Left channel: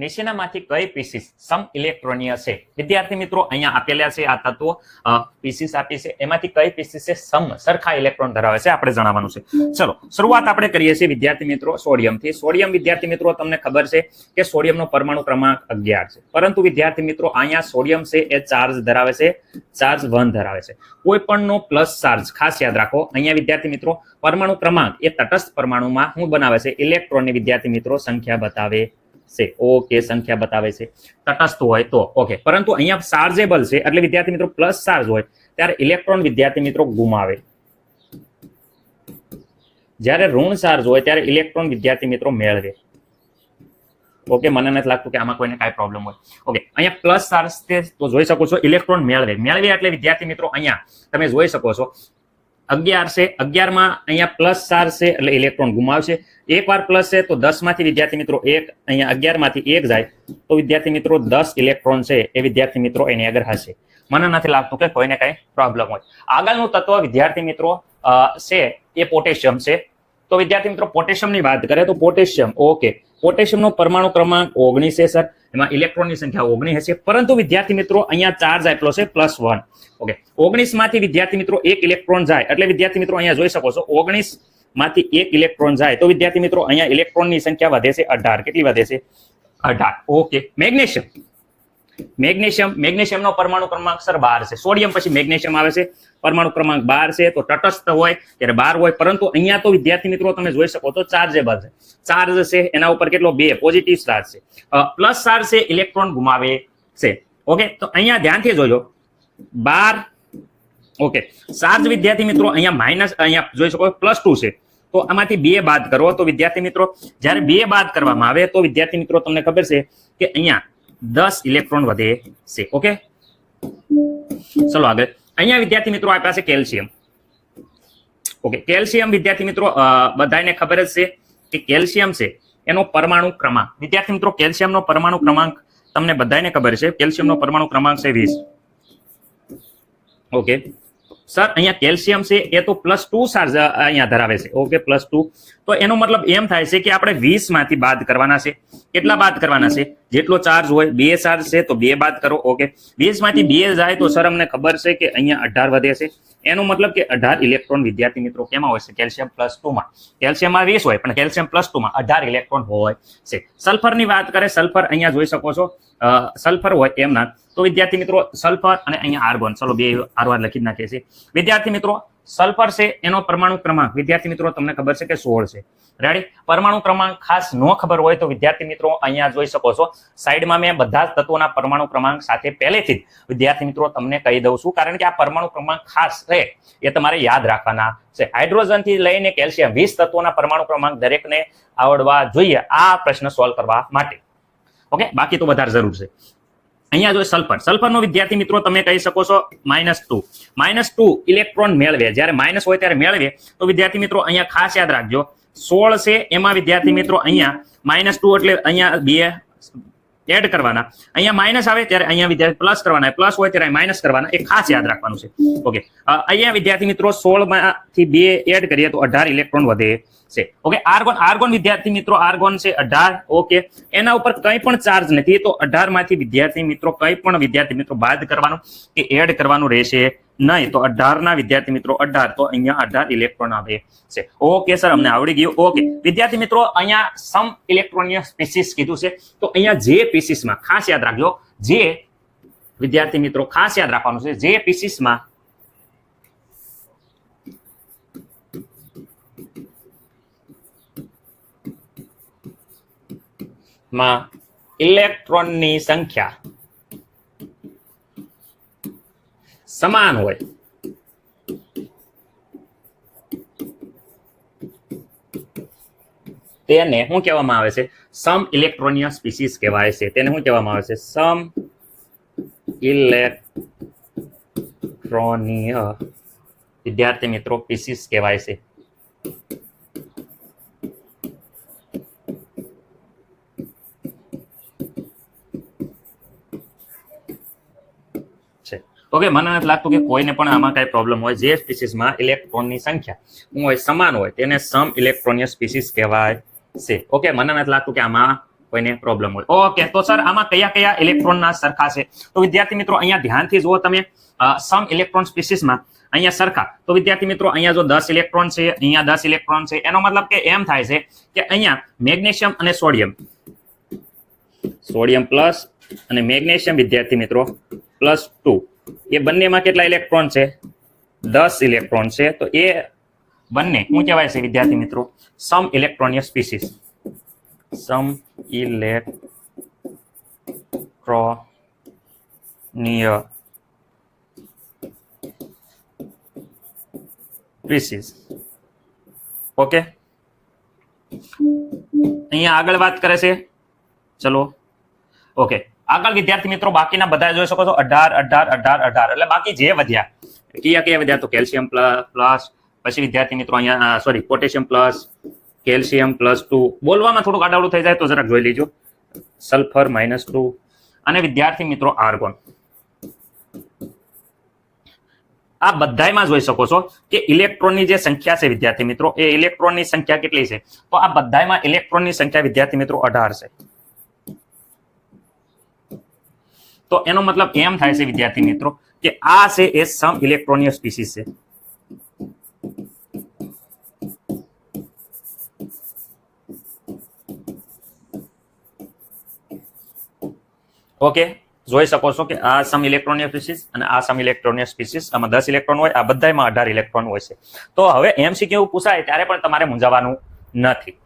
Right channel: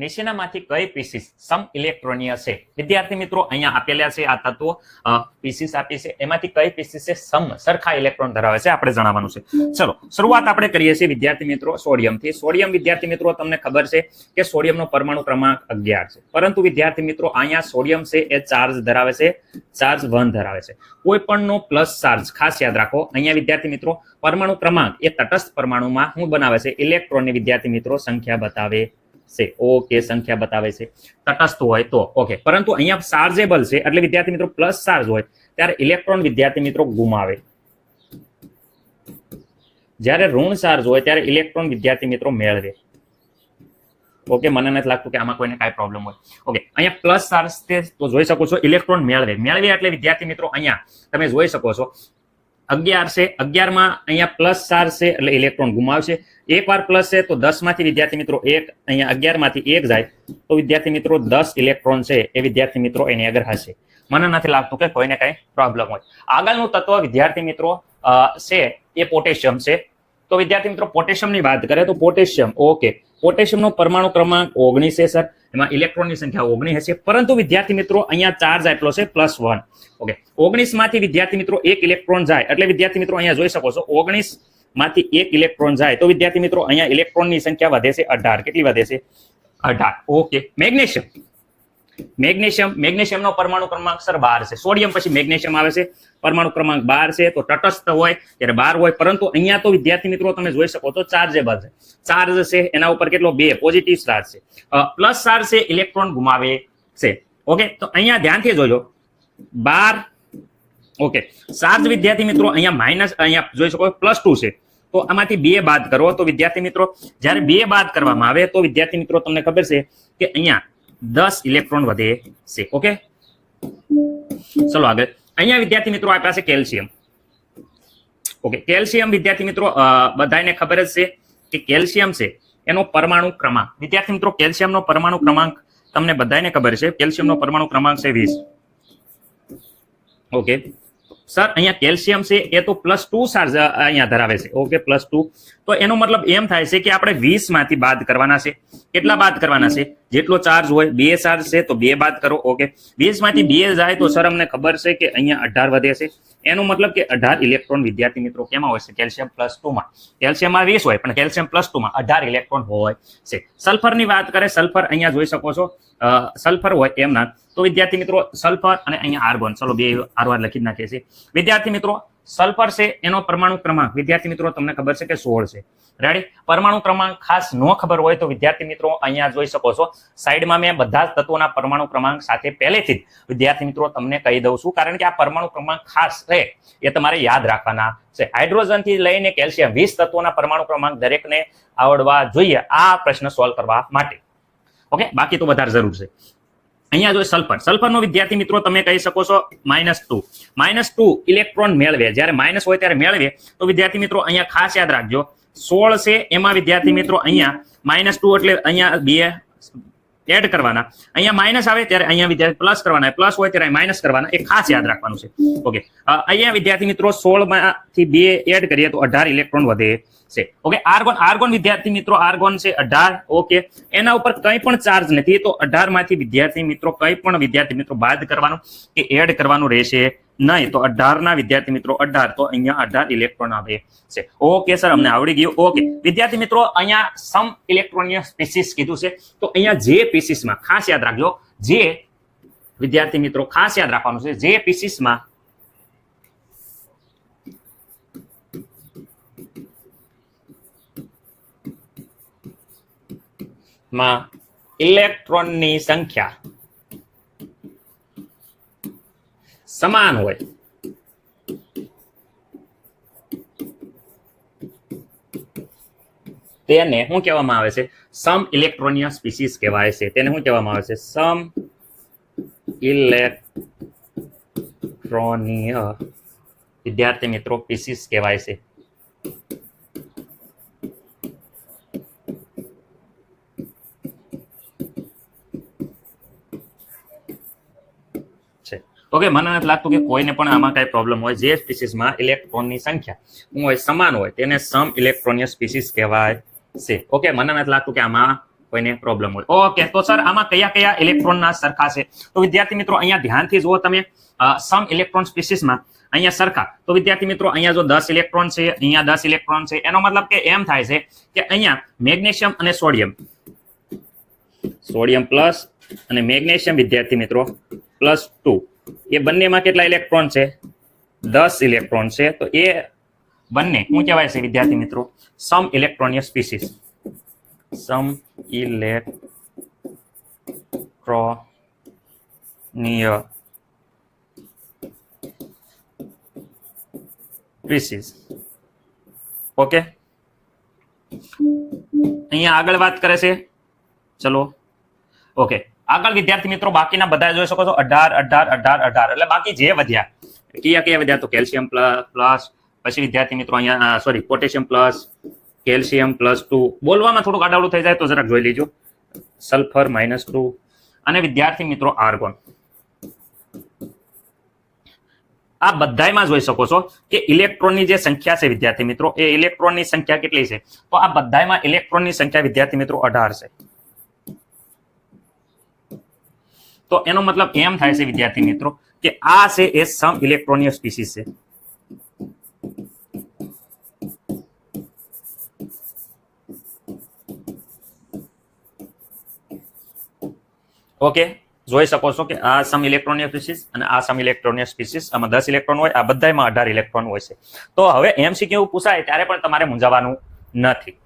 નીચેનામાંથી કઈ પીસીસ સમ ઇલેક્ટ્રોનીય છે? વિદ્યાર્થી મિત્રો અહીંયા આપેલા છે આ તત્વો પીસીસ આપી છે, એમાંથી કઈ પીસીસ છે સમ સરખા ઇલેક્ટ્રોન ધરાવે છે આપણે જણાવવાનું છે. ચલો શરૂઆત આપણે કરીએ છીએ વિદ્યાર્થી મિત્રો સોડિયમથી. સોડિયમ વિદ્યાર્થી મિત્રો તમને ખબર છે કે સોડિયમનો પરમાણુ ક્રમાંક 11 છે, પરંતુ વિદ્યાર્થી મિત્રો અહીંયા સોડિયમ છે એ ચાર્જ ધરાવે છે, ચાર્જ 1 ધરાવે છે. કોઈ પણનો પ્લસ ચાર્જ ખાસ યાદ રાખો. અહીંયા વિદ્યાર્થી મિત્રો પરમાણુ ક્રમાંક એ તટસ્થ પરમાણુમાં શું બનાવે છે? ઇલેક્ટ્રોનની વિદ્યાર્થી મિત્રો સંખ્યા બતાવે છે. ઓકે, સંખ્યા બતાવે છે તટસ્થ હોય તો. ઓકે, પરંતુ અહીંયા ચાર્જેબલ છે એટલે વિદ્યાર્થી મિત્રો પ્લસ ચાર્જ હોય ત્યારે ઇલેક્ટ્રોન વિદ્યાર્થી મિત્રો ગુમાવે. જ્યારે ઋણ ચાર્જ હોય ત્યારે ઇલેક્ટ્રોન વિદ્યાર્થી મિત્રો મેળવે. ઓકે, મને નથી લાગતું કે આમાં કોઈને કાંઈ પ્રોબ્લેમ હોય. ઓકે, અહીંયા પ્લસ ચાર્જ છે તો જોઈ શકો છો ઇલેક્ટ્રોન મેળવે એટલે વિદ્યાર્થી મિત્રો અહીંયા તમે જોઈ શકો છો 11 છે, 11 માં અહીંયા પ્લસ ચાર્જ છે એટલે ઇલેક્ટ્રોન ગુમાવશે. એકવાર પ્લસ છે તો 10 માંથી વિદ્યાર્થી મિત્રો 1 અહીંયા 11 માંથી 1 જાય તો વિદ્યાર્થી મિત્રો 10 ઇલેક્ટ્રોન છે એ વિદ્યાર્થી મિત્રો એની આગળ હશે. મને નથી લાગતું કે કોઈને કાંઈ પ્રોબ્લેમ હોય. આગળનું તત્વ વિદ્યાર્થી મિત્રો છે એ પોટેશિયમ છે. તો વિદ્યાર્થી મિત્રો પોટેશિયમની વાત કરીએ તો પોટેશિયમ, ઓકે, પોટેશિયમનો પરમાણુ ક્રમાંક 19 છે સર. એમાં ઇલેક્ટ્રોનની સંખ્યા 19 હશે, પરંતુ વિદ્યાર્થી મિત્રો અહીંયા ચાર્જ આટલો છે +1. ઓકે, 19 માંથી વિદ્યાર્થી મિત્રો 1 ઇલેક્ટ્રોન જાય એટલે વિદ્યાર્થી મિત્રો અહીંયા જોઈ શકો છો 19 માંથી 1 ઇલેક્ટ્રોન જાય તો વિદ્યાર્થી મિત્રો અહીંયા ઇલેક્ટ્રોનની સંખ્યા વધે છે 18. કેટલી વધે છે? 18. ઓકે, મેગ્નેશિયમનો પરમાણુ ક્રમાંક સર 12 છે. સોડિયમ પછી મેગ્નેશિયમ આવે છે, પરમાણુ ક્રમાંક 12 છે. તો તટસ્થ હોય ત્યારે 12 હોય, પરંતુ અહીંયા તો વિદ્યાર્થી મિત્રો તમે જોઈ શકો છો ચાર્જેબલ છે. ચાર્જ છે એના ઉપર કેટલો? 2 પોઝિટિવ ચાર્જ છે. પ્લસ ચાર્જ છે, ઇલેક્ટ્રોન ગુમાવે છે. ઓકે, તો અહીંયા ધ્યાનથી જોઈ લો 12. ઓકે, ચાર્જ વિદ્યાર્થી મિત્રો અહીંયા માઇનસ, અહીંયા જોઈ શકો +2 છે. તો આમાંથી 2 બાદ કરો તો વિદ્યાર્થી મિત્રો જ્યારે 2 બાદ કરવામાં આવે તો વિદ્યાર્થી મિત્રો તમને ખબર છે કે અહીંયા 10 ઇલેક્ટ્રોન વધે છે. ઓકે, ચલો આગળ. અહીંયા વિદ્યાર્થી મિત્રો આ પાસે કેલ્શિયમ. ઓકે, કેલ્શિયમ વિદ્યાર્થી મિત્રો બધાને ખબર જ છે કે કેલ્શિયમ છે એનો પરમાણુ ક્રમાંક. વિદ્યાર્થી મિત્રો કેલ્શિયમનો પરમાણુ ક્રમાંક તમને બધાને ખબર છે. કેલ્શિયમનો પરમાણુ ક્રમાંક છે 20. ઓકે સર, અહીંયા કેલ્શિયમ છે એ તો +2 ચાર્જ અહીંયા ધરાવે છે. ઓકે, +2. તો એનો મતલબ એમ થાય છે કે આપણે 20 માંથી બાદ કરવાના છે. કેટલા બાદ કરવાના છે? જેટલો ચાર્જ હોય 2 ચાર્જ છે તો 2 બાદ કરો. ઓકે, 20 માંથી 2 જાય તો સર અમને ખબર છે કે અહીંયા 18 વધે છે. એનો મતલબ કે 18 ઇલેક્ટ્રોન વિદ્યાર્થી મિત્રો કેમાં હોય છે? કેલ્શિયમ +2 માં. કેલ્શિયમમાં 20 હોય પણ કેલ્શિયમ +2 માં 18 ઇલેક્ટ્રોન હોય છે. સલ્ફરની વાત કરે, સલ્ફર અહીંયા જોઈ શકો છો સલ્ફર હોય એમના. તો વિદ્યાર્થી મિત્રો સલ્ફર અને અહીંયા આર્ગોન, ચલો 2 આરવાર લખી નાખીએ છીએ. વિદ્યાર્થી મિત્રો સલ્ફર છે એનો પરમાણુ ક્રમાંક વિદ્યાર્થી મિત્રો તમને ખબર છે કે 16 છે. રેડી? પરમાણુ ક્રમાંક ખાસ ન ખબર હોય તો વિદ્યાર્થી મિત્રો અહીંયા જોઈ શકો છો સાઈડમાં મેં બધા જ તત્વોના પરમાણુ ક્રમાંક સાથે પહેલેથી જ વિદ્યાર્થી મિત્રો તમને કહી દઉં છું, કારણ કે આ પરમાણુ ક્રમાંક ખાસ છે એ તમારે યાદ રાખવાના છે. હાઇડ્રોજન થી લઈને કેલ્શિયમ 20 તત્વોના પરમાણુ ક્રમાંક દરેકને આવડવા જોઈએ આ પ્રશ્ન સોલ્વ કરવા માટે. ઓકે, બાકી તો વધારે જરૂર છે. અહીંયા જો સલ્ફરનો વિદ્યાર્થી મિત્રો તમે કહી શકો છો -2 ઇલેક્ટ્રોન મેળવે. જ્યારે માઇનસ હોય ત્યારે મેળવે તો વિદ્યાર્થી મિત્રો અહીંયા ખાસ યાદ રાખજો 16 છે એમાં વિદ્યાર્થી મિત્રો અહીંયા -2 એટલે અહીંયા 2 એડ કરવાના. અહીંયા માઇનસ આવે ત્યારે અહીંયા વિદ્યાર્થી પ્લસ કરવાના, પ્લસ હોય ત્યારે માઇનસ કરવાના. એ ખાસ યાદ રાખવાનું છે. ઓકે, અહીંયા વિદ્યાર્થી મિત્રો 16 માંથી 2 એડ કરીએ તો 18 ઇલેક્ટ્રોન વધે છે. ઓકે, આર્ગોન વિદ્યાર્થી મિત્રો આર્ગોન છે 18. ઓકે, એના ઉપર કંઈ પણ ચાર્જ નથી તો 18 માંથી વિદ્યાર્થી મિત્રો કંઈ પણ વિદ્યાર્થી મિત્રો બાદ કરવાનું કે એડ કરવાનું રહેશે નહીં. તો 18 ના વિદ્યાર્થી મિત્રો 18 તો અહીંયા 18 ઇલેક્ટ્રોન આવે છે. ઓકે સર, અમને આવડી ગયું. ઓકે વિદ્યાર્થી મિત્રો અહીંયા સમ ઇલેક્ટ્રોનિય સ્પીસીસ કીધું છે. તો અહીંયા જે પીસીસમાં ખાસ યાદ રાખજો, જે વિદ્યાર્થી મિત્રો ખાસ યાદ રાખવાનું છે, જે પીસીસમાં ઇલેક્ટ્રોનની સંખ્યા સમાન હોય તેને શું કહેવામાં આવે છે? સમ ઇલેક્ટ્રોનિય સ્પીસીસ કહેવાય છે. તેને શું કહેવામાં આવે છે? સમ ઇલેક્ટ્રોનિય વિદ્યાર્થી મિત્રો સ્પીસીસ કહેવાય છે. ઓકે, મને નથી લાગતું કે કોઈને પણ આમાં કઈ પ્રોબ્લેમ હોય. જે સ્પીસીસમાં ઇલેક્ટ્રોનની સંખ્યા હોય સમાન હોય તેને સમ ઇલેક્ટ્રોનિય સ્પીસીસ કહેવાય છે. ઓકે, મને નથી લાગતું કે આમાં કોઈને પ્રોબ્લેમ હોય. ઓકે, તો સર આમાં કયા કયા ઇલેક્ટ્રોનના સરખા છે? તો વિદ્યાર્થી મિત્રો અહીંયા ધ્યાનથી જુઓ તમે, સમ ઇલેક્ટ્રોન સ્પીસીસમાં અહીંયા સરખા. તો વિદ્યાર્થી મિત્રો અહીંયા જો 10 ઇલેક્ટ્રોન છે, અહીંયા 10 ઇલેક્ટ્રોન છે, એનો મતલબ કે એમ થાય છે કે અહીંયા મેગ્નેશિયમ અને સોડિયમ પ્લસ અને મેગ્નેશિયમ વિદ્યાર્થી મિત્રો +2, એ બંનેમાં કેટલા ઇલેક્ટ્રોન છે? 10 ઇલેક્ટ્રોન છે. તો એ બંને શું કહેવાય છે વિદ્યાર્થી મિત્રો? સમ ઇલેક્ટ્રોનિક સ્પીસીસ. સમ ઇલેક્ટ્રોનિય સ્પીસીસ. ઓકે, અહીંયા આગળ વાત કરે છે. ચલો, ઓકે, આગળ વિદ્યાર્થી મિત્રો બાકીના બધા જોઈ શકો છો 18 એટલે બાકી જે વધ્યા કયા વધ્યા? તો કેલ્શિયમ પ્લસ, પછી વિદ્યાર્થી મિત્રો અહીંયા સોરી પોટેશિયમ પ્લસ, કેલ્શિયમ +2, બોલવામાં થોડુંક આડાવડું થઈ જાય તો જરાક જોઈ લેજો. સલ્ફર -2 અને વિદ્યાર્થી મિત્રો આર્ગોન. આ બધામાં જોઈ શકો છો કે ઇલેક્ટ્રોનની જે સંખ્યા છે વિદ્યાર્થી મિત્રો, એ ઇલેક્ટ્રોનની સંખ્યા કેટલી છે? તો આ બધામાં ઇલેક્ટ્રોનની સંખ્યા વિદ્યાર્થી મિત્રો 18 છે. તો એનો મતલબ એમ થાય છે વિદ્યાર્થી મિત્રો કે આ છે એ સમ ઇલેક્ટ્રોનિક સ્પીસીસ છે. ઓકે, જોઈ શકો છો કે આ સમ ઇલેક્ટ્રોનિક સ્પીસીસ અને આ સમ ઇલેક્ટ્રોનિક સ્પીસીસ, આમાં 10 ઇલેક્ટ્રોન હોય, આ બધામાં 18 ઇલેક્ટ્રોન હોય છે. તો હવે એમસીક્યુ પૂછાય ત્યારે પણ તમારે મૂંઝાવાનું નથી.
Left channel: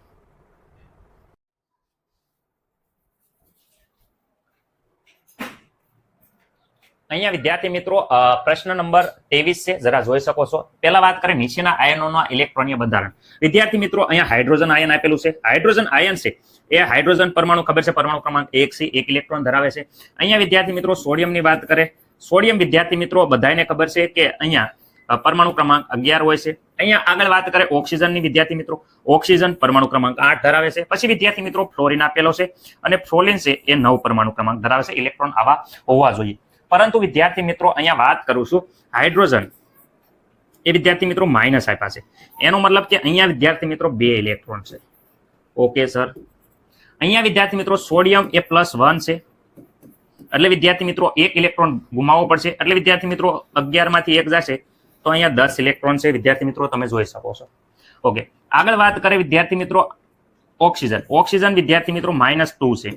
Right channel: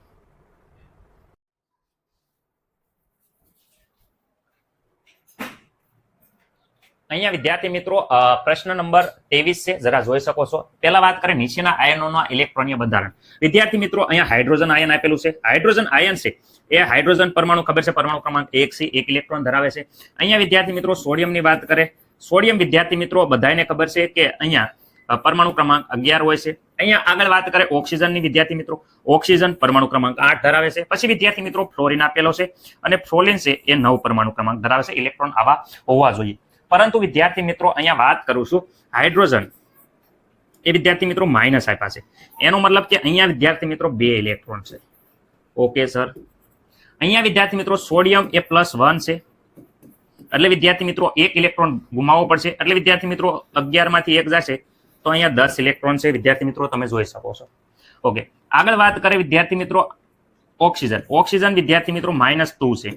અહીંયા વિદ્યાર્થી મિત્રો પ્રશ્ન નંબર 23 છે, જરા જોઈ શકો છો. પહેલા વાત કરીએ નીચેના આયનોના ઇલેક્ટ્રોનીય બંધારણ. વિદ્યાર્થી મિત્રો અહીંયા હાઇડ્રોજન આયન આપેલું છે. હાઇડ્રોજન આયન છે એ હાઇડ્રોજન પરમાણુ ખબર છે, પરમાણુ ક્રમાંક 1 છે, 1 ઇલેક્ટ્રોન ધરાવે છે. અહીંયા વિદ્યાર્થી મિત્રો સોડિયમની વાત કરે. સોડિયમ વિદ્યાર્થી મિત્રો બધાને ખબર છે કે અહીંયા પરમાણુ ક્રમાંક 11 હોય છે. અહીંયા આગળ વાત કરે ઓક્સિજનની વિદ્યાર્થી મિત્રો. ઓક્સિજન પરમાણુ ક્રમાંક 8 ધરાવે છે. પછી વિદ્યાર્થી મિત્રો ફ્લોરિન આપેલો છે અને ફ્લોરિન છે એ 9 પરમાણુ ક્રમાંક ધરાવે છે. ઇલેક્ટ્રોન આવા હોવા જોઈએ. પરંતુ વિદ્યાર્થી મિત્રો અહીંયા વાત કરું છું હાઇડ્રોજન એ વિદ્યાર્થી મિત્રો માઇનસ આપ્યા છે. એનો મતલબ કે અહીંયા વિદ્યાર્થી મિત્રો 2 ઇલેક્ટ્રોન છે. ઓકે સર, અહીંયા વિદ્યાર્થી મિત્રો સોડિયમ એ +1 છે, એટલે વિદ્યાર્થી મિત્રો 1 ઇલેક્ટ્રોન ગુમાવવો પડશે. એટલે વિદ્યાર્થી મિત્રો 11 માંથી 1 જશે તો અહીંયા 10 ઇલેક્ટ્રોન છે વિદ્યાર્થી મિત્રો, તમે જોઈ શકો છો. ઓકે, આગળ વાત કરીએ વિદ્યાર્થી મિત્રો ઓક્સિજન. ઓક્સિજન વિદ્યાર્થી મિત્રો -2 છે.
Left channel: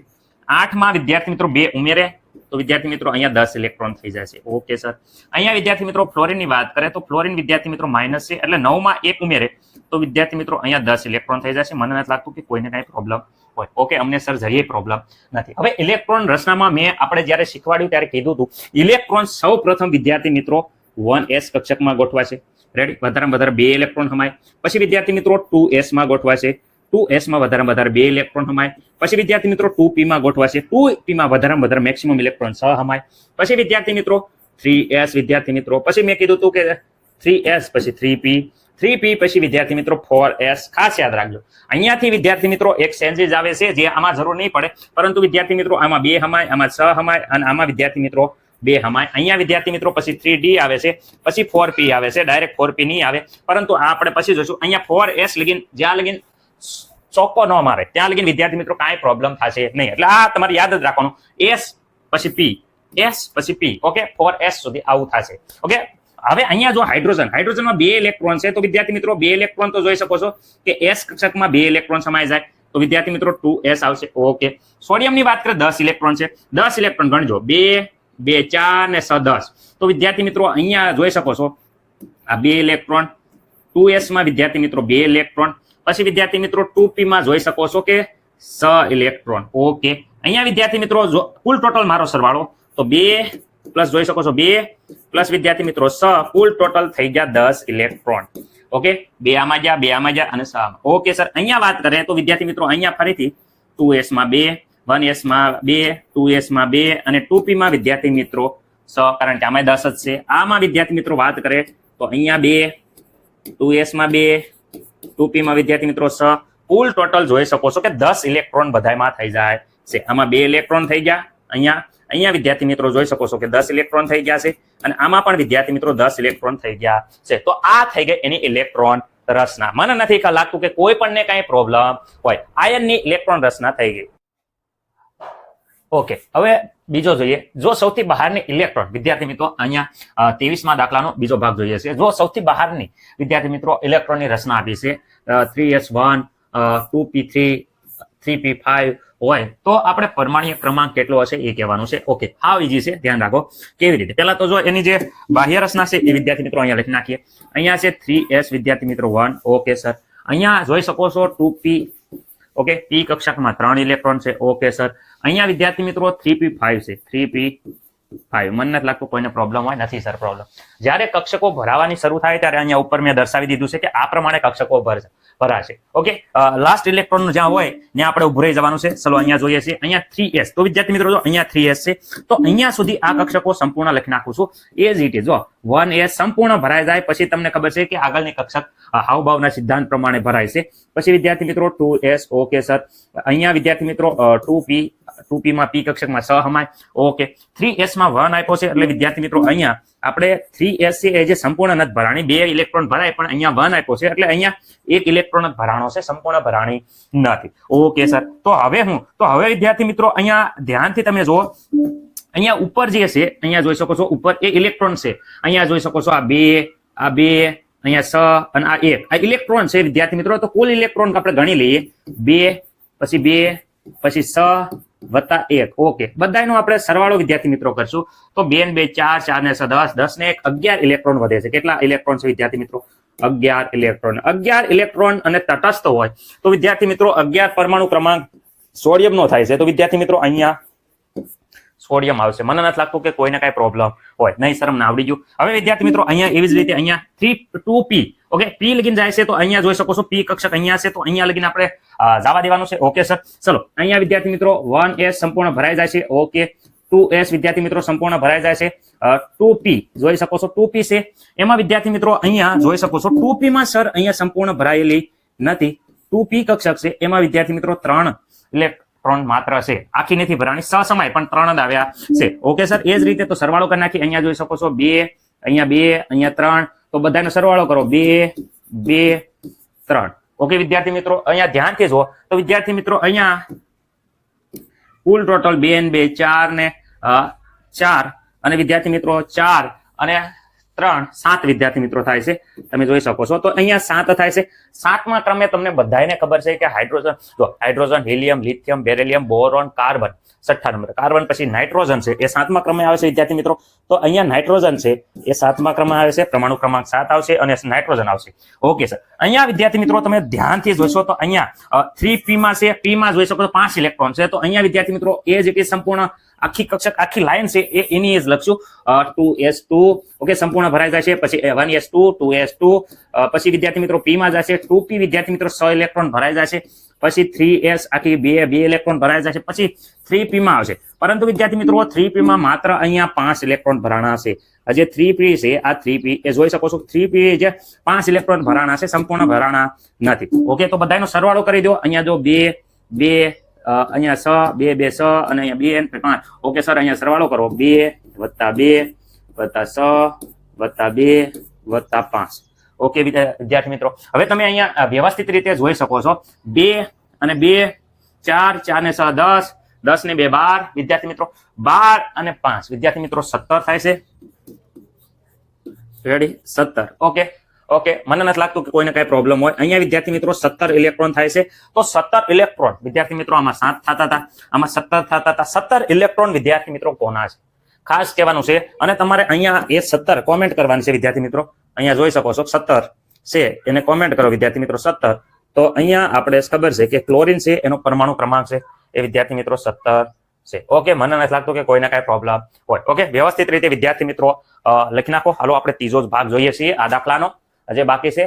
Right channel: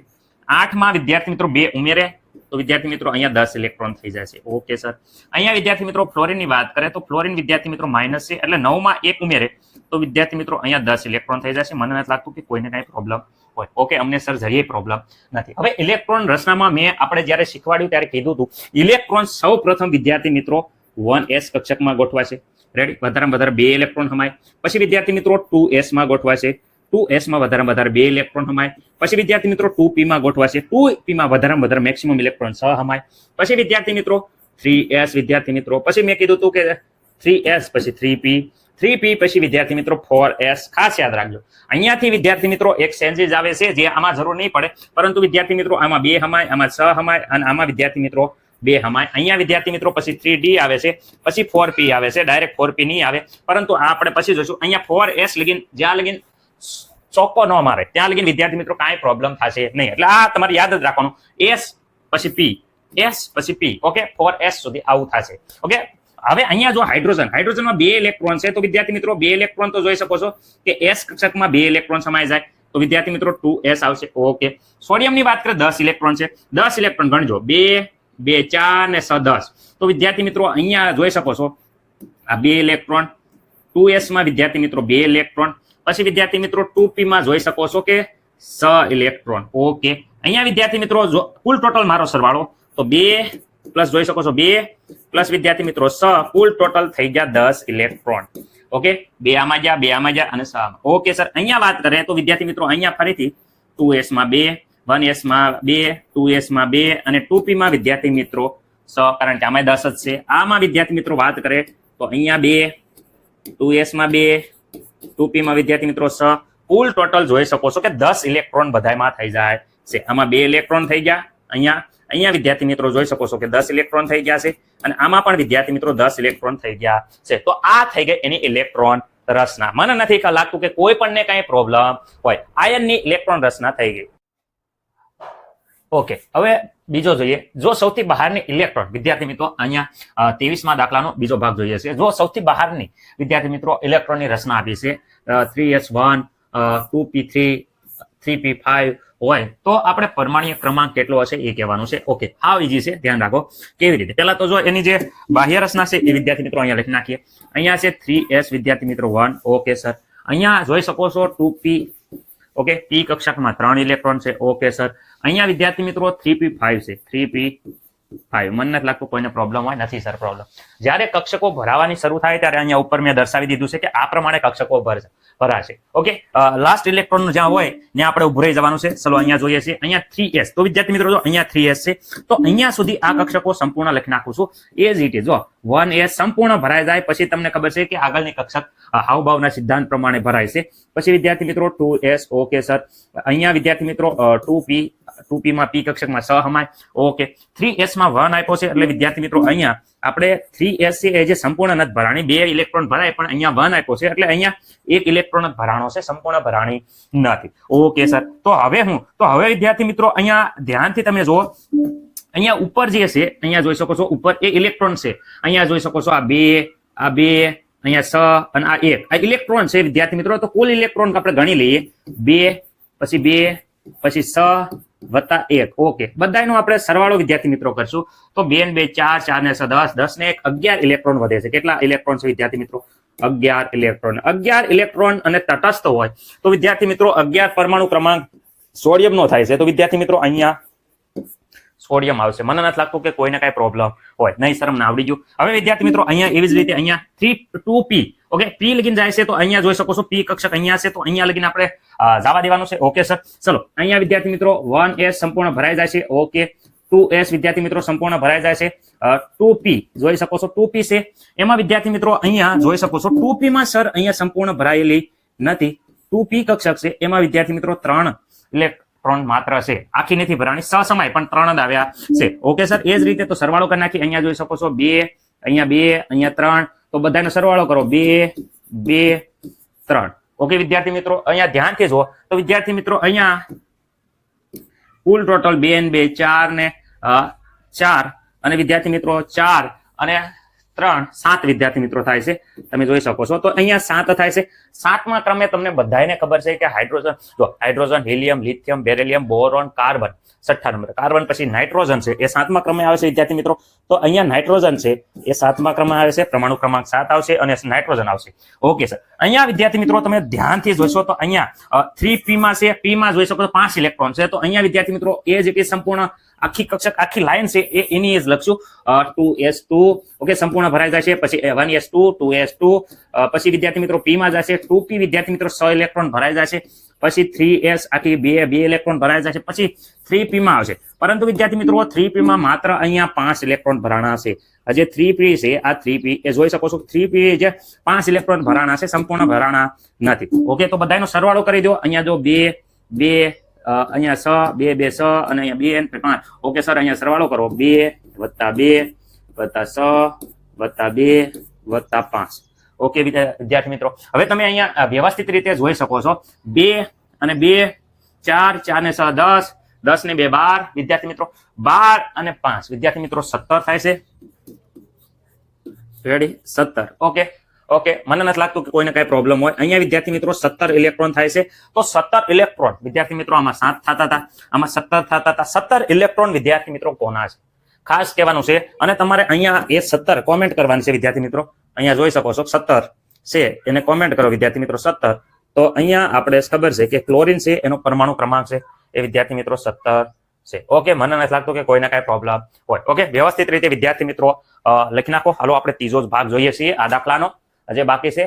8 માં વિદ્યાર્થી મિત્રો 2 ઉમેરે તો વિદ્યાર્થી મિત્રો અહીંયા 10 ઇલેક્ટ્રોન થઈ જાય છે. ઓકે સર, અહીંયા વિદ્યાર્થી મિત્રો ફ્લોરિનની વાત કરે તો ફ્લોરિન વિદ્યાર્થી મિત્રો માઇનસ છે, એટલે 9 માં 1 ઉમેરે તો વિદ્યાર્થી મિત્રો અહીંયા 10 ઇલેક્ટ્રોન થઈ જશે. મને નથી લાગતું કે કોઈને કઈ પ્રોબ્લેમ હોય. ઓકે, અમને સર જરીએ પ્રોબ્લેમ નથી. હવે ઇલેક્ટ્રોન રચનામાં મેં આપણે જ્યારે શીખવાડ્યું ત્યારે કીધું હતું ઇલેક્ટ્રોન સૌ પ્રથમ વિદ્યાર્થી મિત્રો 1s કક્ષકમાં ગોઠવાશે. રેડી, વધારે વધારે 2 ઇલેક્ટ્રોન હમાય. પછી વિદ્યાર્થી મિત્રો 2s માં ગોઠવાશે. 2s માં વધારે વધારે 2 ઇલેક્ટ્રોન હમાય. પછી વિદ્યાર્થી મિત્રો 2p માં ગોઠવાશે. 2p માં વધારે વધારે મેક્સિમમ ઇલેક્ટ્રોન 6 હમાય. પછી વિદ્યાર્થી મિત્રો 3s વિદ્યાર્થી મિત્રો. પછી મેં કીધું હતું કે 3s પછી 3p પછી વિદ્યાર્થી મિત્રો 4s. ખાસ યાદ રાખજો, અહીંયાથી વિદ્યાર્થી મિત્રો એક ચેન્જીસ આવે છે જે આમાં જરૂર નહીં પડે, પરંતુ વિદ્યાર્થી મિત્રો આમાં 2 હમાય, આમાં 6 હમાય અને આમાં વિદ્યાર્થી મિત્રો 2 હમાય. અહીંયા વિદ્યાર્થી મિત્રો પછી 3d આવે છે, પછી 4p આવે છે. ડાયરેક્ટ 4p નહીં આવે, પરંતુ આ આપણે પછી જોઈશું. અહીંયા 4s લગીન જ્યાં લગીન ચોક્કો ન મારે ત્યાં લગીન વિદ્યાર્થી મિત્રો કાંઈ પ્રોબ્લેમ થશે નહીં. એટલે આ તમારે યાદ જ રાખવાનું, s પછી p, s પછી p. ઓકે, 4s સુધી આવું થશે. ઓકે, હવે અહીંયા જો હાઇડ્રોજનમાં 2 ઇલેક્ટ્રોન છે તો વિદ્યાર્થી મિત્રો 2 ઇલેક્ટ્રોન તો જોઈ શકો છો કે s કક્ષકમાં 2 ઇલેક્ટ્રોન સમાઈ જાય તો વિદ્યાર્થી મિત્રો 2s આવશે. ઓકે, સોડિયમની વાત કરીએ 10 ઇલેક્ટ્રોન છે. 10 ઇલેક્ટ્રોન ગણજો, 2 2 4 ને 6 10. તો વિદ્યાર્થી મિત્રો અહીંયા જોઈ શકો છો આ 2 ઇલેક્ટ્રોન. 2s માં વિદ્યાર્થી મિત્રો 2 ઇલેક્ટ્રોન. પછી વિદ્યાર્થી મિત્રો 2p માં જોઈ શકો છો કે 6 ઇલેક્ટ્રોન. ઓકે, અહીંયા વિદ્યાર્થી મિત્રો કુલ ટોટલ મારો સરવાળો તો 2 પ્લસ જોઈ શકો છો 2 પ્લસ વિદ્યાર્થી મિત્રો 6, કુલ ટોટલ થઈ ગયા 10 ઇલેક્ટ્રોન. ઓકે, 2 આમાં ગયા, 2 આમાં ગયા અને 6 આમાં. ઓકે સર, અહીંયા વાત કરીએ તો વિદ્યાર્થી મિત્રો અહીંયા ફરીથી 2s માં 2, 1s માં 2, 2s માં 2 અને 2p માં વિદ્યાર્થી મિત્રો 6, કારણ કે આમાં 10 જ છે. આમાં વિદ્યાર્થી મિત્રો વાત કરીએ તો અહીંયા 2, 2s માં 2, 2p માં વિદ્યાર્થી મિત્રો 6, કુલ ટોટલ જોઈ શકો છો કે 10 ઇલેક્ટ્રોન બધામાં થઈ જાય છે. આમાં 2 ઇલેક્ટ્રોન થઈ ગયા, અહીંયા વિદ્યાર્થી મિત્રો જોઈ શકો છો કે 10 ઇલેક્ટ્રોન થઈ ગયા છે અને આમાં પણ વિદ્યાર્થી મિત્રો 10 ઇલેક્ટ્રોન થઈ ગયા છે. તો આ થઈ ગઈ એની ઇલેક્ટ્રોન રચના. મને નથી લાગતું કે કોઈ પણ ને કઈ પ્રોબ્લેમ હોય. આયનની ઇલેક્ટ્રોન રચના થઈ ગઈ. ઓકે, હવે બીજો જોઈએ. જો સૌથી બહારની ઇલેક્ટ્રોન, વિદ્યાર્થી મિત્રો અહીંયા 23માં દાખલાનો બીજો ભાગ જોઈએ છે. જો સૌથી બહારની વિદ્યાર્થી મિત્રો ઇલેક્ટ્રોનની રચના આપી છે 3s1 2p3 3p5 હોય તો આપણે પરમાણ્વીય ક્રમાંક કેટલો હશે એ કહેવાનું છે. ઓકે, આ ઈઝી છે, ધ્યાન રાખો. કેવી રીતે? પહેલા તો જો એની જે બાહ્ય રચના છે એ વિદ્યાર્થી મિત્રો અહીંયા લખી નાખીએ. અહીંયા છે 3s વિદ્યાર્થી મિત્રો 1. Okay sir. અહીંયા જોઈ શકો છો 2p. ઓકે, p કક્ષકમાં 3 ઇલેક્ટ્રોન છે. Okay sir. અહીંયા વિદ્યાર્થી મિત્રો 3p5 છે. 3p5. મને નથી લાગતું કોઈને પ્રોબ્લેમ હોય. નથી સર પ્રોબ્લેમ. જ્યારે કક્ષકો ભરાવાની શરૂ થાય ત્યારે અહીંયા ઉપર મેં દર્શાવી દીધું છે કે આ પ્રમાણે કક્ષકો ભરાશે. ઓકે, લાસ્ટ ઇલેક્ટ્રોન જ્યાં હોય ત્યાં આપણે ઉભું રહી જવાનું છે. ચલો અહીંયા જોઈએ છીએ અહીંયા 3s. તો વિદ્યાર્થી મિત્રો જો અહીંયા 3s છે તો અહીંયા સુધી આ કક્ષકો સંપૂર્ણ લખી નાખું છું. એ જ રીતે જો 1s સંપૂર્ણ ભરાઈ જાય પછી તમને ખબર છે કે આગળની કક્ષક હાવભાવના સિદ્ધાંત પ્રમાણે ભરાય છે. પછી વિદ્યાર્થી મિત્રો 2s. Okay sir. અહીંયા વિદ્યાર્થી મિત્રો 2p માં p કક્ષકમાં સહમાય. ઓકે, 3s માં 1 આપ્યો છે એટલે વિદ્યાર્થી મિત્રો અહીંયા આપણે 3s છે એ જે સંપૂર્ણ નથી ભરાણી, 2 ઇલેક્ટ્રોન ભરાય પણ અહીંયા 1 આપ્યો છે એટલે અહીંયા 1 ઇલેક્ટ્રોન જ ભરાણો છે, સંપૂર્ણ ભરાણી નથી. Okay sir. તો હવે વિદ્યાર્થી મિત્રો અહીંયા ધ્યાનથી તમે જુઓ. અહીંયા ઉપર જે છે અહીંયા જોઈ શકો છો ઉપર એ ઇલેક્ટ્રોન છે. અહીંયા જોઈ શકો છો આ 2 અહીંયા 6 અને આ 1 આ ઇલેક્ટ્રોન છે વિદ્યાર્થી મિત્રો. તો કુલ ઇલેક્ટ્રોન આપણે ગણી લઈએ 2 પછી 6 વત્તા 1. ઓકે, બધાનો આપણે સરવાળો વિદ્યાર્થી મિત્રો કરશું તો 2 ને 2 4, 4 ને 6 10, 10 ને 1 11 ઇલેક્ટ્રોન વધે છે. કેટલા ઇલેક્ટ્રોન છે વિદ્યાર્થી મિત્રો? 11 ઇલેક્ટ્રોન. 11 ઇલેક્ટ્રોન અને તટસ્થ હોય તો વિદ્યાર્થી મિત્રો 11 પરમાણુ ક્રમાંક સોડિયમ નો થાય છે. તો વિદ્યાર્થી મિત્રો અહીંયા સોડિયમ આવશે. મને નથી લાગતું કે કોઈને કઈ પ્રોબ્લેમ હોય. નહીં સર, અમને આવડી ગયું. હવે વિદ્યાર્થી મિત્રો અહીંયા એવી જ રીતે અહીંયા 2p. ઓકે, p લગીને જાય છે તો અહીંયા જોઈ શકો છો p કક્ષક અહીંયા છે તો અહીંયા લગીને આપણે જવા દેવાનું છે. Okay sir. ચલો અહીંયા વિદ્યાર્થી મિત્રો 1s સંપૂર્ણ ભરાઈ જાય છે. ઓકે, 2s વિદ્યાર્થી મિત્રો સંપૂર્ણ ભરાઈ જાય છે. 2p જોઈ શકો છો 2p છે. એમાં વિદ્યાર્થી મિત્રો અહીંયા જોઈ શકો છો 2p માં સર અહીંયા સંપૂર્ણ ભરાયેલી નથી. 2p કક્ષક છે એમાં વિદ્યાર્થી મિત્રો 3 ઇલેક્ટ્રોન માત્ર છે. આખી નથી ભરાણી, સહસમાય પણ 3 જ આવ્યા છે. Okay sir. એ જ રીતે તો સરવાળો કરી નાખી. અહીંયા જોઈ શકો છો 2, અહીંયા 3. તો બધાનો સરવાળો કરો 2, 2, 3. ઓકે વિદ્યાર્થી મિત્રો અહીંયા ધ્યાનથી જુઓ તો વિદ્યાર્થી મિત્રો અહીંયા કુલ ટોટલ 2 ને 2 4 ને 4 અને વિદ્યાર્થી મિત્રો 4 અને 3 7 વિદ્યાર્થી મિત્રો થાય છે. તમે જોઈ શકો છો તો અહીંયા 7 થાય છે. 7મા ક્રમે તમને બધાને ખબર છે કે hydrogen, helium, lithium, beryllium, boron, carbon 6 number. Carbon પછી નાઇટ્રોજન છે એ 7મા ક્રમે આવે છે વિદ્યાર્થી મિત્રો. તો અહીંયા નાઇટ્રોજન છે એ 7મા ક્રમે આવે છે. પરમાણુ ક્રમાંક 7 આવશે અને નાઇટ્રોજન આવશે. Okay sir. અહીંયા વિદ્યાર્થી મિત્રો તમે ધ્યાનથી જોશો તો અહીંયા 3p માં છે. p માં જોઈ શકો છો 5 ઇલેક્ટ્રોન છે. તો અહીંયા વિદ્યાર્થી મિત્રો એ જ સંપૂર્ણ આખી કક્ષક આખી લાઈન છે એ એની જ લખશું 2s2. ઓકે, સંપૂર્ણ ભરાઈ જાય છે. પછી 1s2 2s2 પછી વિદ્યાર્થી મિત્રો p માં જશે 2p વિદ્યાર્થી મિત્રો 6 ઇલેક્ટ્રોન ભરાઈ જાય છે. પછી 3s આખી 2 ઇલેક્ટ્રોન ભરાઈ જાય છે. પછી 3p માં આવશે. પરંતુ વિદ્યાર્થી મિત્રો 3p માં માત્ર અહીંયા 5 ઇલેક્ટ્રોન ભરાણા છે. જે 3p છે આ 3p એ જોઈ શકો છો 3p જે 5 ઇલેક્ટ્રોન ભરાણા છે, સંપૂર્ણ ભરાણા નથી. ઓકે, તો બધાનો સરવાળો કરી દો. અહીંયા જો 2 2 અહીંયા 6 2 2 6 અને અહીંયા 2 5. Okay sir. અહીંયા સરવાળો કરો 2 + 2 + 6 + 2 + 5. ઓકે વિદ્યાર્થી મિત્રો હવે તમે અહીંયા વ્યવસ્થિત રીતે જોઈ શકો છો 2 અને 2 4 4 ને 6 10 10 ને 2 12 વિદ્યાર્થી મિત્રો 12 અને 5 વિદ્યાર્થી મિત્રો 17 થાય છે. રેડી? 17. ઓકે, મને નથી લાગતું કે કોઈને કઈ પ્રોબ્લેમ હોય. અહીંયા વિદ્યાર્થી મિત્રો 17 ઇલેક્ટ્રોન થાય છે. તો 17 ઇલેક્ટ્રોન વિદ્યાર્થી મિત્રો આમાં 7 થતા હતા, આમાં 17 થતા હતા. 17 ઇલેક્ટ્રોન વિદ્યાર્થી મિત્રો કોના છે ખાસ કહેવાનું છે. અને તમારે અહીંયા એ 17 કોમેન્ટ કરવાની છે વિદ્યાર્થી મિત્રો. અહીંયા જોઈ શકો છો 17 છે એને કોમેન્ટ કરો વિદ્યાર્થી મિત્રો 17. તો અહીંયા આપણે ખબર છે કે ક્લોરીન છે એનો પરમાણુ ક્રમાંક છે એ વિદ્યાર્થી મિત્રો 17 છે. ઓકે, મને નથી લાગતું કે કોઈને કઈ પ્રોબ્લેમ હોય. ઓકે, વ્યવસ્થિત રીતે વિદ્યાર્થી મિત્રો લખી નાખો. હાલો આપણે ત્રીજો જ ભાગ જોઈએ છીએ આ દાખલાનો જે બાકી છે.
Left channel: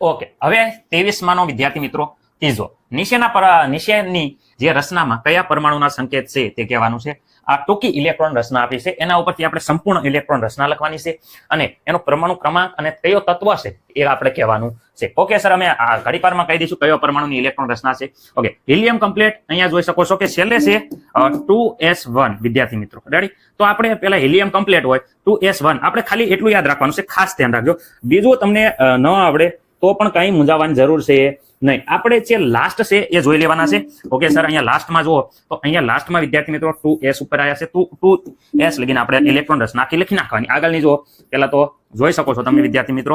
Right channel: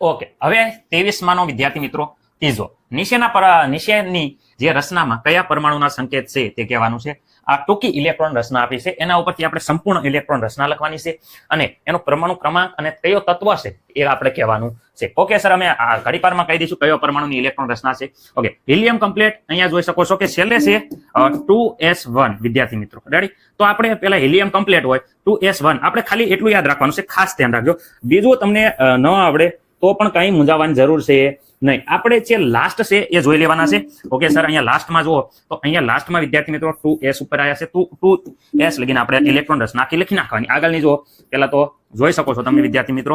ઓકે, હવે 23માનો વિદ્યાર્થી મિત્રો ત્રીજો નીચેની જે રચનામાં કયા પરમાણુના સંકેત છે તે કહેવાનું છે. આ ટૂંકી ઇલેક્ટ્રોન રચના આપી છે એના ઉપરથી આપણે સંપૂર્ણ ઇલેક્ટ્રોન રચના લખવાની છે અને એનો પરમાણુ ક્રમાંક અને કયો તત્વ છે એ આપણે કહેવાનું છે. ઓકે સર, અમે આ ઘડીપારમાં કહી દઈશું કયો પરમાણુની ઇલેક્ટ્રોન રચના છે. Okay, helium complete. અહીંયા જોઈ શકો છો કે છેલ્લે છે 2s1 વિદ્યાર્થી મિત્રો. રેડી? તો આપણે પેલા હિલિયમ કમ્પ્લીટ હોય 2s1 આપણે ખાલી એટલું યાદ રાખવાનું છે, ખાસ ધ્યાન રાખજો. બીજું તમને ન આવડે તો પણ કઈ મૂંઝાવાની જરૂર છે નહીં, આપણે જે લાસ્ટ છે એ જોઈ લેવાના છે. ઓકે સર, અહીંયા લાસ્ટમાં જુઓ તો અહીંયા લાસ્ટમાં વિદ્યાર્થી મિત્રો 2s ઉપર આવ્યા છે. 2s લગીને આપણે ઇલેક્ટ્રોન રસ નાખી લખી નાખવાની. આગળની જુઓ, પહેલા તો જોઈ શકો છો તમે વિદ્યાર્થી મિત્રો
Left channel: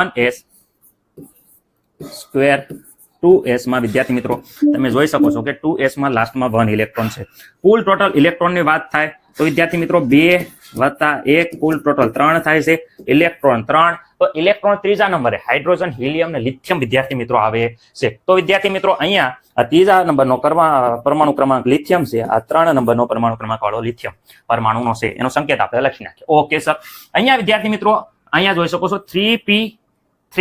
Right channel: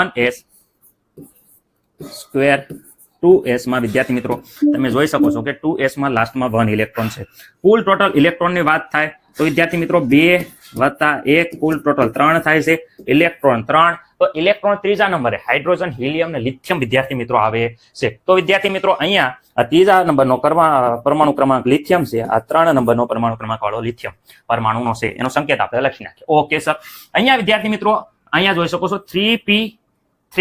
1s સ્ક્વેર 2s માં વિદ્યાર્થી મિત્રો તમે જોઈ શકો છો કે 2s માં લાસ્ટમાં 1 ઇલેક્ટ્રોન છે. કુલ ટોટલ ઇલેક્ટ્રોનની વાત થાય તો વિદ્યાર્થી મિત્રો 2 + 1 કુલ ટોટલ 3 થાય છે. ઇલેક્ટ્રોન 3, તો ઇલેક્ટ્રોન ત્રીજા નંબરે હાઇડ્રોજન, હિલિયમ ને લિથિયમ વિદ્યાર્થી મિત્રો આવે છે. તો વિદ્યાર્થી મિત્રો અહીંયા આ ત્રીજા નંબરનો પરમાણુ ક્રમાંક લિથિયમ છે. આ 3 નંબરનો પરમાણુ ક્રમાંક વાળો લિથિયમ પરમાણુનો છે, એનો સંકેત આપણે લખી નાખીએ. ઓકે સર, અહીંયા વિદ્યાર્થી મિત્રો અહીંયા જોઈ શકો છો 3p3.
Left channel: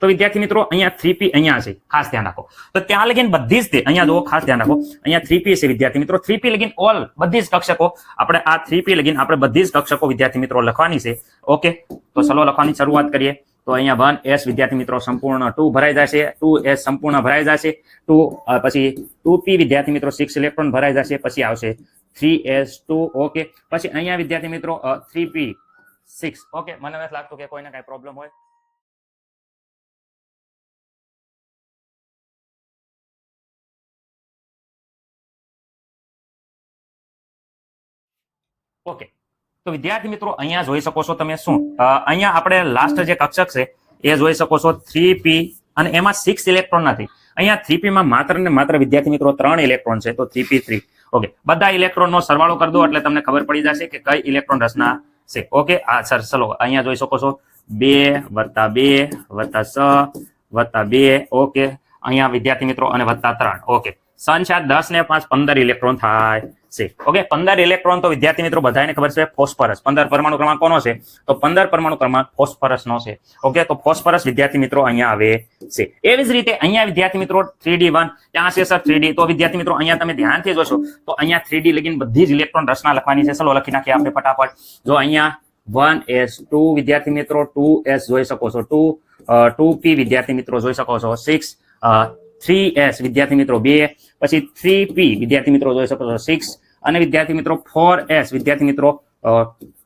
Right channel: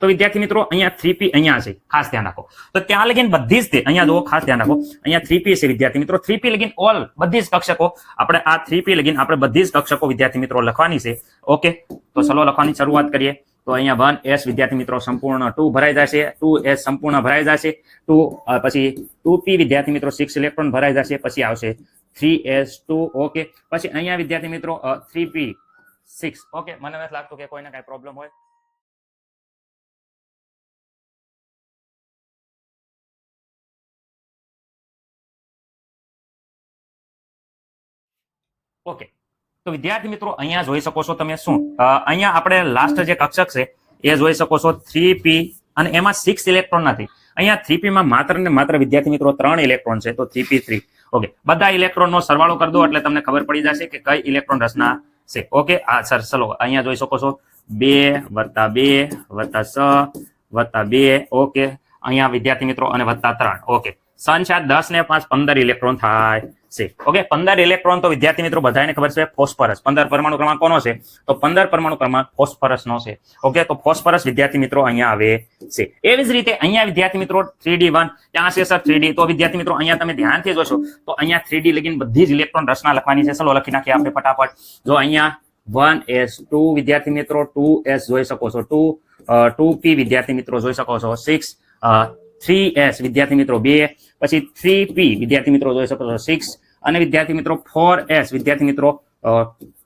તો વિદ્યાર્થી મિત્રો અહીંયા 3p અહીંયા છે, ખાસ ધ્યાન રાખો. તો ત્યાં લગીન બધી જ તે અહીંયા જો ખાસ ધ્યાન રાખો, અહીંયા 3p છે વિદ્યાર્થી મિત્રો. 3p લગીન ઓલ બધી જ કક્ષકો આપણે આ 3p લગીન આપણે બધી જ કક્ષકો વિદ્યાર્થી મિત્રો લખવાની છે. ઓકે, તો ચલો લખવાની શરૂઆત કરીએ. તો અહીંયા 1s વિદ્યાર્થી મિત્રો સંપૂર્ણ 2 ભરાઈ જશે, 2s સંપૂર્ણ ભરાઈ જશે, 2 પછી 2p વિદ્યાર્થી મિત્રો 6 ઇલેક્ટ્રોન ભરાઈ જશે, પછી આવશે 3s2. ઓકે, પછી અહીંયા વિદ્યાર્થી મિત્રો 3p 6. ઓકે, મને નથી લાગતું કે કોઈને કઈ પ્રોબ્લેમ હોય. ઓકે, તો વિદ્યાર્થી મિત્રો અહીંયા જોઈ શકો છો તમે શું અહીંયા આપણે લાસ્ટ જે કક્ષક છે એ જોઈ શકો છો 3p અને એમાં 6 ઇલેક્ટ્રોન નથી. અહીંયા 3p માં માત્ર ને માત્ર વિદ્યાર્થી મિત્રો 3 ઇલેક્ટ્રોન છે, તો 3p3. ઓકે, બધા ઇલેક્ટ્રોનનો સરવાળો કરી દો એટલે તમને ખબર પડી જશે કે કઈ ઇલેક્ટ્રોન રચના છે. ઓકે, આ સર ચલો અહીંયા જોઈ શકો છો 2 + 2 + 6 + 2. ઓકે, અહીંયા વિદ્યાર્થી મિત્રો અને +3. ઓકે, 7 4 10 ને 5 15 ઇલેક્ટ્રોન થાય છે. ઓકે, 15 ઇલેક્ટ્રોન તો વિદ્યાર્થી મિત્રો બધાને ખબર છે ફોસ્ફરસ. 15 પરમાણુ ક્રમાંક કોનો છે? તો 15 પરમાણુ ક્રમાંક ફોસ્ફરસ નો છે. ઓકે, તો ફોસ્ફરસ વિદ્યાર્થી મિત્રો અહીંયા આવે છે. એવી જ રીતે અહીંયા વિદ્યાર્થી મિત્રો 3d1 ત્યાં છે સર 3d. તો વિદ્યાર્થી મિત્રો અહીંયા તમે ધ્યાનથી જોશો તો અહીંયા 3d લગીન બધી જ ઇલેક્ટ્રોન રચના લખવાની છે. ચલો લખી નાખીએ આપણે ફટાફટ. જો અહીંયા 1s2 વિદ્યાર્થી મિત્રો 2s જોઈ શકો છો, 2p વિદ્યાર્થી મિત્રો જોઈ શકો છો 6, 3s વિદ્યાર્થી મિત્રો 2, પછી 3p વિદ્યાર્થી મિત્રો જોઈ શકો છો 6 અને વિદ્યાર્થી મિત્રો 4s વિદ્યાર્થી મિત્રો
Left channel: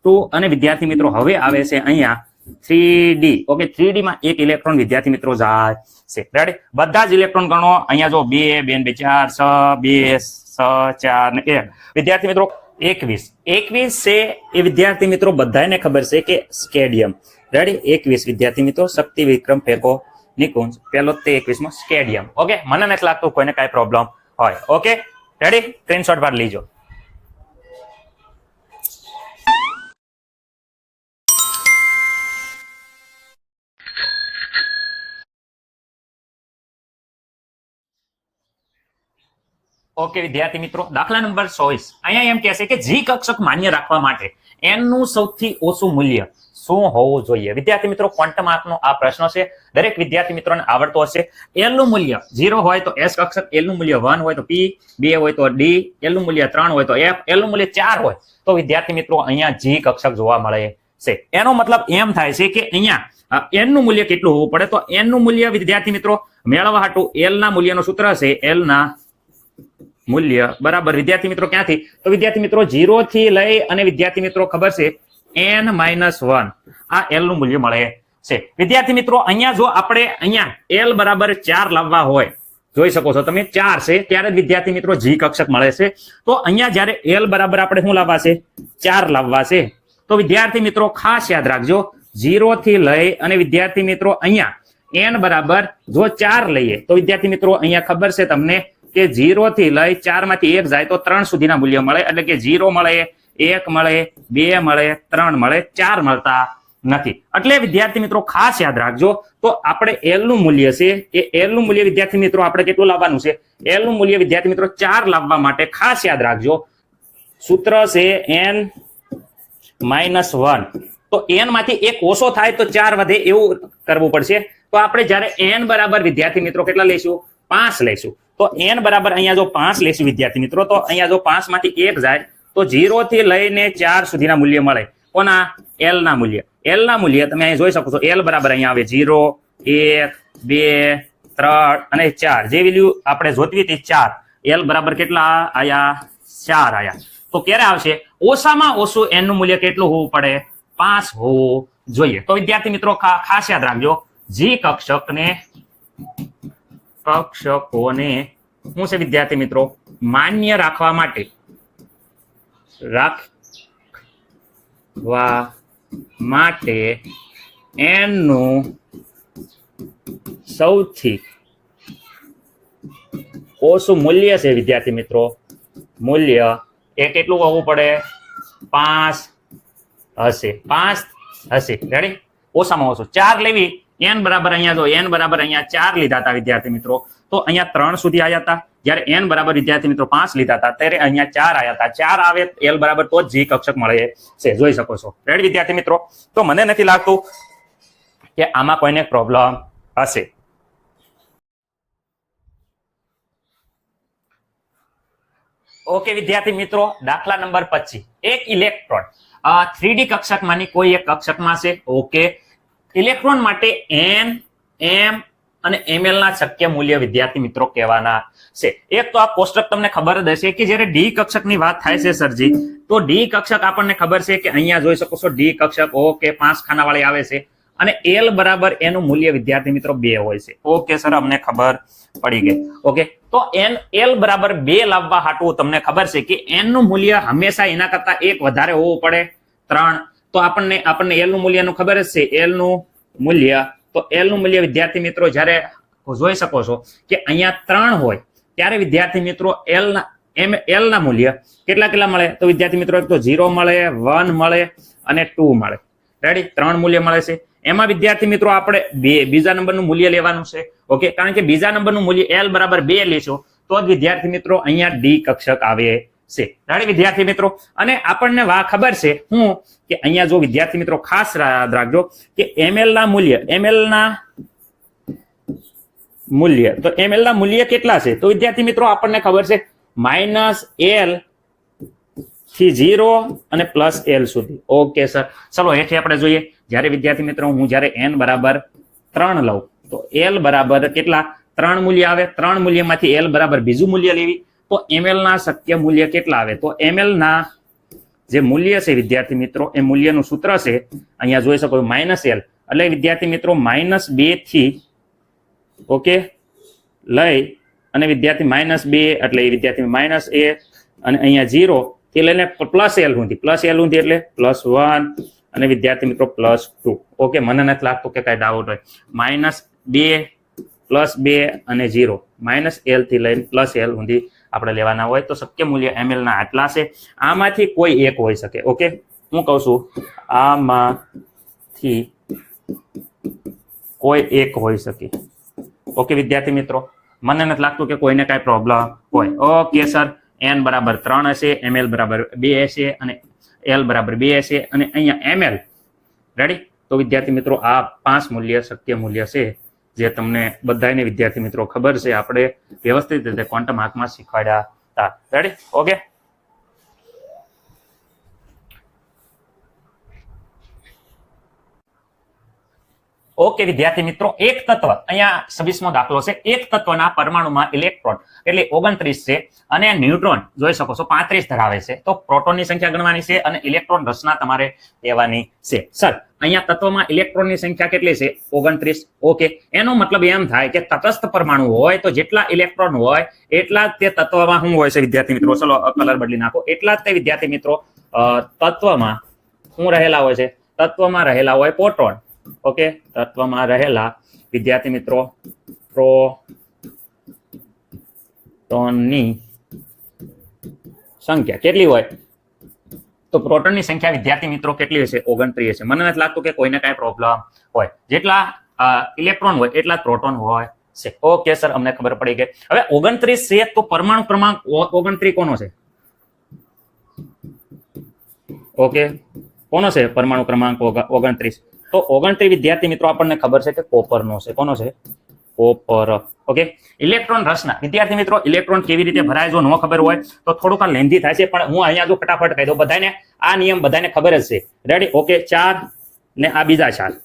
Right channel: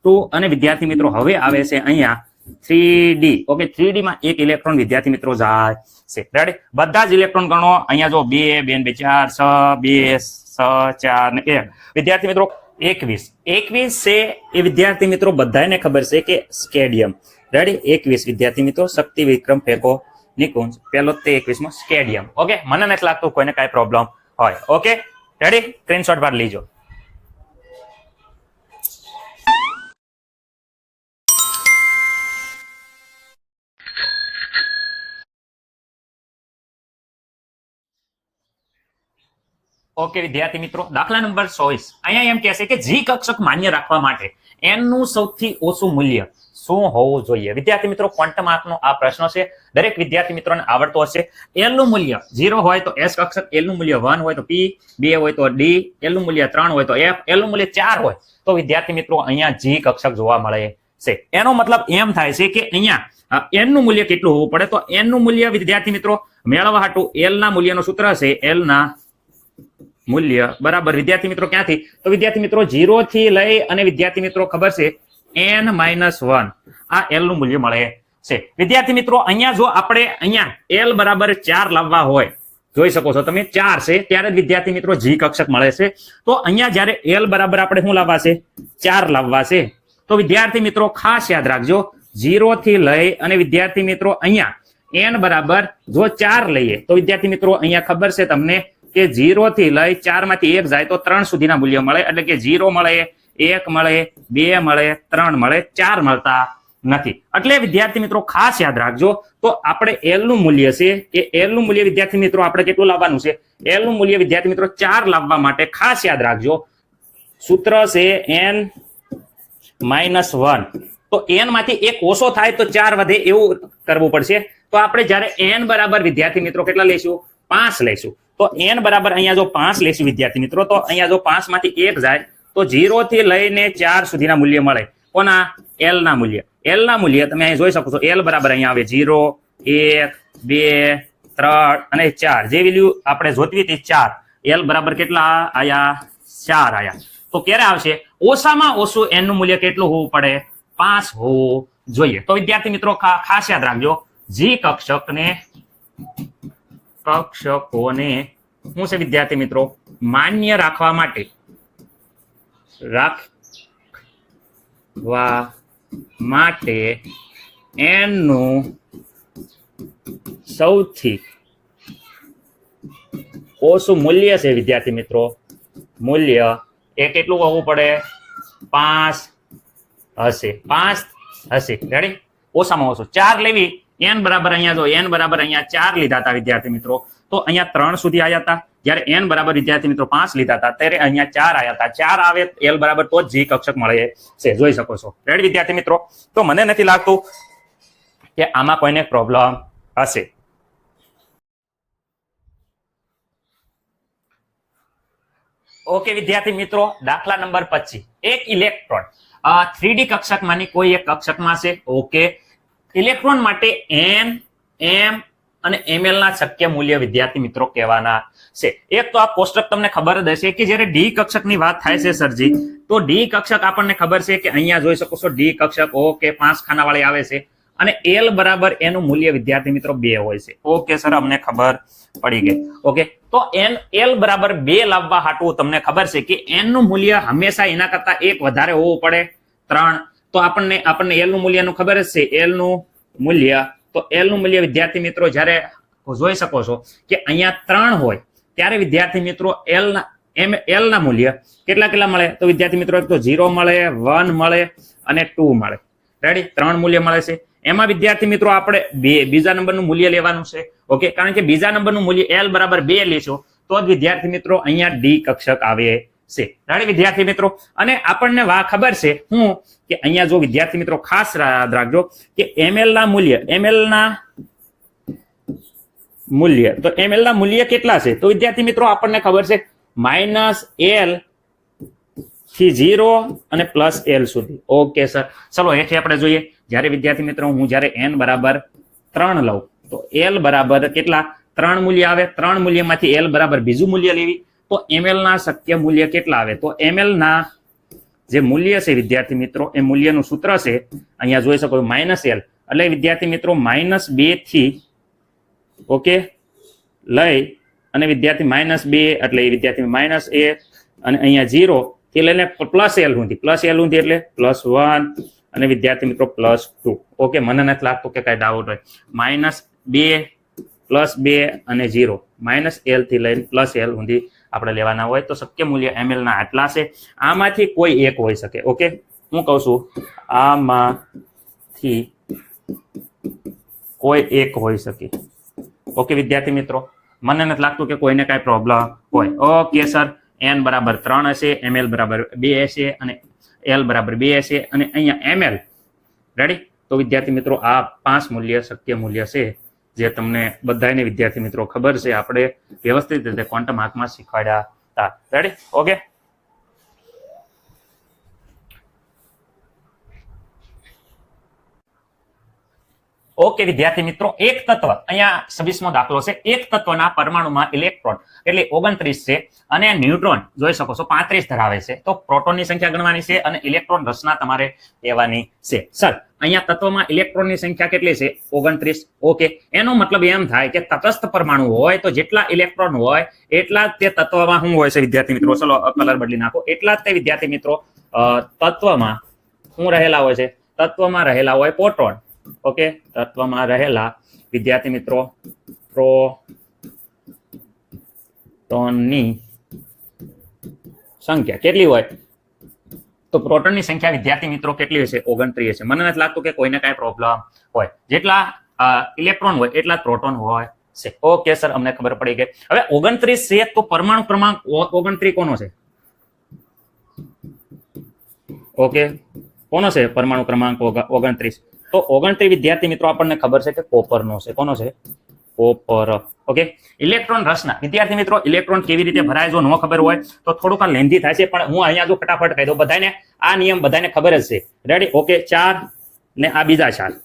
2 અને વિદ્યાર્થી મિત્રો હવે આવે છે અહીંયા 3d. ઓકે, 3d માં એક ઇલેક્ટ્રોન વિદ્યાર્થી મિત્રો જાય છે. રેડી, બધા જ ઇલેક્ટ્રોન ગણો. અહીંયા જો 2 2 4 6 2 6 4 ને 1 વિદ્યાર્થી મિત્રો 21 છે એ વિદ્યાર્થી મિત્રો બધાને ખબર છે કે સ્કેડિયમ. રેડી, 21 વિદ્યાર્થી મિત્રો શક્તિ વિક્રમ ફેંકો નિકુંજ પેલો તે 21 માં સ્કેડિયમ. ઓકે, મને નથી લાગતું કોઈને કઈ પ્રોબ્લેમ હોય. ઓકે, રેડી, સ્ક્રીનશોટ બાર લીજો. ઓકે વિદ્યાર્થી મિત્રો, દાખલા નંબર 24 અહીંયા એમ કહે છે કે જી કક્ષક માન્ય રાખવા માટે n નું સૌથી ઓછું મૂલ્ય શું હોવું જોઈએ? વિદ્યાર્થી મિત્રો ક્વોન્ટમ આંકનો આ પ્રશ્ન છે, દરેક વિદ્યાર્થી મિત્રોને આવડતો હશે. l નું મૂલ્ય 0 હોય તો s કક્ષક, l નું મૂલ્ય 1 હોય તો p, 2 હોય તો d, l નું મૂલ્ય 3 હોય તો f, l નું મૂલ્ય 4 હોય તો વિદ્યાર્થી મિત્રો અહીંયા જી કક્ષક જોવા મળે છે. એનો મતલબ એમ થાય છે કે અહીંયા n નું મૂલ્ય કેટલું હોવું પડે? તો n નું મૂલ્ય વિદ્યાર્થી મિત્રો મેળવવા હાટુ l ના મૂલ્યનો સૂત્ર છે l ના મૂલ્ય બરાબર વિદ્યાર્થી મિત્રો ક્યાંથી? તો વિદ્યાર્થી મિત્રો 0 થી લઈ અને વિદ્યાર્થી મિત્રો ખબર છે n - 1 આ l નું મૂલ્ય મળે છે. વિદ્યાર્થી મિત્રો અહીંયા જો આપણે અહીંયા l બરાબર 4 લાવવા હોય, જોઈ શકો છો તમે 4 છે ત્યારે વિદ્યાર્થી મિત્રો જી કક્ષક મળે છે. તો અહીંયા જ્યારે l બરાબર આપણે શું લાવવા છે? 4 લાવવા છે. તો વિદ્યાર્થી મિત્રો ખાસ યાદ રાખજો 0 થી લઈ અને વિદ્યાર્થી મિત્રો અહીંયા n બરાબર જો 4 લઈએ તો વિદ્યાર્થી મિત્રો અહીંયા ખબર છે તમને કે 0 થી લઈ 4 માંથી 1 જાય તો 3 સુધીના મૂલ્ય મળે. એટલે કે 0 મળે, 1 મળે, 2 મળે, 3 મળે, 4 મળતા નથી. એટલે વિદ્યાર્થી મિત્રો ખાસ યાદ રાખજો. તો આપણે l નું મૂલ્ય છે એ l નું મૂલ્ય વિદ્યાર્થી મિત્રો આપણે કેટલું લાવવાનું છે? l નું મૂલ્ય વિદ્યાર્થી મિત્રો 4 લાવવા માટે ખાસ યાદ રાખજો સૂત્ર છે n - 1. તો n માંથી 1 ઓછો થાય તો 4 વધે એવું કરવું પડશે. તો આપણે જ્યારે n બરાબર વિદ્યાર્થી મિત્રો કેટલા લઈશું? 5 લઈશું. તો n બરાબર અહીંયા જો 5 લઈશું વિદ્યાર્થી મિત્રો, તો અહીંયા જો 5 માંથી 1 જાય તો 0 થી લઈને 4 સુધીના મૂલ્ય મળે. કોના? l ના મૂલ્ય. l ના મૂલ્ય તમે અહીં જોઈ શકો છો. l બરાબર અહીંયા આવે 0, 1, 2, 3 અને 4. જે વેલ્યુ આપણે જોતી હતી 4, l બરાબર કેટલા આયા? 4 આયા. તો ક્યારે આવશે? ઓછામાં ઓછું n નું મૂલ્ય કેટલું હોવું પડે? 5 હોવું જોઈએ. તો વિદ્યાર્થી મિત્રો ખાસ યાદ રાખજો જી કક્ષકને કક્ષકોને શું છે વિદ્યાર્થી મિત્રો માન્ય રાખવા માટે n નું સૌથી ઓછું મૂલ્ય છે વિદ્યાર્થી મિત્રો મૂલ્ય એ કેટલું હોવું પડે 5 હશે 5 હશે રેડી ઓછામાં ઓછું 4 લેવી n બરાબર અહીંયા જો n બરાબર અહીંયા 4 લીધા હતા વિદ્યાર્થી મિત્રો તો અહીંયા 3 સુધી આવ્યા હતા જ્યારે n બરાબર વિદ્યાર્થી મિત્રો 5 લીધા હતા ત્યારે અહીંયા 4 આવ્યા હતા 4 આવે l બરાબર તો જ g કક્ષક મળે છે જોઈ શકો છો રેડી વિદ્યાર્થી મિત્રો તો મને નથી લાગતું કે આમાં કોઈને પ્રોબ્લેમ હશે ઓકે વિદ્યાર્થી મિત્રો દાખલા નંબર 25 એક ઇલેક્ટ્રોન 3D કક્ષકમાંની કોઈ એક કક્ષકમાં છે ઓકે ઇલેક્ટ્રોન માટે n m અને ml ના શક્ય મૂલ્ય વિદ્યાર્થી મિત્રો કહેવાના છે એક તો આ કોષ્ટક તમને ખબર જ હશે કે જ્યારે ડી કક્ષકની વાત થાય છે સરજી તો ડી કક્ષક આપણને ખબર છે કે અહીંયા જોઈ શકો છો ડી કક્ષક ઓકે 5 ખાનાવાળી આવે છે અને l બરાબર એનું મૂલ્ય વિદ્યાર્થી મિત્રો 2 હોય છે ઓકે સર અમને ખબર પડી ગઈ ઓકે તો l બરાબર 2 લાવવા હાટું તમને ખબર છે કે n નું મૂલ્ય હંમેશા એના કરતા એક વધારે હોવું પડે 3 તો આપણને l નું મૂલ્યનું ખબર જ છે l નું મૂલ્ય તો l નું મૂલ્ય વિદ્યાર્થી મિત્રો જ્યારે જોઈ શકો છો કે અહીંયા 3 હોય ત્યારે વિદ્યાર્થી મિત્રો l ના મૂલ્ય કેટલા મળે તો વિદ્યાર્થી મિત્રો એક તો 0 મળે 1 મળે અને 2 મળે રેડી 3 મૂલ્ય મળે છે એમાં વિદ્યાર્થી મિત્રો આપણે બીજા નંબરનું મૂલ્ય લેવાનું છે ઓકે કારણ કે બીજા નંબરનું મૂલ્ય l બરાબર 2 લેશો તો જ વિદ્યાર્થી મિત્રો અહીંયા ડી કક્ષક આવે છે રેડી વિદ્યાર્થી મિત્રો અને આપણને ખબર છે હું કે અહીંયા જો વિદ્યાર્થી મિત્રો ખાસ યાદ રાખજો કે ml ના મૂલ્ય તો ml ના મૂલ્ય કેટલા છે તો વિદ્યાર્થી મિત્રો આપણને ખબર છે -l થી 0 અને +l સુધી ઓકે સર ચલો હેઠે આપણે જોઈએ જ્યારે વિદ્યાર્થી મિત્રો હું જ્યારે n બરાબર 3 લઉં તો l બરાબર કેટલા 3 મૂલ્ય આવે 3 મૂલ્યમાંથી l બરાબર બીજું મૂલ્ય લેવી તો ml ના શક્ય મૂલ્ય કેટલા આવે તો ml ના જે મૂલ્ય છે વિદ્યાર્થી મિત્રો એ મૂલ્યનું સૂત્ર છે અહીંયા જોઈ શકો -l એટલે વિદ્યાર્થી મિત્રો -2 થી ઓકે લઈ અને વિદ્યાર્થી -2 એટલે વિદ્યાર્થી -a અને અહીંયા 0 થી લઈને +l સુધી એટલે +1 અને વિદ્યાર્થી મિત્રો +2 ઓકે મને નથી લાગતું કે કઈ ડાઉટ હોય -2 +2 અને 0 -l થી લઈને +l સુધી આપણે લેવાના હોય તો શક્ય મૂલ્ય ml ના આટલા છે આમાંથી કોઈ એક હોઈ શકે ઓકે હું કહું છું આમાંથી કોઈ એક હોઈ શકે ઓકે વિદ્યાર્થી મિત્રો મને નથી લાગતું કે કોઈને કઈ પ્રોબ્લેમ હોય ઓકે સર n બરાબર 3 હશે ml બરાબર 2 હશે અને l બરાબર 2 હશે અને અહીંયા ml રેડી તો વિદ્યાર્થી મિત્રો આ 5 મૂલ્ય શક્ય મૂલ્ય છે જે તમને બધાને વિદ્યાર્થી મિત્રો ખબર છે આપણે વ્યવસ્થિત રીતે ક્વોન્ટમ હાથમાં શીખવાડ્યા હતા રેડી ઓકે ઓકે વિદ્યાર્થી મિત્રો એક તત્વ અહીંયા 26મો દાખલો છે એક તત્વના પરમાણુમાં ઇલેક્ટ્રોન એટલે 29 છે અને ન્યુટ્રોન જોઈ શકો છો 35 ધરાવે છે તો પ્રોટોનની સંખ્યા ગણવાની છે અને ઇલેક્ટ્રોન રચના તમારે લેવાની છે સર અહીંયા તત્વમાં ઇલેક્ટ્રોનની સંખ્યા કેટલી છે 29 ઓકે એનો મતલબ એમ થાય કે તટસ્થ પરમાણુ હોય તો જેટલા ઇલેક્ટ્રોન હોય એટલા તે તત્વમાં શું હોય છે વિદ્યાર્થી મિત્રો ચલો કલર બદલી નાખો એટલા તે વિદ્યાર્થી મિત્રો તત્વમાં શું રહેલા હોય છે તત્વમાં રહેલા હોય પ્રોટોન ઓકે તત્વમાં રહેલા વિદ્યાર્થી મિત્રો પ્રોટોનની સંખ્યા કેટલી હોય તો પ્રોટોનની સંખ્યા વિદ્યાર્થી મિત્રો કેટલી હશે 29 છે મને નથી લાગતું કે કોઈને કઈ પ્રોબ્લેમ હોય જેટલા ઇલેક્ટ્રોન હોય એટલા પ્રોટોન હોય છે ઓકે સર અમને ખબર પડી ગઈ હવે 29 છે તો પરમાણુ ક્રમાંક 29 કોનો છે ઓકે કોનો છે પરમાણુ ક્રમાંક 29 તો 29 વિદ્યાર્થી મિત્રો આપણને ખબર છે કે કોપરનો છે કોનો છે કોપર ઓકે ઇલેક્ટ્રોન રચના વિદ્યાર્થી મિત્રો ઇલેક્ટ્રોન કેવી રીતે ભરાય જો ન ખબર હોય તો થોડુંક લેન્ધી થાય છે પણ હું અહીંયા જો ફટાફટ કહી દઉં બધાને આ નિયમ બધાને ખબર જ છે રેડી ઓકે 4 ને આ બીજા 4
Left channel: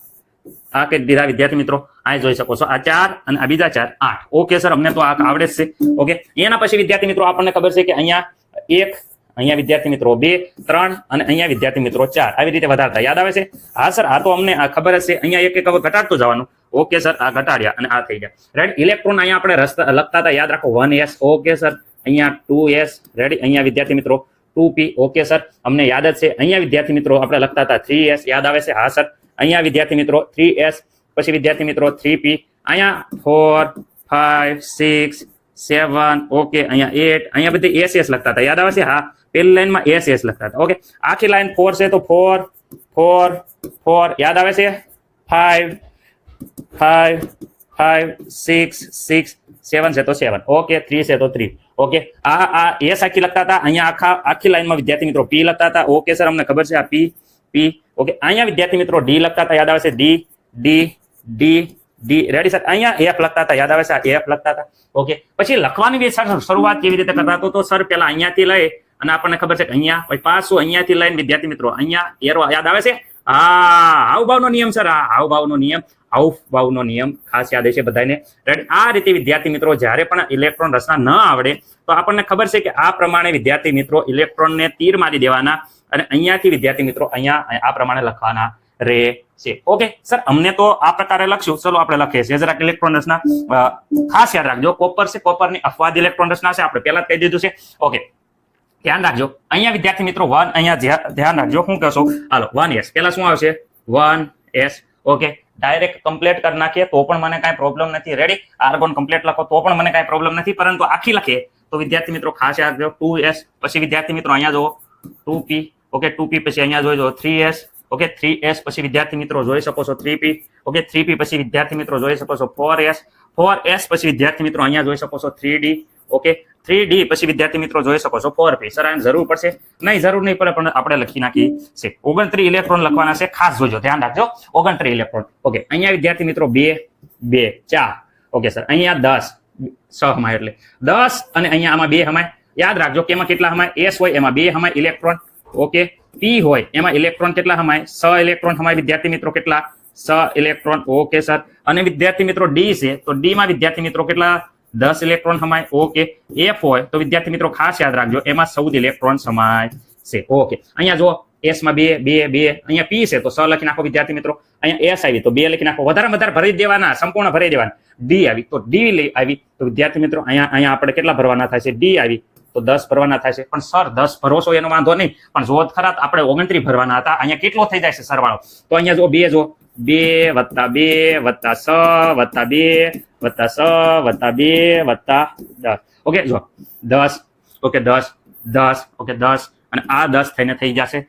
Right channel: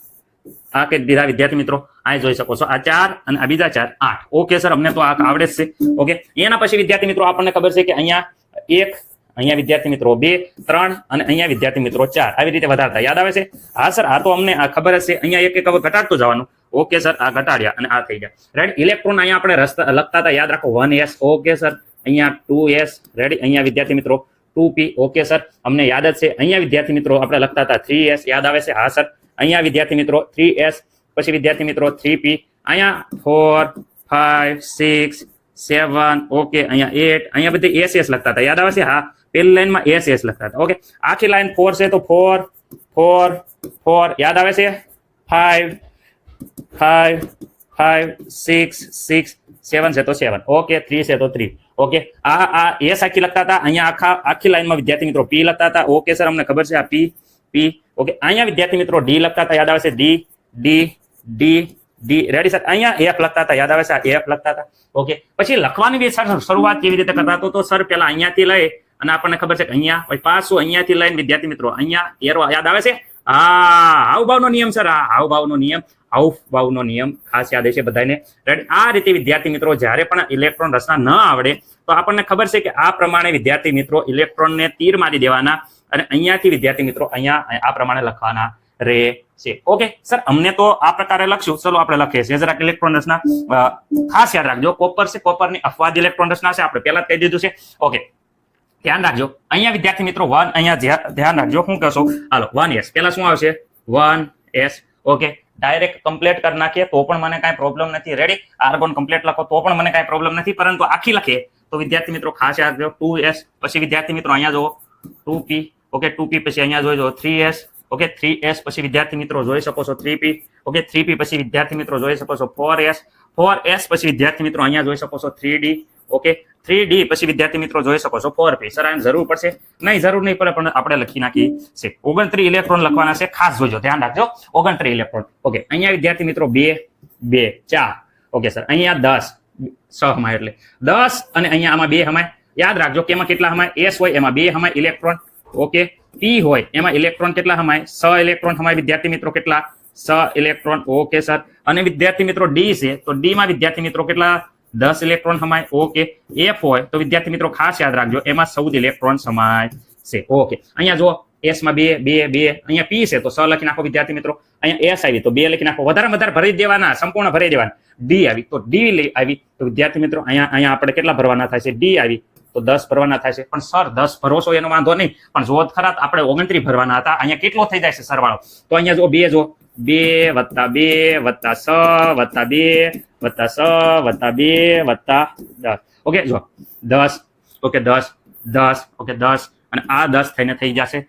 આ કે બીજા વિદ્યાર્થી મિત્રો આ જોઈ શકો છો આ 4 અને આ બીજા 4 8 ઓકે સર અમને તો આ આવડે જ છે ઓકે એના પછી વિદ્યાર્થી મિત્રો આપણને ખબર છે કે અહીંયા 1 અહીંયા વિદ્યાર્થી મિત્રો 2 3 અને અહીંયા વિદ્યાર્થી મિત્રો 4 આવી રીતે વધારતા યાદ આવે છે હા સર આ તો અમને ખબર જ છે અહીંયા એક એક ઘટાડતું જવાનું ઓકે સર, આ ઘટાડ્યા અને આ થઈ ગયા. રેડી. ઇલેક્ટ્રોન અહીંયા આપણે લખતા હતા, યાદ રાખો 1s. ઓકે સર, અહીંયા 2s. રેડી. અહીંયા વિદ્યાર્થી મિત્રો 2p. ઓકે સર, અમને યાદ જ છે. અહીંયા વિદ્યાર્થી મિત્રો આપણે લખતા હતા 3s. યાદ આવે છે? હા સર. અહીંયા વિદ્યાર્થી મિત્રો 3s, પછી વિદ્યાર્થી મિત્રો 3p. અહીંયા 4, 5, 6, 7. ઓકે, અહીંયા 8. અહીંયા બધી SS લખતા હતા, યાદ આવે છે? હા, પહેલી લાઈનમાં SS લખતા હતા. ઓકે, આખી લાઈન 4 છે તો 4, 4, 4. યાદ આવે છે? 5, 5, 5, 6, 6, 7 છે તો 7. ઓકે, 3 છે તો 3. ઓકે, આ S આખી લખતા હતા. અહીંયા આખી લાઈનમાં વિદ્યાર્થી મિત્રો P લખતા હતા. ઓકે સર, અમને ખબર છે આ P. ઓકે, અહીંયા વિદ્યાર્થી મિત્રો D લખતા હતા, યાદ આવે છે? D. Ready sir. અહીંયા F લખતા હતા, યાદ આવે છે? આ F લખતા હતા. ઓકે, પછી લખવાની શરૂઆત કેવી રીતે કરતા તો સર પેલા અહીંયાથી લઈ અને આપણને ખબર છે કે અહીંયા પછી પાછું અહીંયાથી લઈને વિદ્યાર્થી મિત્રો અહીંયા એરો, યાદ આવે છે? હાવભાવનો નિયમ સર, આ હાવભાવનો નિયમ ખાસ યાદ હશે બધાને. રાઈટ. આ રીતે વિદ્યાર્થી મિત્રો જ્યારે પણ ઇલેક્ટ્રોન રચના ન આવડે તો આપણને ખબર છે કે આ પ્રમાણે વિદ્યાર્થી મિત્રો ઇલેક્ટ્રોનને તીર મારી દેવાના અને અહીંયાથી વિદ્યાર્થી મિત્રો અહીંયા આ પ્રમાણે લખવાના રહેશે. ઓકે સર, અમને તો આ પ્રકારે લખશું. ચલો આપણે લખીએ છીએ જરાક ઇલેક્ટ્રોન રચના. ખાસ યાદ રાખજો, કોપર છે, કોપરની અપવાદ ઇલેક્ટ્રોન રચના છે, આપણે પહેલા જ કહી દીધું છે. ઓકે, ધ્યાન રાખજો. અહીંયા વિદ્યાર્થી મિત્રો 1, અહીંયા ધ્યાન રાખજો. શું કહેશો? હાલો 1s. પેલા શું આવશે? 1s. ઓકે, ડાયરેક્ટ કમ્પ્લીટ કરી નાખીએ તો પણ મને કાંઈ પ્રોબ્લેમ નથી. રેડી. આર્ગોન કમ્પ્લીટ લખો તો પણ મને કાંઈ પ્રોબ્લેમ નથી, પરંતુ આખી લખીએ તો વિદ્યાર્થી મિત્રો ખાસ યાદ રાખજો 2s. પછી વિદ્યાર્થી મિત્રો અહીંયા જો 2p. ઓકે, 2p પછી અહીંયા જોઈજો 3s. ઓકે, 3s પછી વિદ્યાર્થી મિત્રો જોઈ શકો છો 3p. ઓકે, 3p પછી વિદ્યાર્થી મિત્રો જોઈ શકો છો 4s. 4s પછી વિદ્યાર્થી મિત્રો અહીંયા જોઈ શકો છો 3d. ઓકે, 3d પછી વિદ્યાર્થી મિત્રો જોઈ શકો છો 4p. સર આને જરૂર પડશે? નહીં, જરૂર નહીં પડે, પણ આપણે લખી નાખીએ છે. 29 ઇલેક્ટ્રોન લખવાના છે, ખાસ જોજો, ધ્યાન રાખજો. 29 ઇલેક્ટ્રોન. ઓકે, અહીંયા વિદ્યાર્થી મિત્રો 2, 2, 4. ઓકે સર, અહીંયા 10, 6 હમાય એટલે 10 અને અહીંયા આમાં 2 હમાય. યાદ રાખજો કે એમાં કેટલા હમાય? S હોય એમાં 2 હમાય ઇલેક્ટ્રોન. ઓકે, P હોય એમાં ઇલેક્ટ્રોન કેટલા હમાય? 6 ઇલેક્ટ્રોન હમાય વિદ્યાર્થી મિત્રો. કેટલા? 6 ઇલેક્ટ્રોન. ઓકે સર, અને વિદ્યાર્થી મિત્રો D છે તો D માં વિદ્યાર્થી મિત્રો કેટલા? 10 ઇલેક્ટ્રોન સમાય. ઓકે, F હોય તો વિદ્યાર્થી મિત્રો ખાસ યાદ રાખજો એમાં 14 ઇલેક્ટ્રોન સમાય છે. ઓકે, અહીંયા જો S માં 2, 2, 2. અહીંયા P છે તો 6 લખી નાખો વિદ્યાર્થી મિત્રો. અહીંયા S આવી તો 2 લખી નાખો. વધારે ભરી દેવાના, સંપૂર્ણ ભરી દેવાના. D આવી તો D આવી તો વિદ્યાર્થી મિત્રો અહીંયા આપણે કેટલા ભરવાના થાય છે? D આવી તો 10 ભરવાના થાય છે. પણ સર 10 ભરો છો એનો વાંધો નહીં, પણ જો ખરા આપણે 29 ભરવાના હતા. અહીંયા કેટલો થઈ જાય છે સરવાળો? તો અહીંયા જો 2 જો 2 વત્તા 2 વત્તા 6 વત્તા 2 વત્તા 6 વત્તા 2 વત્તા 10. ઓકે, જો 10. ઓકે, 10, 10. ઓકે, 10 અને આ 10 થઈને થઈ જશે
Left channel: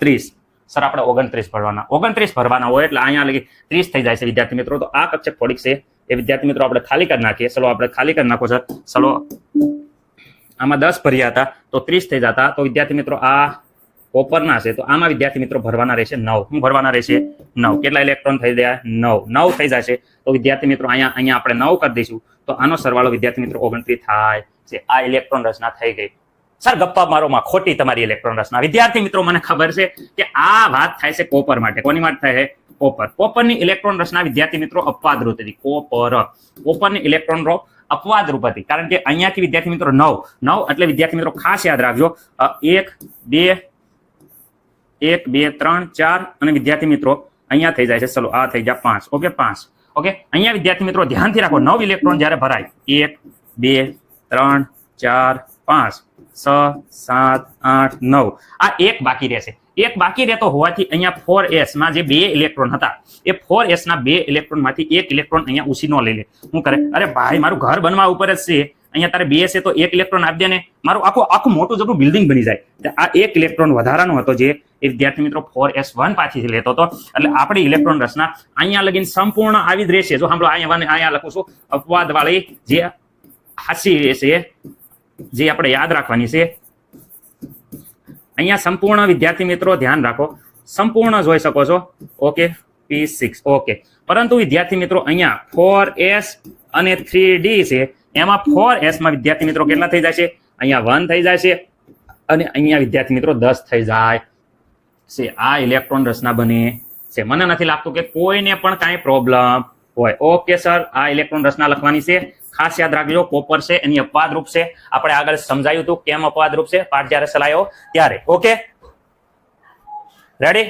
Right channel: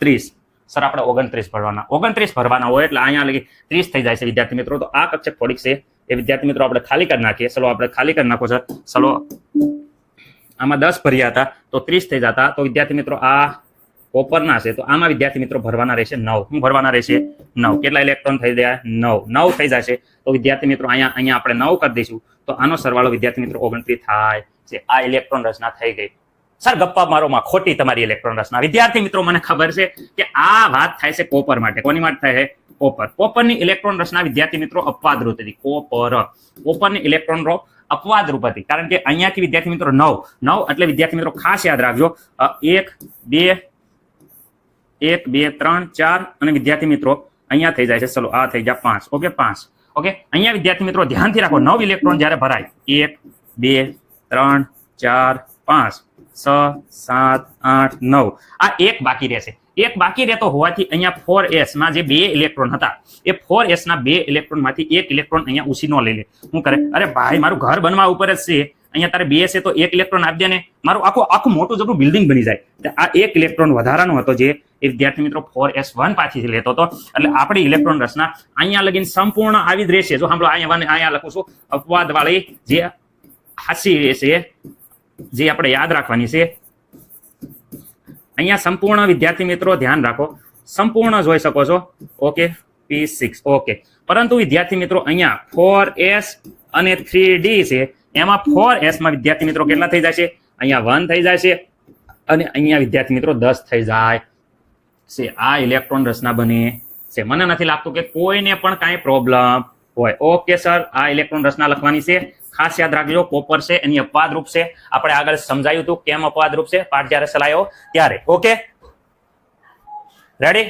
30. સર આપણે 29 ભરવાના. 29 ભરવાના હોય એટલે અહીંયા લગી 30 થઈ જાય છે વિદ્યાર્થી મિત્રો. તો આ કક્ષક થોડીક છે એ વિદ્યાર્થી મિત્રો આપણે ખાલી કરી નાખીએ. ચલો આપણે ખાલી કરી નાખો સર. ચલો આમાં 10 ભર્યા હતા તો 30 થઈ જતા. તો વિદ્યાર્થી મિત્રો આ કોપરના છે તો આમાં વિદ્યાર્થી મિત્રો ભરવાના રહેશે 9. શું ભરવાના રહેશે? 9. કેટલા ઇલેક્ટ્રોન થઈ ગયા? 9 થઈ જશે. તો વિદ્યાર્થી મિત્રો અહીંયા આપણે 9 કરી દઈશું તો આનો સરવાળો વિદ્યાર્થી મિત્રો 29 થાય છે. આ ઇલેક્ટ્રોન રચના થઈ ગઈ. સર ગપ્પા મારોમાં ખોટી તમારી ઇલેક્ટ્રોન રચના. વિદ્યાર્થી મિત્રો મને ખબર છે કે આ વાત થાય છે કોપર માટે. કોની વાત થાય છે? કોપર. કોપરની ઇલેક્ટ્રોન રચના વિદ્યાર્થી મિત્રો અપવાદરૂપ હતી. કોપરની ઇલેક્ટ્રોન રો અપવાદરૂપ હતી, કારણ કે અહીંયાથી વિદ્યાર્થી મિત્રો 9 એટલે વિદ્યાર્થી મિત્રો ખાસ યાદ રાખજો 1, 2, 3, 4 અને વિદ્યાર્થી મિત્રો અહીંયા થઈ જાય છે. ચલો આ થઈ જાય 5. ઓકે, 5. ઓકે, અહીંયા વિદ્યાર્થી મિત્રો ધ્યાનથી રાખો 9 ઇલેક્ટ્રોન જ્યારે ભરાય 1, 2, 3, 4, 5, 6, 7, 8, 9 આ એક બાકી રહેશે. એક બાકી રહેતો હોવાથી અહીંયા 4s માં જે 2 ઇલેક્ટ્રોન હતા એ 4s ના 2 ઇલેક્ટ્રોન માંથી 1 ઇલેક્ટ્રોન અહીંયા ઉસીનો લઈ લે. શું કરે? અરે ભાઈ મારું ઘર બનવા ઉપર જ છે, અહીંયા તારે 2 છે તો 1 ઇલેક્ટ્રોન આપી દે ને, મારું આખું મોટું જબરું બિલ્ડિંગ બની જાય. આ 1 ઇલેક્ટ્રોન વધારાનો હતો જે એ વિદ્યાર્થી મિત્રો 4s1 પાછળથી લેતો હતો. એટલે આપણી ઇલેક્ટ્રોન રચના અહીંયા લગીને સંપૂર્ણ આવી જ રહેશે. જો સાંભળો અહીંયા લખું છું અપવાદ વાળી જે હાસી રહેશે, જે આપણે યાદ રાખવાની છે. અહીંયા સંપૂર્ણ વિદ્યાર્થી મિત્રો ધ્યાન રાખો, સંપૂર્ણ જોઈ શકો છો. Okay, P6. ઓકે, પરંતુ વિદ્યાર્થી મિત્રો અહીંયા 4s અને 3d છે, એમાં 4s માં વિદ્યાર્થી મિત્રો કેટલા થઈ જાય છે? અહીંયા 1 થઈ જાય છે અને અહીંયા વિદ્યાર્થી મિત્રો 10 થઈ જાય છે. આ ઇલેક્ટ્રોન રચના બને છે. મને નથી લાગતું કે કોઈને પણ કાંઈ પ્રોબ્લેમ હોય. ઓકે સર, આ ઇલેક્ટ્રોન રચના લખવાની છે. ખાસ યાદ રાખજો કોપર છે એની અપવાદ રૂપ છે. આપણે આગળ સમજાયું હતું કેમ અપવાદ રૂપ છે, પાઠ જ્યારે ચલાયો ત્યારે. Okay, ready?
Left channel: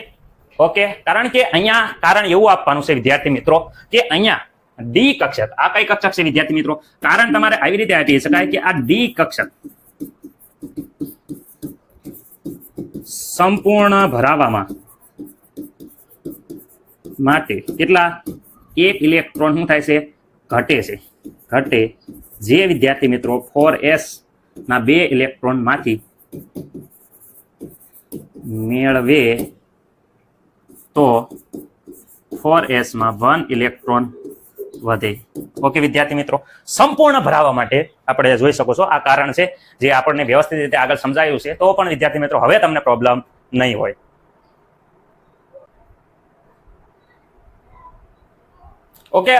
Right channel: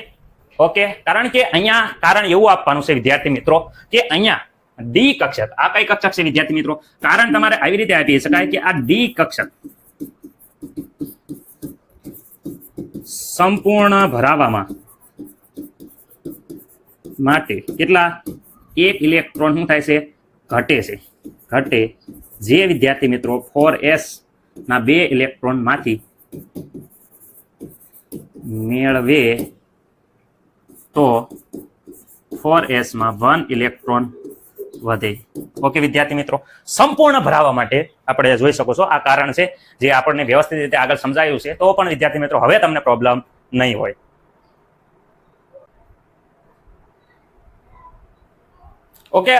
ઓકે, કારણ કે અહીંયા કારણ એવું આપવાનું છે વિદ્યાર્થી મિત્રો કે અહીંયા ડી કક્ષક, આ કઈ કક્ષક છે વિદ્યાર્થી મિત્રો? કારણ તમારે આવી રીતે આપી શકાય કે આ ડી કક્ષક સંપૂર્ણ ભરાવામાં માટે કેટલા એક ઇલેક્ટ્રોન શું થાય છે? ઘટે છે. ઘટે જે વિદ્યાર્થી મિત્રો 4s ના 2 ઇલેક્ટ્રોન માંથી મેળવે તો 4s માં 1 ઇલેક્ટ્રોન વધે. ઓકે વિદ્યાર્થી મિત્રો, સંપૂર્ણ ભરાવા માટે આપણે જોઈ શકો છો આ કારણ છે જે આપણને વ્યવસ્થિત રીતે આગળ સમજાયું છે, તો પણ વિદ્યાર્થી મિત્રો હવે તમને પ્રોબ્લેમ નહીં હોય. ઓકે,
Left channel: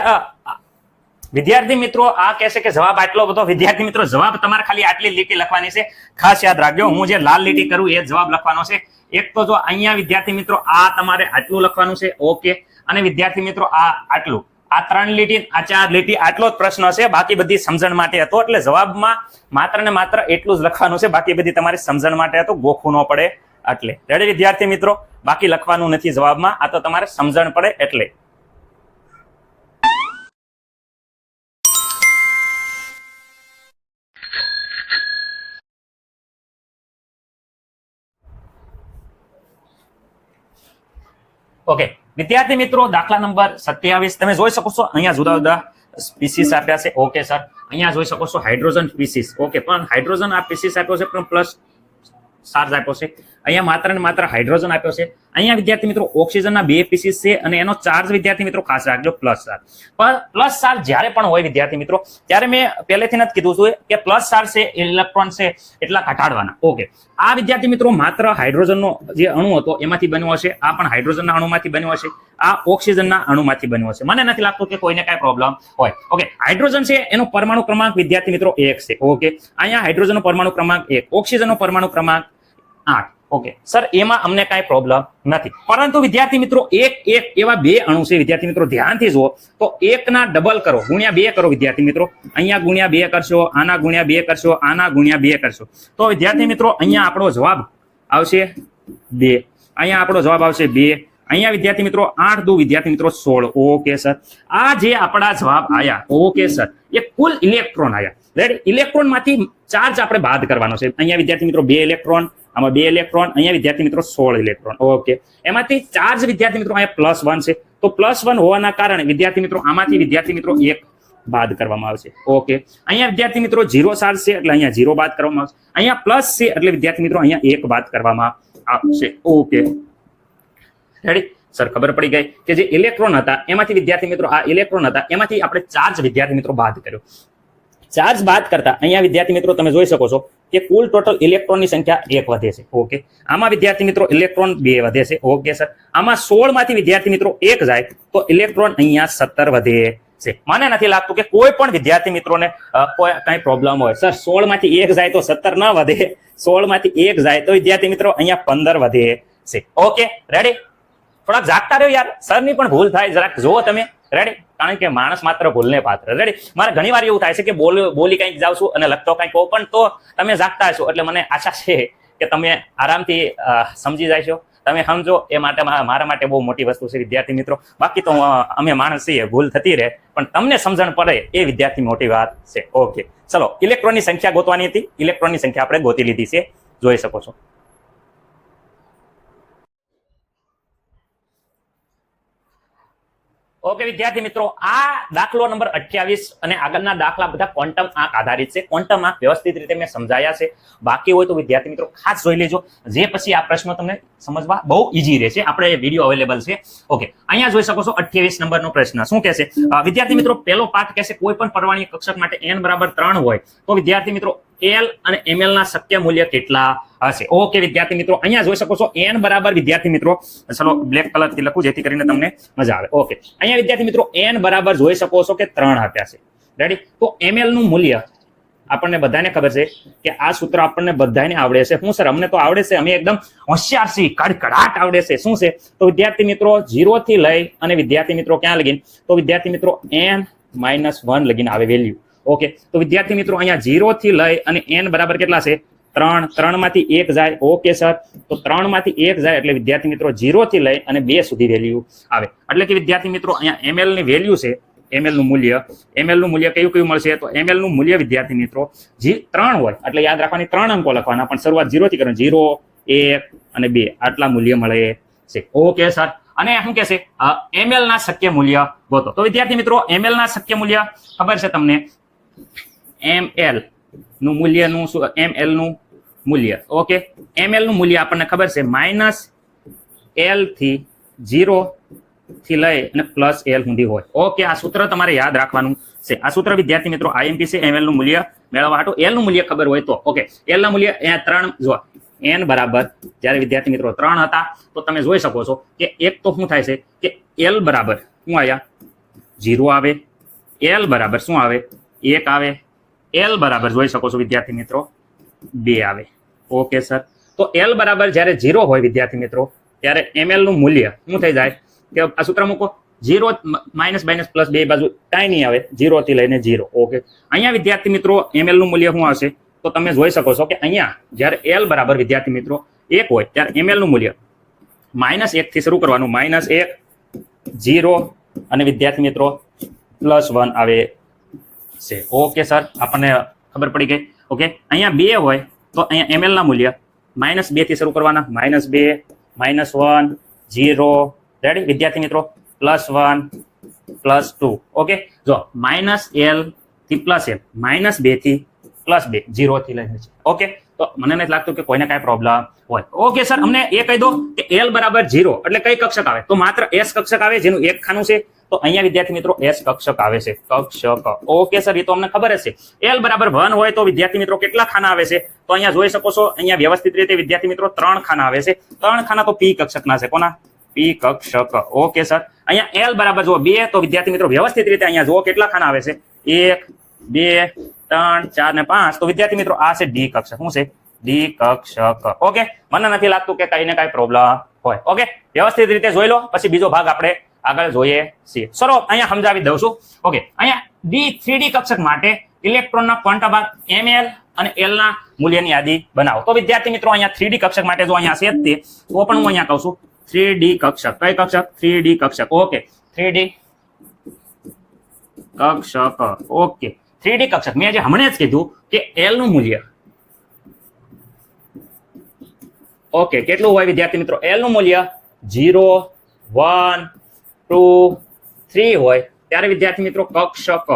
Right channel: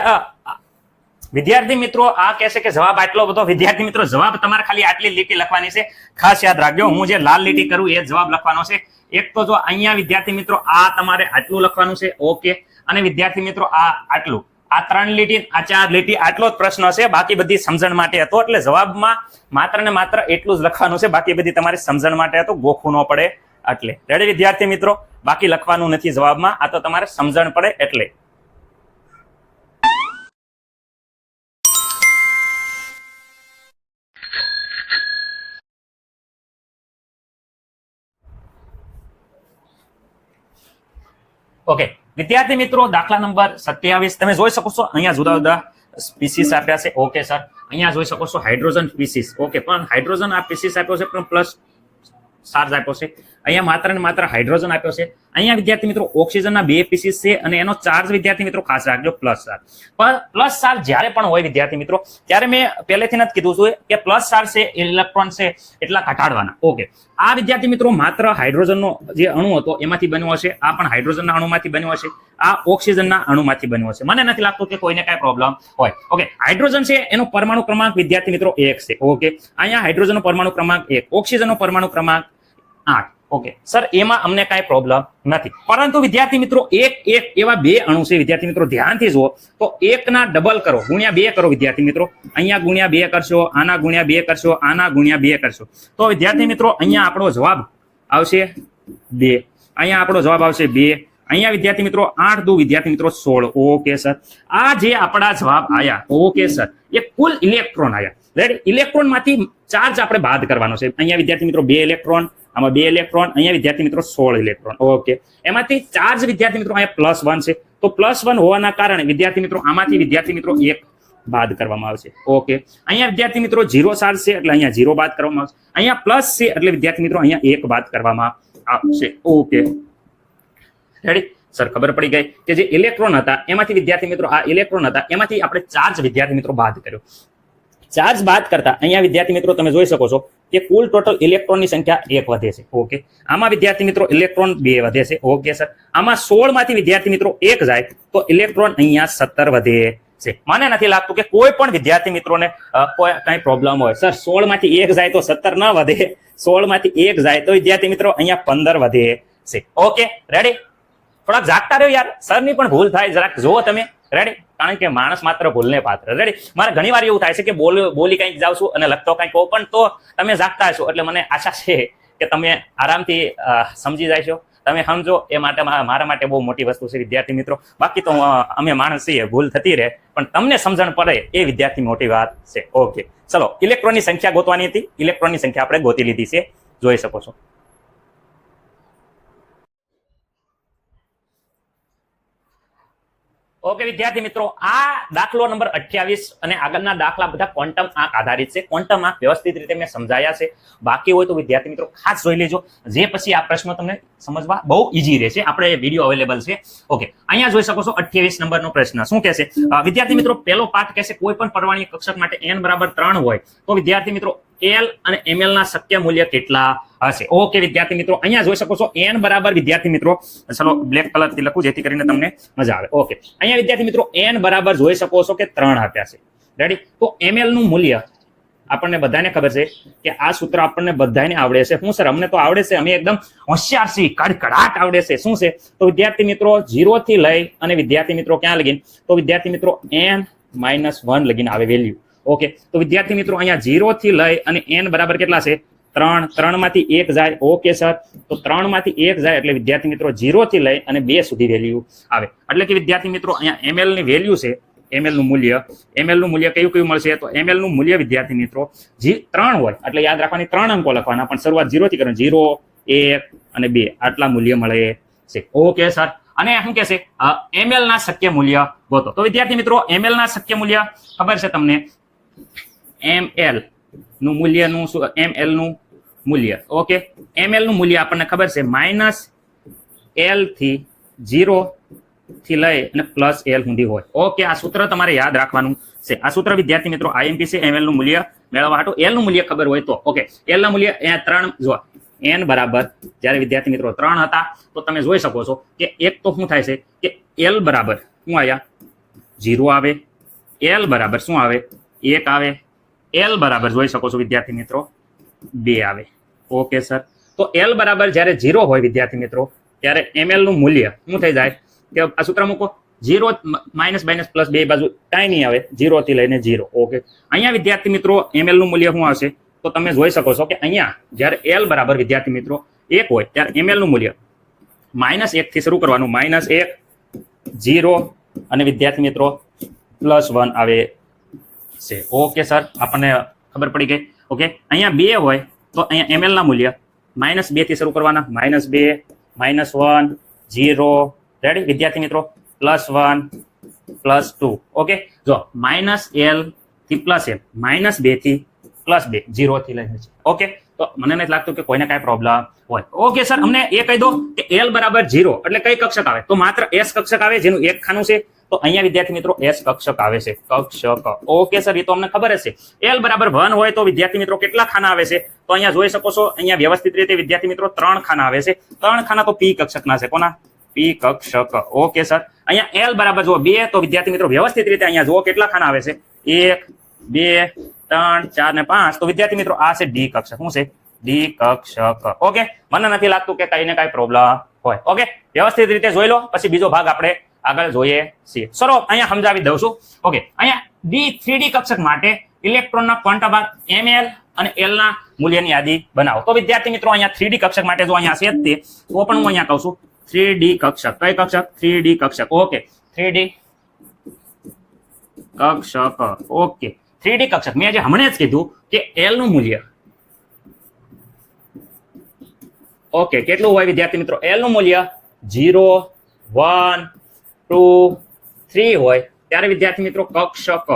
વિદ્યાર્થી મિત્રો આ કહેશે કે જવાબ આટલો બધો. વિદ્યાર્થી મિત્રો જવાબ તમારે ખાલી આટલી લીટી લખવાની છે, ખાસ યાદ રાખજો. હું જે લાલ લીટી કરું એ જવાબ લખવાનો છે. એક તો જો અહીંયા વિદ્યાર્થી મિત્રો આ તમારે આટલું લખવાનું છે. ઓકે, અને વિદ્યાર્થી મિત્રો આ આટલું, આ 3 લીટી, આ 4 લીટી, આટલો જ પ્રશ્ન છે. બાકી બધી સમજણ માટે હતો, એટલે જવાબમાં માત્ર ને માત્ર એટલું જ લખવાનું છે. બાકી બધી તમારી સમજણ માટે હતો, ગોખવું ન પડે એટલે. રેડી વિદ્યાર્થી મિત્રો? બાકી લખવાનું નથી જવાબમાં, આ તો તમારે સમજણ પડે એટલે. ઓકે વિદ્યાર્થી મિત્રો, દાખલા નંબર 27 તમે જોઈ શકો છો. અહીંયા જુદા જુદા સ્પીસીસ આપ્યા છે. ઓકે સર, અહીંયા જોઈ શકો છો હાઇડ્રોજન સ્પીસીસ. ઓકે, પણ હાઇડ્રોજન આ સ્પીસીસ આપ્યો છે પણ પ્લસ ચાર્જ આપ્યો છે. અહીંયા માત્ર ને માત્ર હાઇડ્રોજન આપ્યો છે. અહીંયા વિદ્યાર્થી મિત્રો ઓક્સિજનના 2 પીસીસ છે અને એનો ચાર્જ વિદ્યાર્થી મિત્રો ખાસ રાખજો પ્લસ ચાર્જ. પણ પ્લસ ચાર્જ જ્યારે પણ હોય વિદ્યાર્થી મિત્રો, ત્યારે મેં પહેલેથી જ કીધું છે કે પ્લસ ચાર્જ છે ઇલેક્ટ્રોન છે એટલા ઘટાડવાના. ઓકે, આ વિદ્યાર્થી મિત્રો માત્ર હાઇડ્રોજનનો જે અણુ હતો એમાંથી બન્યો હશે. આ પણ હાઇડ્રોજનના અણુમાંથી બન્યો હશે. આ ઓક્સિજનના અણુમાંથી બન્યો હશે. મને નથી લાગતું કે કોઈને કઈ પ્રોબ્લેમ હોય. ઓકે, હાઇડ્રોજન છે એનો પરમાણુ ક્રમાંક વિદ્યાર્થી મિત્રો 1 છે. ઓકે, અહીંયા હાઇડ્રોજનનો પરમાણુ ક્રમાંક 1, ઓક્સિજનનો પરમાણુ ક્રમાંક 8. ઓકે સર, એમાં અમને કઈ પ્રોબ્લેમ નથી. પરંતુ વિદ્યાર્થી મિત્રો એક એવા 2 અણુ છે વિદ્યાર્થી મિત્રો, ધ્યાનથી જુઓ તો 1 ના ડબલ કરો, ગુણ્યા 2 કરો વિદ્યાર્થી મિત્રો. અહીંયા ગુણ્યા 2 કરશો, આના ગુણ્યા 2 કરશો, આના ગુણ્યા 2 કરશો, તો વિદ્યાર્થી મિત્રો અહીંયા આપણો જવાબ આવશે 2. અહીંયા આપણો જવાબ આવશે 2. અહીંયા વિદ્યાર્થી મિત્રો 8 દુ વિદ્યાર્થી મિત્રો 16. ઓકે સર, આ જે આપણા જવાબ આયા, ઓકે સર, એ કુલ ઇલેક્ટ્રોન આયા. રેડી, ઇલેક્ટ્રોન માંથી ચાર્જ આપણે બાદ કરવાનો છે. અહીંયા વિદ્યાર્થી મિત્રો 2 ઇલેક્ટ્રોન, આમાં 2 ઇલેક્ટ્રોન, અહીંયા વિદ્યાર્થી મિત્રો 16 ઇલેક્ટ્રોન. ઓકે, એમાંથી ચાર્જ વિદ્યાર્થી મિત્રો અહીંયા +1 છે, તો +1 હોવાના કારણે વિદ્યાર્થી મિત્રો આમાંથી વિદ્યાર્થી મિત્રો 1 બાદ કરવામાં આવશે. ઓકે, અહીંયા વિદ્યાર્થી મિત્રો 0 ચાર્જ છે એટલે અહીંયા 0 બાદ કરવામાં આવશે. અહીંયા પ્લસ છે એટલે વિદ્યાર્થી મિત્રો અહીંયા 1 બાદ કરવામાં આવશે. ઓકે રેડી સર, ખબર પડી ગઈ કે જે ઇલેક્ટ્રોન હતા એમાંથી વિદ્યાર્થી મિત્રો આ ઇલેક્ટ્રોન હતા એમાંથી આપણે ચાર્જ વિદ્યાર્થી મિત્રો બાદ કર્યો. ચાર્જ બાદ કરતા અહીંયા વિદ્યાર્થી મિત્રો તમે જોઈ શકો છો કે કુલ ટોટલ ઇલેક્ટ્રોનની સંખ્યા 1 વધે છે. ઓકે, આમાં વિદ્યાર્થી મિત્રો ઇલેક્ટ્રોન 2 વધે છે. ઓકે સર, આમાં 16 માંથી વિદ્યાર્થી મિત્રો 1 જાય તો ઇલેક્ટ્રોન અહીંયા 17 વધે છે. મને નથી લાગતું કે કોઈ પણ વિદ્યાર્થી મિત્રોને કોઈ કઈ પ્રોબ્લેમ હોય. સર 16 માંથી 1 જાય તો 17 ન વધે, 16 માંથી 1 જાય તો વિદ્યાર્થી મિત્રો અહીંયા 15 વધે છે. ઓકે રેડી, થોડાક જાગતા રહ્યો યાર, સરની પણ ભૂલ થાય, જરાક જુઓ તમે. રેડી, કારણ કે માણસ માત્ર ભૂલને પાત્ર. રેડી, મારે ઘણી વાર એવું થાય છે કે બોલી કંઈક જાઉં છું અને લખતો કંઈક હોઉં, પણ તો તમે જાગતા હશો એટલે મને આશા છે કે તમે આરામથી સમજી જાયશો. તમે સમજો એ માટે મારા માટે બહુ મોટી વસ્તુ છે વિદ્યાર્થી મિત્રો. બાકી તો અમે માણસ છીએ, ભૂલ થતી રહે, પણ તમને સમજણ પડે એ વિદ્યાર્થી મોટી વાત છે. ઓકે ચલો, ઇલેક્ટ્રોનની સંખ્યા ગોતવાની હતી. ઇલેક્ટ્રોનની સંખ્યા આપણે ગોતી લીધી છે, જોઈ શકો છો. ઓકે વિદ્યાર્થી મિત્રો, આ દાખલો નંબર 28 અને આગળના દાખલા બધા ક્વોન્ટમ આંક આધારિત છે. ક્વોન્ટમ આંક વ્યવસ્થિત રીતે મેં સમજાયા છે. બાકી હોય તો વિદ્યાર્થી મિત્રો ખાસ જોઈ લેજો, જે પછી આ પ્રશ્નો તમને સમજવા બહુ ઈઝી રહેશે. આપણે વિડીયો અવેલેબલ છે. ઓકે, અહીંયા જોઈ શકો છો 28 નંબરનો પ્રશ્ન શું કહેશે વિદ્યાર્થી મિત્રો? પહેલો પાઠ કહેશે કોઈ પણ પરમાણ્વીય કક્ષક માટે n બરાબર 3 હોય તો વિદ્યાર્થી મિત્રો L અને ml ના શક્ય મૂલ્ય કેટલા હશે? ઓકે વિદ્યાર્થી મિત્રો, અહીંયા જોઈ શકો છો n બરાબર વિદ્યાર્થી મિત્રો, ચલો બ્લેક કલર થી લખું જેથી કરીને તમને મજા આવે. ઓકે, અહીંયા વિદ્યાર્થી મિત્રો n બરાબર જોઈ શકો છો કે 3 આપ્યા છે. રેડી, તો ml નું મૂલ્ય આપણને બધાને ખબર છે કે આ સૂત્ર આપણને બધાને આવડે છે. શું સર, અમને તો આવડે છે, અમે એકદમ હોશિયાર છીએ, કડકડાટ આવડે છે. શું છે? તો વિદ્યાર્થી મિત્રો 0 થી લઈ અને વિદ્યાર્થી મિત્રો ક્યાં લગીને? તો વિદ્યાર્થી મિત્રો n-1 લગીને આવે વેલ્યુ. ઓકે, તો વિદ્યાર્થી મિત્રો અહીંયા 0 થી લઈ અને n બરાબર કેટલા છે? ત્રણ માંથી એક જાય. ઓકે સર, તો 3 માંથી 1 જાય એટલે વિદ્યાર્થી મિત્રો 0 થી લઈ અને 2 સુધી વેલ્યુ આવે. એટલે કે વિદ્યાર્થી મિત્રો અહીંયા ml ની વેલ્યુ છે, ml નું મૂલ્ય કયું મળશે? તો ml નું મૂલ્ય વિદ્યાર્થી મિત્રો 3 હોય એટલે યાદ રાખવાની 3 અંકો લખવાના, પણ શરૂઆત 0 થી કરવાની. 0, 1 અને 2 આટલા મૂલ્ય મળે છે. ઓકે સર, અને શું કહેશે? ml ના શક્ય મૂલ્ય ગોતો. તો વિદ્યાર્થી મિત્રો ml ના શક્ય મૂલ્ય ખબર છે તમને? ml નું મૂલ્યનું શું? ml નું મૂલ્ય. ઓકે, ml નું મૂલ્ય આપણને ખબર છે -l થી 0 થી લઈ અને +l સુધી હોય. ઓકે, આ સૂત્ર તમારે યાદ રાખવાનું છે. આ સૂત્ર વિદ્યાર્થી મિત્રો IMP છે. ml નું મૂલ્ય મેળવવા હાટુ l નું મૂલ્ય ખબર હોય તો. ઓકે, l ના મૂલ્ય અહીંયા 3 જો n બરાબર જ્યારે વિદ્યાર્થી મિત્રો 3 હતા તો તમે જોઈ શકો છો કે એક તો શું થાય છે કે l બરાબર શું આયા 0 આવે, l બરાબર શું આવે 1 આવે, l બરાબર જોઈ શકો છો વિદ્યાર્થી મિત્રો 2 આવે. ઓકે સર, તો l બરાબર જ્યારે 0 હોય વિદ્યાર્થી મિત્રો ત્યારે ml નું મૂલ્ય શું થઈ જાય કે આ સૂત્ર મૂકો 0 માઇનસ પ્લસ 2 બાજુ કાંઈ નહીં આવે, 0 થી લઈને 0. ઓકે, અહીંયા વિદ્યાર્થી મિત્રો ml નું મૂલ્ય શું હશે? તો તમે જોઈ શકો છો કે અહીંયા જ્યારે l બરાબર વિદ્યાર્થી મિત્રો 1 હોય ત્યારે ml નું મૂલ્ય -1 થી શરૂ કરવાનું. -1, 0 અને વિદ્યાર્થી મિત્રો +1 આવે છે. ઓકે સર, આપણને ખબર પડી ગઈ. ઓકે, અહીંયા 2 હોય તો અહીંયા ml ના મૂલ્ય -2 થી શરૂ કરવાના. -2, -1, 0. રેડી વિદ્યાર્થી મિત્રો? +1, +2. ઓકે, જો -l થી +l, -2 થી +2, 0 થી લઈને. ઓકે, તો મને નથી લાગતું કે કોઈને કાંઈ પ્રોબ્લેમ હોય. ઓકે સર, અમને એ કહી દો કે l બરાબર 0 એટલે કઈ કક્ષક આવે? તો માત્ર s કક્ષક આવે જેનું એક ખાનું છે. તો અહીંયા વિદ્યાર્થી મિત્રો s કક્ષક આવે છે, કક્ષક. ઓકે સર, એ તો અમને ખબર જ છે. l બરાબર 1 હોય તો વિદ્યાર્થી મિત્રો કેટલા ખાના આવે છે? તો અહીંયા જોઈ શકો છો અહીંયા વ્યવસ્થિત રીતે વિદ્યાર્થી મિત્રો 3 ખાના આવે છે. 3 ખાના તો p કક્ષકના છે. કોના? p કક્ષક. ઓકે સર, અહીંયા l બરાબર જુઓ 2 તો વિદ્યાર્થી મિત્રો વ્યવસ્થિત રીતે અહીંયા જુઓ કેટલા ખાના આવે છે? 1, 2, 3, 4 ને 5. તો વિદ્યાર્થી મિત્રો આ છે d કક્ષક. શું છે? d કક્ષક. ઓકે, મને નથી લાગતું કે કઈ ને કઈ પ્રોબ્લેમ હોય. ઓકે, વ્યવસ્થિત રીતે જોઈ લો, પછી બીજો ભાગ આપણે આગળ જોઈએ છીએ. ચલો અહીંયા સમજાવી દઉં છું. ઓકે, અહીંયા 3D કક્ષક માટે ઇલેક્ટ્રોનના ક્વોન્ટમ ભાગ ml અને l ના મૂલ્યની યાદી બનાવો. તો વિદ્યાર્થી મિત્રો અહીંયા 3D કક્ષક માટે જો અહીંયા છે તે તો પણ હું અહીંયા કહું છું 3D કક્ષક. કઈ કક્ષક? 3D કક્ષક. ઓકે, 3D કક્ષક. ઓકે, 3D કક્ષક મેં જે હમણાં જ કીધું કે l નું મૂલ્ય ઓકે કેટલું હોય વિદ્યાર્થી મિત્રો? l નું મૂલ્ય 0, 1, 2, 3 હોય ત્યારે વિદ્યાર્થી મિત્રો કક્ષક.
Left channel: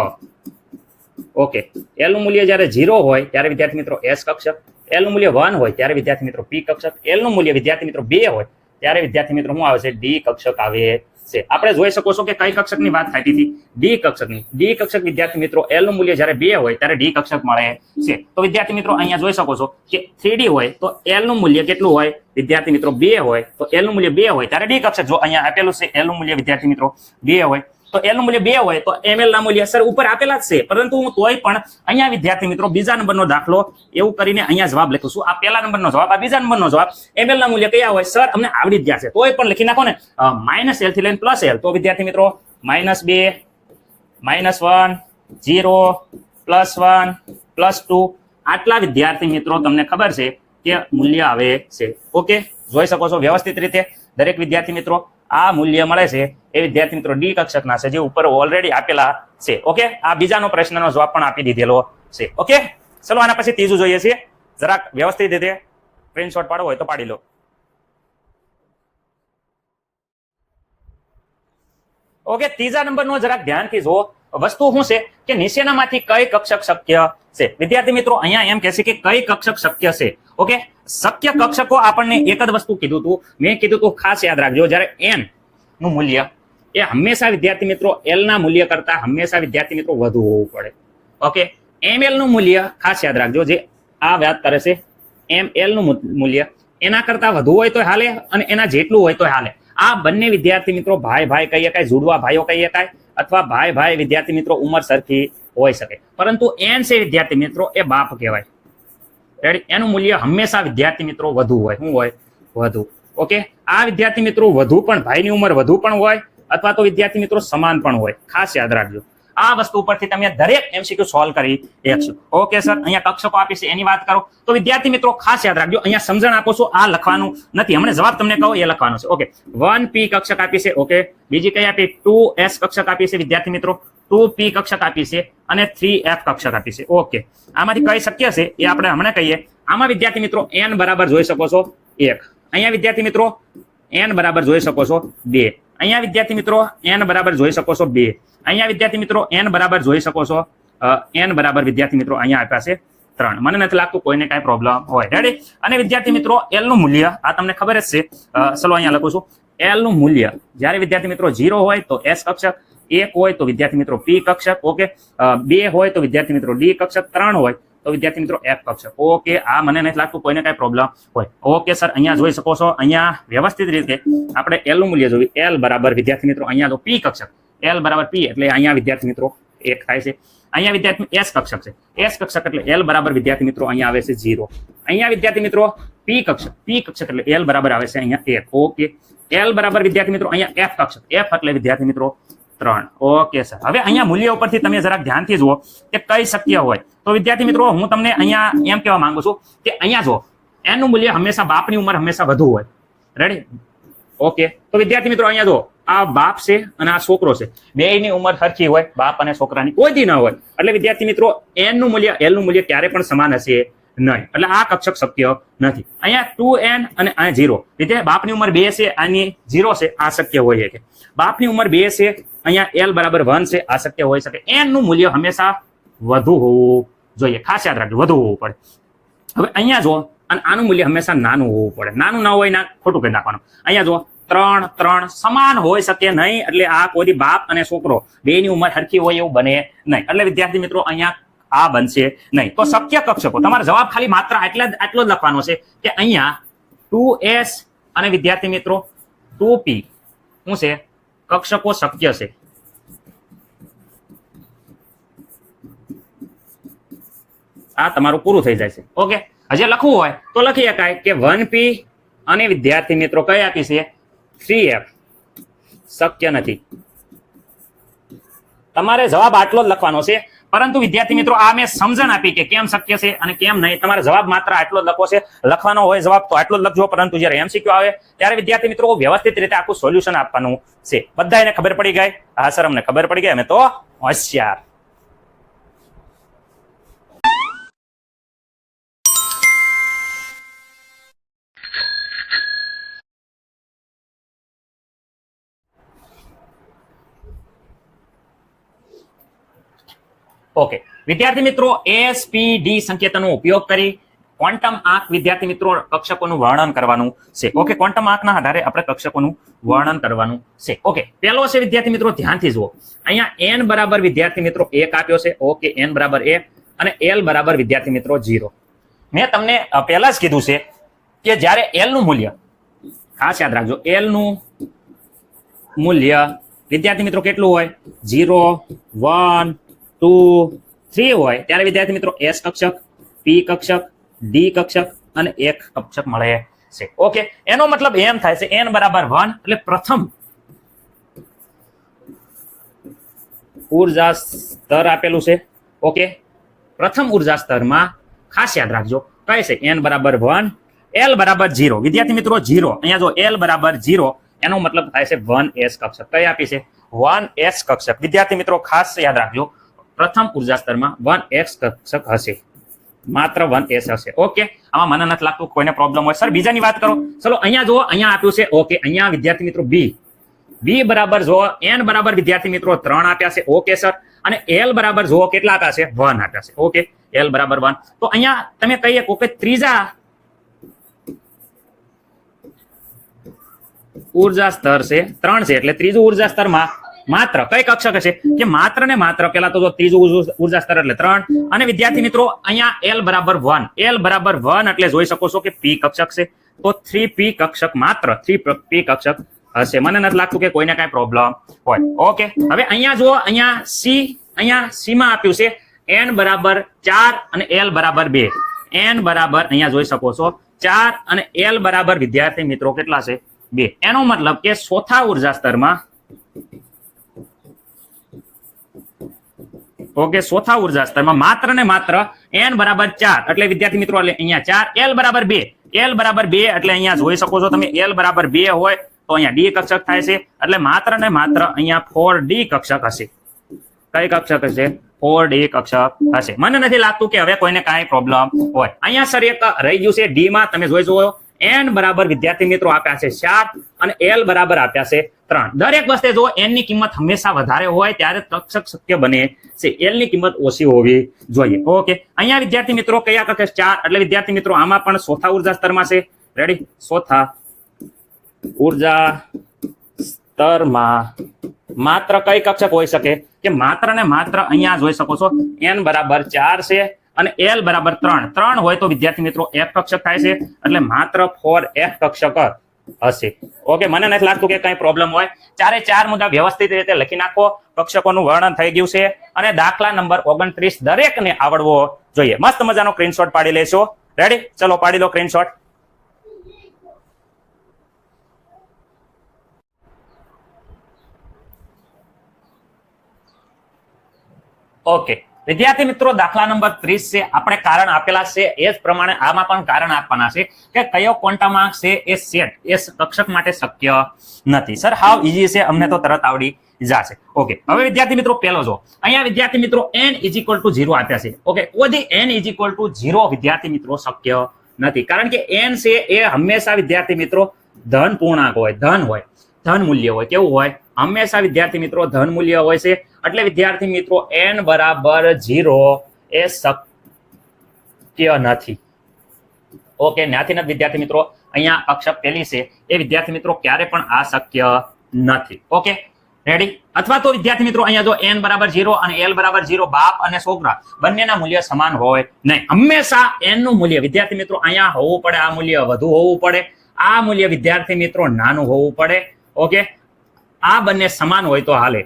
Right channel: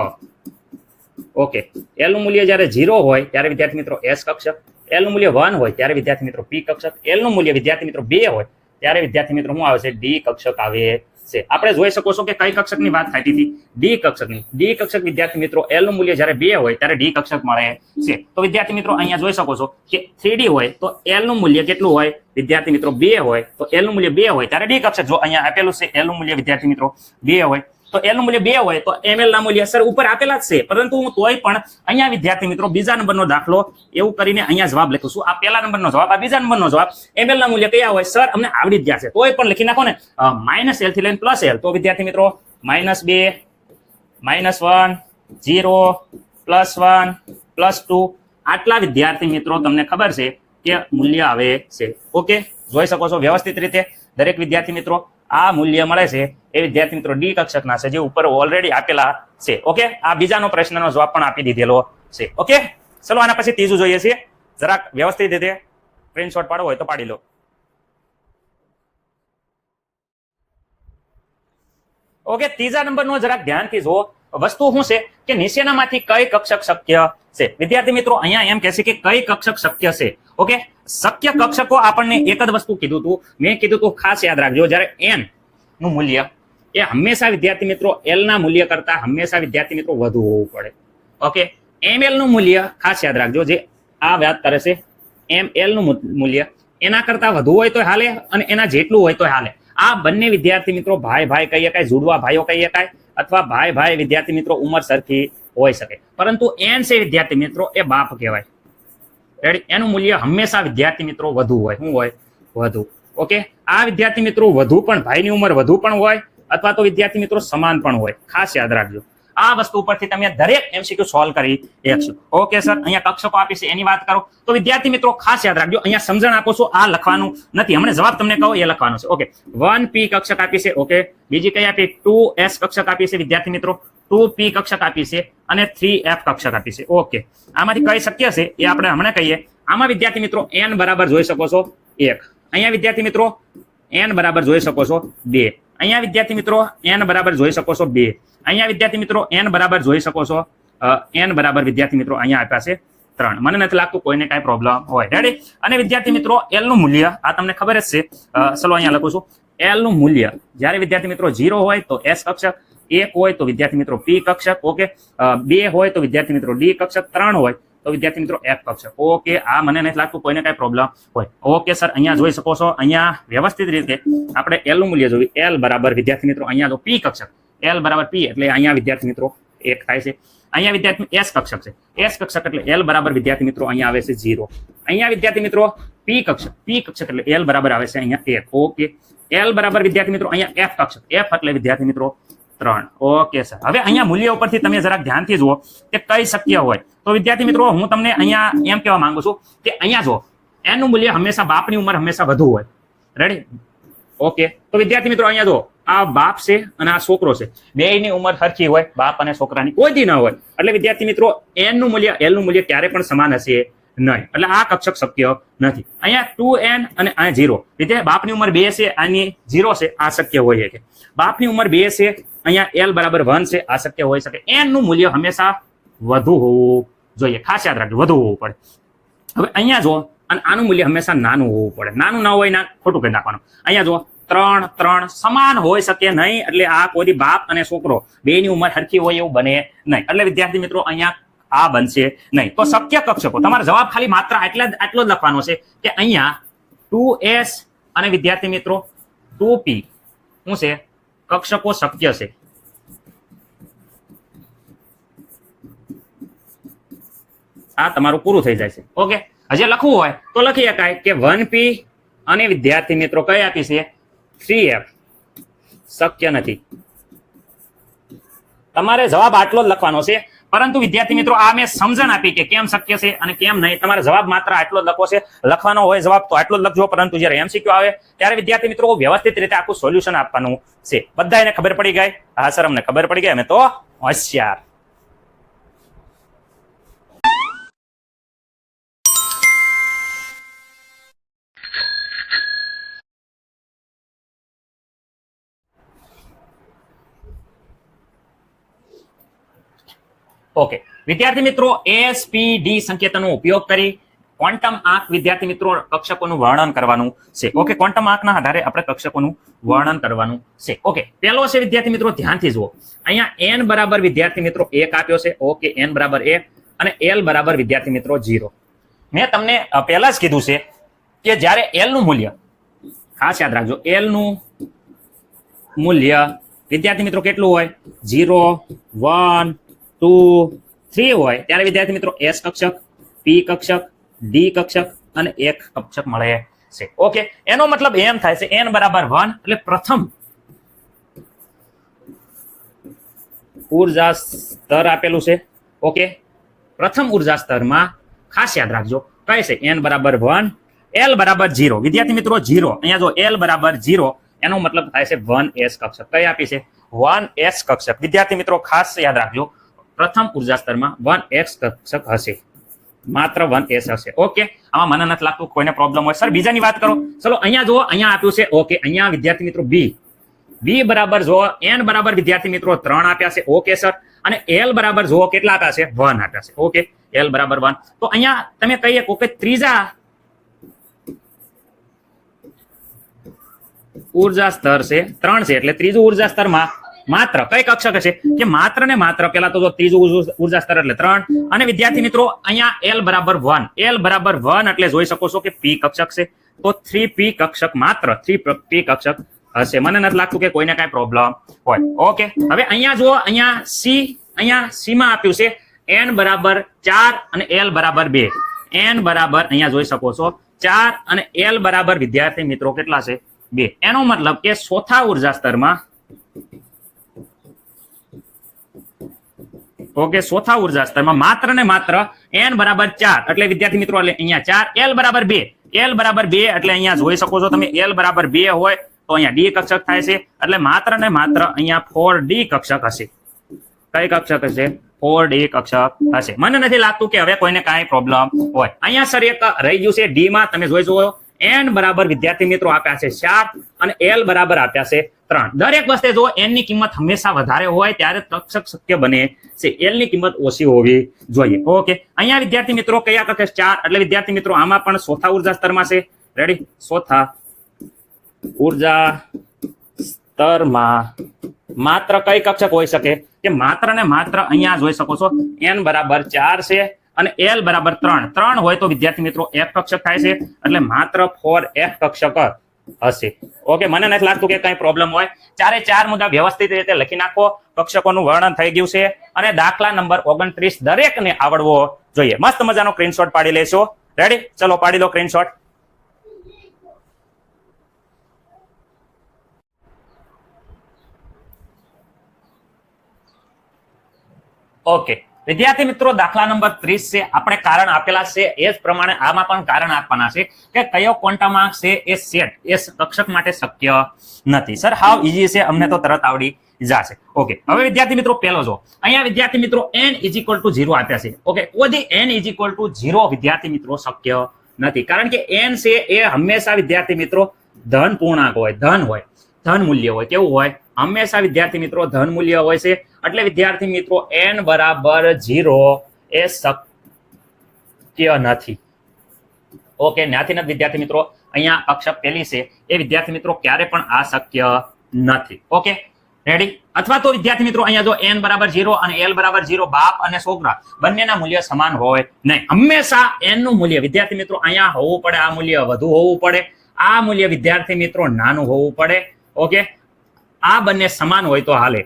ઓકે, l નું મૂલ્ય જ્યારે 0 હોય ત્યારે વિદ્યાર્થી મિત્રો s કક્ષક, l નું મૂલ્ય 1 હોય ત્યારે વિદ્યાર્થી મિત્રો p કક્ષક, l નું મૂલ્ય વિદ્યાર્થી મિત્રો 2 હોય ત્યારે વિદ્યાર્થી મિત્રો શું આવે છે? d કક્ષક આવે છે. આપણે જોઈ શકો છો કે કઈ કક્ષકની વાત થતી હતી? d કક્ષકની. d કક્ષક વિદ્યાર્થી મિત્રો l નું મૂલ્ય જ્યારે 2 હોય ત્યારે d કક્ષક મળે છે. તો વિદ્યાર્થી મિત્રો અહીંયા જોઈ શકો છો કે 3D હોય તો l નું મૂલ્ય કેટલું હોય વિદ્યાર્થી મિત્રો? 2 હોય. તો l નું મૂલ્ય 2 હોય ત્યારે d કક્ષક. જો અહીંયા આપેલું છે l નું મૂલ્ય વિદ્યાર્થી મિત્રો 2 હોય તો l નું મૂલ્ય 2 હોય તો ml ના મૂલ્ય સર ઉપર આપેલા જ છે, પરંતુ હું તોય પણ અહીંયા વિદ્યાર્થી મિત્રો બીજા નંબરનો દાખલો એવું કરીને અહીંયા જવાબ લખું છું. આ પહેલા નંબરનો જવાબ, આ બીજા નંબરનો જવાબ. ml ના મૂલ્ય કયા હોય સર? અમને આવડી જ ગયા છે, તોય પણ લખી નાખો ને -l થી લઈને +l. તો વિદ્યાર્થી મિત્રો -2, -1, 0, +1, +2 આટલા વિદ્યાર્થી મિત્રો તમને ખબર છે કે મૂલ્ય આવે છે. ઓકે, જોઈ શકો છો વ્યવસ્થિત રીતે દરેક વિદ્યાર્થી મિત્રો આ મૂલ્ય મળે છે એ વિદ્યાર્થી મિત્રો ડી કક્ષકના છે જે ઉપર ઓલરેડી આપેલા છે. ઓકે, આ બીજાનો પ્રશ્નનો જવાબ પણ આપી દીધેલો છે. ઓકે, ચલો આના પછી ત્રીજું જોઈએ છીએ. જરાક વ્યવસ્થિત રીતે સ્ક્રીનશોટ પાડવો હોય તો પાડી લો. ઓકે, ત્રીજા નંબરનો જરાક ધ્યાનથી જુઓ. વસ્તુ શું છે કે નીચેનામાંથી કઈ કક્ષક શક્ય છે? વિદ્યાર્થી મિત્રો અહીંયા એમ કહેશે કે કઈ કક્ષક શક્ય છે. ઓકે, શક્ય કક્ષકો આપણને એક જ વસ્તુ કીધું હતું. મેં કીધું હતું ખાસ યાદ રાખજો, જ્યારે n નું મૂલ્ય એ હંમેશા વિદ્યાર્થી મિત્રો l ના મૂલ્ય કરતા હંમેશા વિદ્યાર્થી મિત્રો વધુ હોવું પડે. ઓકે, ml નું મૂલ્ય ખાસ યાદ રાખજો, જે આ વાત કરે છે ml નું મૂલ્ય એના કરતા વધુ હોય તો હાલે અને એના જેટલું હોય તો હાલે. આ બંને વિદ્યાર્થી મિત્રો ભાઈ ભાઈ કહીએ કાંઈ, જુડવા ભાઈઓ કહીએ કાંઈ, અથવા ભાઈ ભાઈ વિદ્યાર્થી મિત્રો ઉંમર સરખી હોઈ શકે, પરંતુ n છે વિદ્યાર્થી મિત્રો એ બાપ કહેવાય. રેડી? એનું મૂલ્ય હંમેશા વિદ્યાર્થી મિત્રો વધુ હોય. શું હોય? વધુ. ઓકે, આ વિદ્યાર્થી મિત્રો વધુ પણ ભાઈની ઉંમર વધુ પણ હોય અથવા તો વિદ્યાર્થી મિત્રો સમાન પણ હોય. ખાસ યાદ રાખજો. આ વસ્તુ ઉપરથી તમે દરેક MCQ સોલ્વ કરી શકશો. ઓકે સર, અહીંયા કક્ષકો આપી છે એની વાત કરો તો વિદ્યાર્થી મિત્રો ખાસ યાદ રાખજો, અહીંયા સમજણ આપો છો, આ લખવાનું નથી, હમણાં જવાબ તમને કહો એ લખવાનો છે. ઓકે, 1p કક્ષક આપી છે. ઓકે, બીજી કઈ આપી? 2s કક્ષક આપી છે વિદ્યાર્થી મિત્રો, 2p કક્ષક આપી છે અને 3f કક્ષક આપી છે. ઓકે, આમાંથી કઈ શક્ય છે એ આપણે હમણાં કહીએ. આમાં વિદ્યાર્થી મિત્રો n બરાબર જોઈ શકો છો 1, અહીંયા વિદ્યાર્થી મિત્રો n બરાબર જોઈ શકો છો 2, અહીંયા વિદ્યાર્થી મિત્રો n બરાબર જોઈ શકો છો 2, અહીંયા વિદ્યાર્થી મિત્રો n બરાબર જોઈ શકો છો n બરાબર વિદ્યાર્થી મિત્રો અહીંયા આપ્યા છે 3. મને નથી લાગતું કોઈને કાંઈ પ્રોબ્લેમ હોય. રેડી? અને વિદ્યાર્થી મિત્રો l નું મૂલ્ય આ તમને ખબર જ છે. ચલો અહીંયા લખું છું. l નું મૂલ્ય જ્યારે વિદ્યાર્થી મિત્રો 0 હોય તો s કક્ષક, 1 હોય તો વિદ્યાર્થી મિત્રો p કક્ષક, ઓકે, 2 હોય તો વિદ્યાર્થી મિત્રો d કક્ષક, 3 હોય તો વિદ્યાર્થી મિત્રો f કક્ષક. ઓકે, આ મને નથી લાગતું કોઈને કાંઈ પ્રોબ્લેમ હોય. ઓકે સર, અહીંયા જોઈ શકો છો, અહીંયા વ્યવસ્થિત રીતે આપણે l નું મૂલ્ય જોયું. l બરાબર વિદ્યાર્થી મિત્રો અહીંયા જો p કક્ષક, l બરાબર p એટલે અહીંયા વિદ્યાર્થી મિત્રો 1 થાય છે. અહીંયા વિદ્યાર્થી s કક્ષક છે, s કક્ષક એટલે l બરાબર વિદ્યાર્થી મિત્રો અહીંયા આવે છે 0. અહીંયા વિદ્યાર્થી મિત્રો p કક્ષક એટલે l બરાબર આવે છે અહીંયા 1. ઓકે, l બરાબર વિદ્યાર્થી મિત્રો અહીંયા f કક્ષક, f એટલે વિદ્યાર્થી મિત્રો 3. ઓકે સર, હવે અહીંયા મૂલ્ય ઉપરથી તમે જરાક ધ્યાનથી જુઓ કે કઈ શક્ય હોય. તો વિદ્યાર્થી મિત્રો હું તમને અહીંયા એમ કહેવા માંગુ છું કે અહીંયા જો n નું મૂલ્ય હંમેશા બાપની ઉંમર હંમેશા વધુ હોય. રેડી? ઓકે, તો વિદ્યાર્થી મિત્રો અહીંયા જો આ બાપ છે અને આ છોકરો છે, બેયની ઉંમર સરખી હોય, બાપ અને છોકરાની કોઈ દી ન હોય. એટલે વિદ્યાર્થી મિત્રો n નું મૂલ્ય l નું મૂલ્ય ક્યારે પણ સમાન હશે નહીં. એટલે આ કક્ષક શક્ય નથી. અહીંયા 2n અને અહીંયા 0. વિદ્યાર્થી બાપની ઉંમર 2 છે, આની 0 છે, આ શક્ય હોય કે બાપની ઉંમર 2 છે, અહીંયા l બરાબર 1 છે, આ શક્ય હોઈ શકે. n નું મૂલ્ય હંમેશા વધુ હોવું જોઈએ. ખાસ યાદ રાખજો, વધુ હોવું પડે. હવે અહીંયા જો અને આનું મૂલ્ય હંમેશા નાનું હોવું પડે. નાનું ના હોય ના ખોટું કહી નાખવાનું. અહીંયા જો 3 સમાન હોઈ શકે નહીં. એટલે આ કોઈ બાપ અને છોકરો બેની ઉંમર સરખી હોય એવું બને નહીં. એટલે વિદ્યાર્થી મિત્રો અહીંયા આ બનશે નહીં. તો શક્ય કક્ષકો તમારો જવાબ ખાલી માત્ર આટલો જ લખવાનો છે કે અહીંયા 2s અને વિદ્યાર્થી મિત્રો 2p શું છે? કક્ષકો શક્ય છે. આ તમારું પૂરું થઈ જાય છે. ઓકે, હજી લખવું હોય તો લખી શકાય કે 1p અને વિદ્યાર્થી મિત્રો કઈ આપી છે 3f શક્ય નથી. તમારે જવાબ આટલો જ લખવાનો છે. પરંતુ વિદ્યાર્થી મિત્રો આ મેં સમજણ આપી કે કેમ શક્ય છે અને કેમ નહીં. તમારે જવાબ માત્ર આટલો જ લખવો છે. લખવાનો હોય જવાબ તો આટલો જ લખજો. પરંતુ જ્યારે MCQ આવે ત્યારે વિદ્યાર્થી મિત્રો વ્યવસ્થિત રીતે આખું સોલ્યુશન આપવાનું છે. બધાને ખબર પડી ગઈ? હા સર, અમને ખબર પડી ગઈ, અમે તો હોશિયાર. ઓકે, વિદ્યાર્થી મિત્રો SPD સંકેતનો ઉપયોગ કરી ક્વોન્ટમ આંક વિદ્યાર્થી મિત્રો કક્ષકોનું વર્ણન કરવાનું છે. ઓકે, ક્વોન્ટમ આંકના આધારે આપણે કક્ષકોનું વર્ણન કરવાનું છે. ઓકે, પહેલો છે વિદ્યાર્થી મિત્રો ધ્યાનથી જુઓ. અહીંયા n બરાબર વિદ્યાર્થી મિત્રો 1 આપ્યો છે. ઓકે, n બરાબર 1 અને l બરાબર વિદ્યાર્થી મિત્રો 0. મેં તમને પહેલા જ કીધું છે કે જ્યારે l નું મૂલ્ય, ખાસ યાદ રાખજો, l નું મૂલ્ય વિદ્યાર્થી મિત્રો કેટલું હોય? 0, 1, 2, 3 હોય ત્યારે વિદ્યાર્થી મિત્રો s કક્ષક, p કક્ષક, d કક્ષક અને 1 કક્ષક મળે છે. ઓકે, એનો મતલબ એમ થાય છે n બરાબર 1 એટલે પ્રથમ ઉર્જા સ્તર આપેલું છે. ઓકે, પ્રથમ ઉર્જા સ્તરમાં ખાસ યાદ રાખજો કઈ છે? n બરાબર 1, l બરાબર 0. વિદ્યાર્થી મિત્રો 0, અહીંયા જો l બરાબર 0 એનો મતલબ થાય છે 1s કક્ષક. કઈ આપી છે? 1s કક્ષક. વિદ્યાર્થી મિત્રો ખાસ યાદ રાખજો, પ્રથમ ઉર્જા સ્તરમાં 1s કક્ષક હશે, માત્ર 1s હશે. ઓકે, આમાં મને નથી લાગતું કોઈને પ્રોબ્લેમ હોય. સર બીજાની વાત કરો. ચલો અહીંયા જુઓ, અહીંયા આપ્યું છે. ઓકે, અહીંયા વિદ્યાર્થી મિત્રો b બરાબર જુઓ, n બરાબર વિદ્યાર્થી મિત્રો 3 આપ્યા છે. ઓકે સર, અને l બરાબર જુઓ કેટલા આપ્યા છે? 1 આપ્યા છે. ઓકે, l બરાબર 1. તો અહીંયા તમે કહીએ કે ત્રીજા ઉર્જા સ્તર છે 3 છે એટલે ત્રીજું ઉર્જા સ્તરમાં માત્ર કઈ કક્ષક હશે? કે માત્ર ને માત્ર પેલા તો ત્રીજું ઉર્જા સ્તર એટલે 3 અને વિદ્યાર્થી મિત્રો અહીંયા l બરાબર 1. l બરાબર 1 એટલે જોઈ શકો છો કે p કક્ષક છે. તો 3p કક્ષક, માત્ર 3p કક્ષક હશે. મને નથી લાગતું કે કોઈને કઈ પ્રોબ્લેમ હોય. ઓકે, હવે અહીંયા જુઓ, અહીંયા c માં આપ્યું છે n બરાબર 4 અને l બરાબર 2. n બરાબર અહીંયા જોઈ શકો છો 4 અને l બરાબર વિદ્યાર્થી મિત્રો કેટલા છે? 2. એનો મતલબ કે ચોથા ઉર્જા સ્તરમાં ઓકે, ચોથા ઉર્જા સ્તરમાં માત્ર ને માત્ર n બરાબર 4 એટલે વિદ્યાર્થી મિત્રો એટલે અહીંયા 4, l બરાબર 2, l બરાબર 2 એટલે અહીંયા જોઈ શકો છો તમે l બરાબર 2 હોય તો અહીંયા d કક્ષક થાય છે એટલે માત્ર ને માત્ર અહીંયા 4d કક્ષક હશે. કઈ કક્ષક હશે? 4d કક્ષક હશે. મને નથી લાગતું કે હવે કોઈને કાંઈ પ્રોબ્લેમ હોય. અહીંયા સર એક રહી ગયું છે d માં, તમે જોઈ જુઓ n બરાબર વિદ્યાર્થી મિત્રો આપ્યા છે 4 અને l બરાબર આપ્યા છે 3. દરેક વસ્તે જો n ની કિંમત હંમેશા વધારે હોય ત્યારે કક્ષક શક્ય બને છે, l ની કિંમત ઓછી હોવી જોઈએ. ઓકે, અહીંયા વિદ્યાર્થી મિત્રો કયા કક્ષક 4 એટલે વિદ્યાર્થી મિત્રો આમાં પણ ચોથા ઉર્જા સ્તરમાં છે. રેડી? ચોથા ઉર્જા સ્તરમાં માત્ર કઈ કક્ષક હોઈ શકે કે માત્ર ને માત્ર અહીંયા જોઈ શકો છો n બરાબર 4 છે અને l બરાબર 3. 3 હોય તો વિદ્યાર્થી મિત્રો f કક્ષક થાય છે એટલે માત્ર 4f કક્ષક હશે. ઓકે, મને નથી લાગતું કે કઈ પ્રોબ્લેમ હોય. 4 મુદ્દા વ્યવસ્થિત રીતે લખી નાખો. કક્ષકોનું વર્ણન થઈ ગયું છે અને દાખલા નંબર 29 દરેકને આવડવો જોઈએ. મસ્ત મજાનો સ્ક્રીનશોટ પાડી લેશો. રેડી? ચલો પાડી લો સ્ક્રીનશોટ. ઓકે, વિદ્યાર્થી મિત્રો દાખલા નંબર 30 છે. આપણે કારણ આપેલા છે એ જ પ્રમાણે આમાં પણ કારણ આપવાના છે કે કયો ક્વોન્ટમ આંક છે એ સેટ એ કક્ષક માટે શક્ય નથી. સર હાવ ઈઝી છે, અમને તો તરત આવડી જશે. ઓકે, હવે વિદ્યાર્થી મિત્રો પહેલો જો અહીંયા વિદ્યાર્થી મિત્રો n = 0 આપ્યા છે. ઓકે, ઓધી n = 0 વિદ્યાર્થી મિત્રો શક્ય નથી, કારણ કે n છે એ હંમેશા વિદ્યાર્થી મિત્રો ધન પૂર્ણાંક હોય, ધન મૂલ્ય હોય. કેવું હોય? હંમેશા વિદ્યાર્થી મિત્રો ધન મૂલ્ય હોય છે એટલે વિદ્યાર્થી મિત્રો n બરાબર 0 એ શક્ય નથી. ઓકે, ત્યાંથી નથી વિદ્યાર્થી મિત્રો અહીંયા કક્ષક પેલી છે એ વિદ્યાર્થી મિત્રો ક્યારે પણ આ શક્ય નથી. Okay, ready? અથવા તો વિદ્યાર્થી મિત્રો અહીંયા જો n બરાબર 0 અને l બરાબર 0 બાપ અને છોકરા બંનેના મૂલ્ય સમાન હોય નહીં. હંમેશા n નું મૂલ્ય વિદ્યાર્થી મિત્રો અહીંયા હોવું પડે, આ મૂલ્ય વધુ હોવું પડે, આ મૂલ્ય વિદ્યાર્થી મિત્રો નાનું હોવું પડે. ઓકે, આ બંને સમાન હોય તો હાલે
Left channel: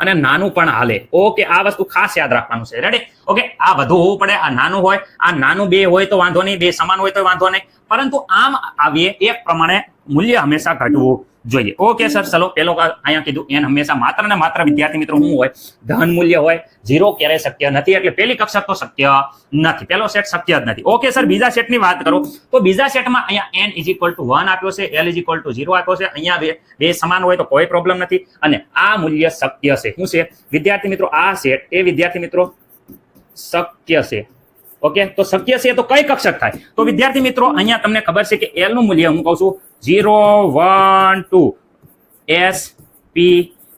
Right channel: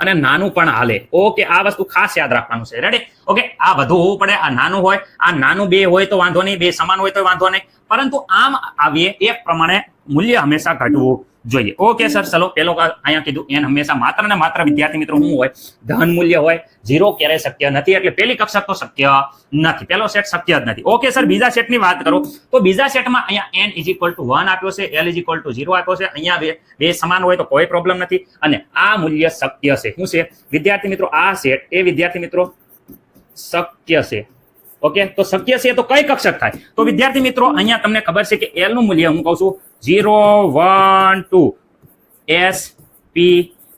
અને નાનું પણ હાલે. ઓકે, આ વસ્તુ ખાસ યાદ રાખવાનું છે. રેડી? ઓકે, આ વધુ હોવું પડે, આ નાનું હોય, આ નાનું 2 હોય તો વાંધો નહીં, 2 સમાન હોય તો વાંધો નહીં, પરંતુ આમ આવીએ એ પ્રમાણે મૂલ્ય હંમેશા ઘટવું જોઈએ. ઓકે સર, ચલો પેલો અહીંયા કીધું n હંમેશા માત્ર ને માત્ર વિદ્યાર્થી મિત્રો શું હોય? ધન મૂલ્ય હોય. 0 ક્યારેય શક્ય નથી એટલે પેલી કક્ષક તો શક્ય નથી, પેલો સેટ શક્ય જ નથી. ઓકે સર, બીજા સેટની વાત કરું તો બીજા સેટમાં અહીંયા n = 1 આપ્યો છે, l = 0 આપ્યો છે. અહીંયા બે સમાન હોય તો કોઈ પ્રોબ્લેમ નથી અને આ મૂલ્ય શક્ય છે. શું છે વિદ્યાર્થી મિત્રો? આ સેટ એ વિદ્યાર્થી મિત્રો શક્ય છે. ઓકે, તો શક્ય છે તો કઈ કક્ષક થાય? તો વિદ્યાર્થી મિત્રો અહીંયા તમને ખબર છે કે l નું મૂલ્ય હું કહું છું 0 1 2 s p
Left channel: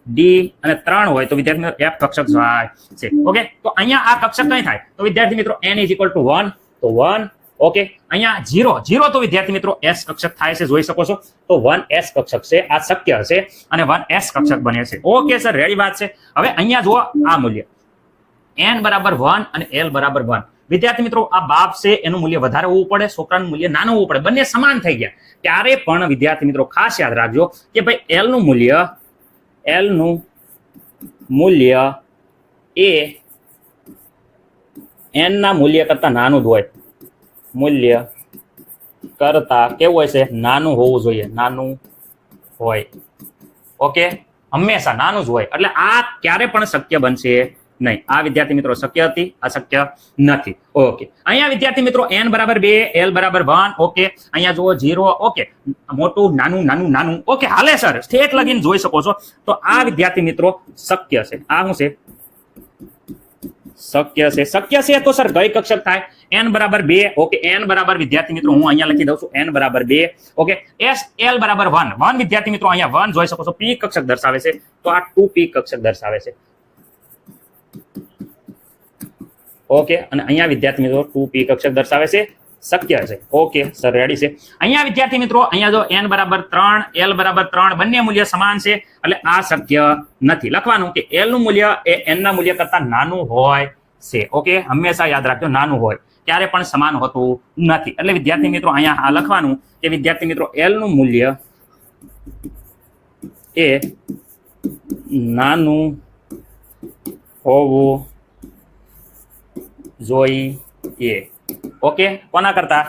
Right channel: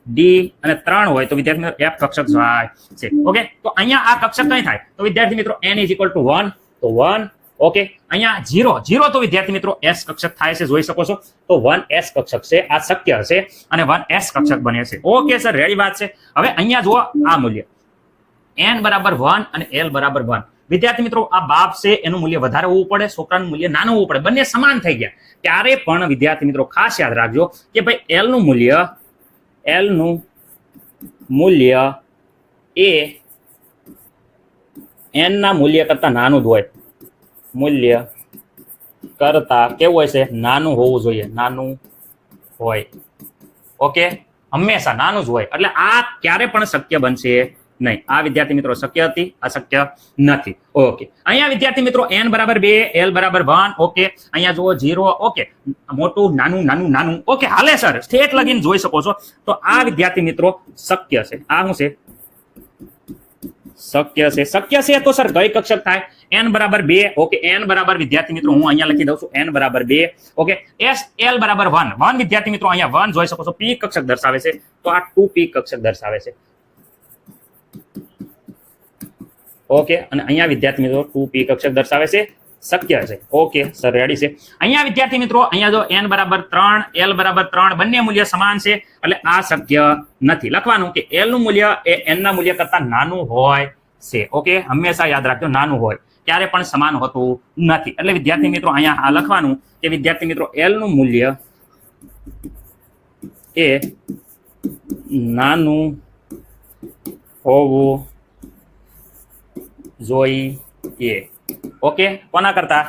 d અને 3 હોય તો વિદ્યાર્થી મિત્રો f કક્ષક થાય છે. ઓકે, તો અહીંયા આ કક્ષક કઈ થાય? તો વિદ્યાર્થી મિત્રો n = 1 તો 1. ઓકે, અહીંયા 0 તો વિદ્યાર્થી મિત્રો s કક્ષક થાય છે, જોઈ શકો છો. તો 1s કક્ષક છે, આ શક્ય હશે અને 1s કક્ષક બને છે. ઓકે સર, રેડી વાત છે. હવે અહીંયા જુઓ આ મૂલ્ય n બરાબર 1 અને l બરાબર 1. વિદ્યાર્થી મિત્રો આ બાપ છે એનું મૂલ્ય વધારે હોવું પડે, છોકરાનું મૂલ્ય નાનું હોવું પડે, બંને સમાન થઈ ગયા. ત્યારે પણ વિદ્યાર્થી મિત્રો ખાસ યાદ રાખજો કે ભાઈ l નું મૂલ્ય એ n ના મૂલ્ય કરતા નાનું જ હોય. મૂલ્ય કરતા કેવું હોય છે? નાનું હોવું જોઈએ, નાનું હોય. ઓકે, હંમેશા નાનું જ હોય એટલે આ ક્યારે પણ શક્ય બનશે નહીં. આ વિદ્યાર્થી મિત્રો શક્ય હતી, આ શક્ય નથી. ઓકે, અહીંયા વિદ્યાર્થી મિત્રો n બરાબર 2 l બરાબર 1. ઓકે, અહીંયા જુઓ 0. ઓકે, મોટું નાનું નાનું નાનું. ઓકે, હાલે સર, સ્ટેટ લગીન જોઈ શકો છો. તો આ વિદ્યાર્થી મિત્રો શક્ય છે. આ શું છે? શક્ય છે. શક્ય છે તો સર કઈ કક્ષક થાય? n બરાબર 2. ઓકે, n બરાબર વિદ્યાર્થી મિત્રો હું અહીંયા લખી દઉં છું n બરાબર 2. ઓકે, s l બરાબર 1. 1 વિદ્યાર્થી મિત્રો અહીંયા 1 જોઈ શકો છો, p કક્ષક દર્શાવે છે તો આ 2p કક્ષક દર્શાવે છે. ઓકે, અને અહીંયા વિદ્યાર્થી મિત્રો 2p કક્ષક દર્શાવે છે, શક્ય છે. ઓકે સર, રેડી છે. અહીંયા વિદ્યાર્થી મિત્રો અહીંયા જો n બરાબર 3 l બરાબર 3 બંને મૂલ્ય સમાન છે એટલે આ શક્ય નથી. લખવાનું કે l નું મૂલ્ય એ n ના મૂલ્ય કરતા નાનું હોય છે. ઓકે, હંમેશા યાદ રાખજો નાનું હોય, ક્યારે પણ સમાન હોતું નથી. એટલે વિદ્યાર્થી મિત્રો અહીંયા આ લખવાનું કે વિદ્યાર્થી મિત્રો l નું મૂલ્ય એ નાનું હોવું જોઈએ. ઓકે, કોના કરતા?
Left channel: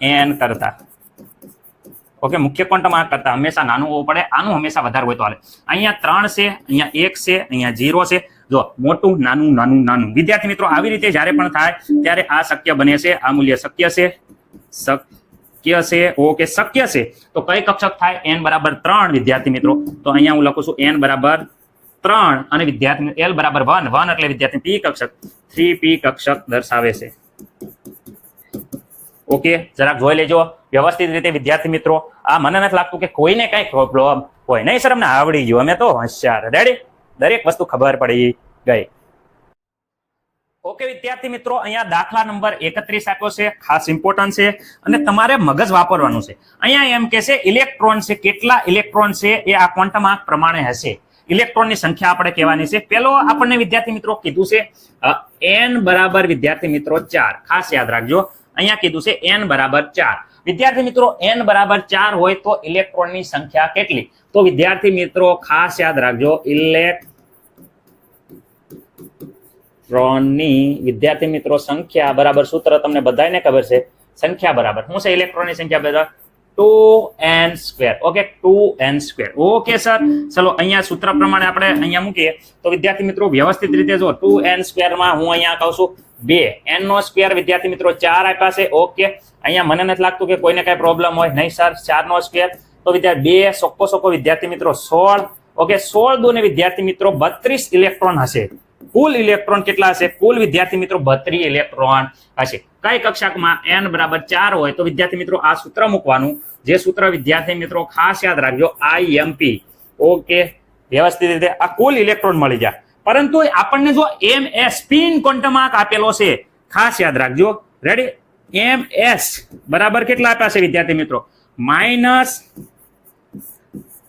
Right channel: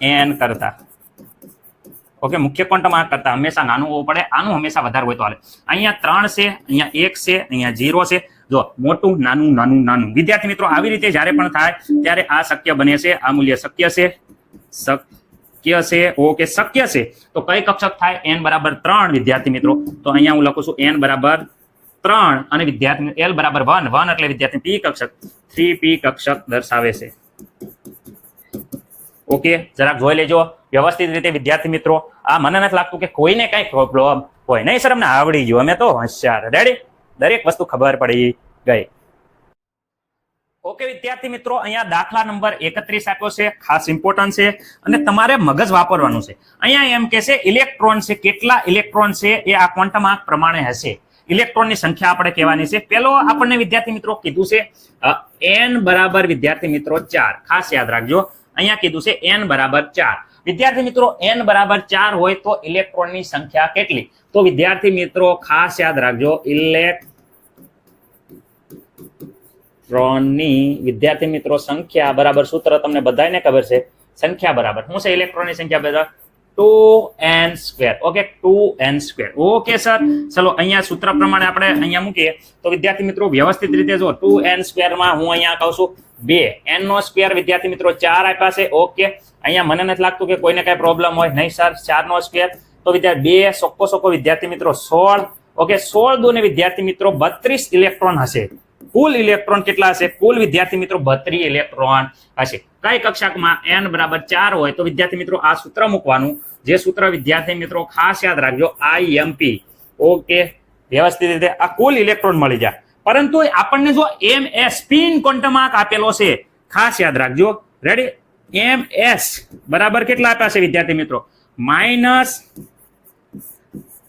n કરતા. ઓકે, મુખ્ય ક્વોન્ટમ આંક કરતા હંમેશા નાનું હોવું પડે, આનું હંમેશા વધારે હોય તો હાલે. અહીંયા 3 છે, અહીંયા 1 છે, અહીંયા 0 છે. જો મોટું નાનું નાનું નાનું. વિદ્યાર્થી મિત્રો આવી રીતે જ્યારે પણ થાય ત્યારે આ શક્ય બને છે, આ મૂલ્ય શક્ય છે, શક્ય છે, ઓકે શક્ય છે. તો કઈ કક્ષક થાય? n બરાબર 3 વિદ્યાર્થી મિત્રો. તો અહીંયા હું લખું છું n બરાબર 3 અને વિદ્યાર્થી l બરાબર 1. 1 એટલે વિદ્યાર્થી p કક્ષક, 3p કક્ષક દર્શાવે છે. ઓકે, જરાક જોઈ લેજો વ્યવસ્થિત રીતે વિદ્યાર્થી મિત્રો. આ મને નથી લાગતું કે કોઈને કઈ પ્રોબ્લેમ હોય. નહીં સર, અમને આવડી ગયું, અમે તો હોશિયાર. રેડી? દરેક વસ્તુ ખબર પડી ગઈ. ઓકે વિદ્યાર્થી મિત્રો, અહીંયા દાખલા નંબર 31 આપ્યો છે, ખાસ ઇમ્પોર્ટન્ટ છે અને તમારે મગજ વાપરવાનું છે. અહીંયા એમ કે છે ઇલેક્ટ્રોન છે, કેટલા ઇલેક્ટ્રોન છે એ આ ક્વોન્ટમ આંક પ્રમાણે હશે. ઇલેક્ટ્રોનની સંખ્યા આપણે કહેવાની છે. પેલો આપણને વિદ્યાર્થી મિત્રો કીધું છે n બરાબર વિદ્યાર્થી મિત્રો 4. ખાસ યાદ રાખજો, અહીંયા કીધું છે n બરાબર 4. વિદ્યાર્થી મિત્રો n બરાબર 4 હોય તો ઇલેક્ટ્રોનની સંખ્યા કેટલી? તો વિદ્યાર્થી મિત્રો ખાસ યાદ રાખજો, ઇલેક્ટ્રોનની વિદ્યાર્થી મિત્રો સંખ્યા બરાબર સૂત્ર તમને બધાને ખબર છે. સંખ્યા બરાબર શું છે? ઇલેક્ટ્રોનની સંખ્યા બરાબર 2n². Okay, 2n². Okay sir, ચલો અહીંયા સૂત્ર પ્રમાણે આપણે અહીંયા મૂકીએ તો વિદ્યાર્થી મિત્રો વ્યવસ્થિત રીતે જો 2n² માં હું અહીંયા કહું છું 2 n નો સ્ક્વેર વિદ્યાર્થી મિત્રો 4 આપ્યા છે. ઓકે, અહીંયા મને નથી લાગતું કે કોઈને કઈ પ્રોબ્લેમ હોય. નહીં સર, 4 નો સ્ક્વેર તો વિદ્યાર્થી 2 સોકો વિદ્યાર્થી મિત્રો 16. ઓકે, 16 દુને વિદ્યાર્થી મિત્રો 32 ઇલેક્ટ્રોન હશે. કુલ ઇલેક્ટ્રોન કેટલા હશે? કુલ વિદ્યાર્થી મિત્રો 32 ઇલેક્ટ્રોન હશે. કઈ કક્ષકમાં? n બરાબર 4 હોય તો વિદ્યાર્થી મિત્રો આ સૂત્ર મૂકવાનું. જે સૂત્ર વિદ્યાર્થી મિત્રો ખાસ યાદ રાખજો, IMP. ઓકે, વ્યવસ્થિત રીતે આ કુલ ઇલેક્ટ્રોન મળી જાય. પરંતુ આપણને જો ms સ્પિન ક્વોન્ટમ આંક આપેલો છે, ખાસ યાદ રાખજો. રેડી? ms બરાબર કેટલા આપ્યા છે વિદ્યાર્થી મિત્રો? માઇનસ.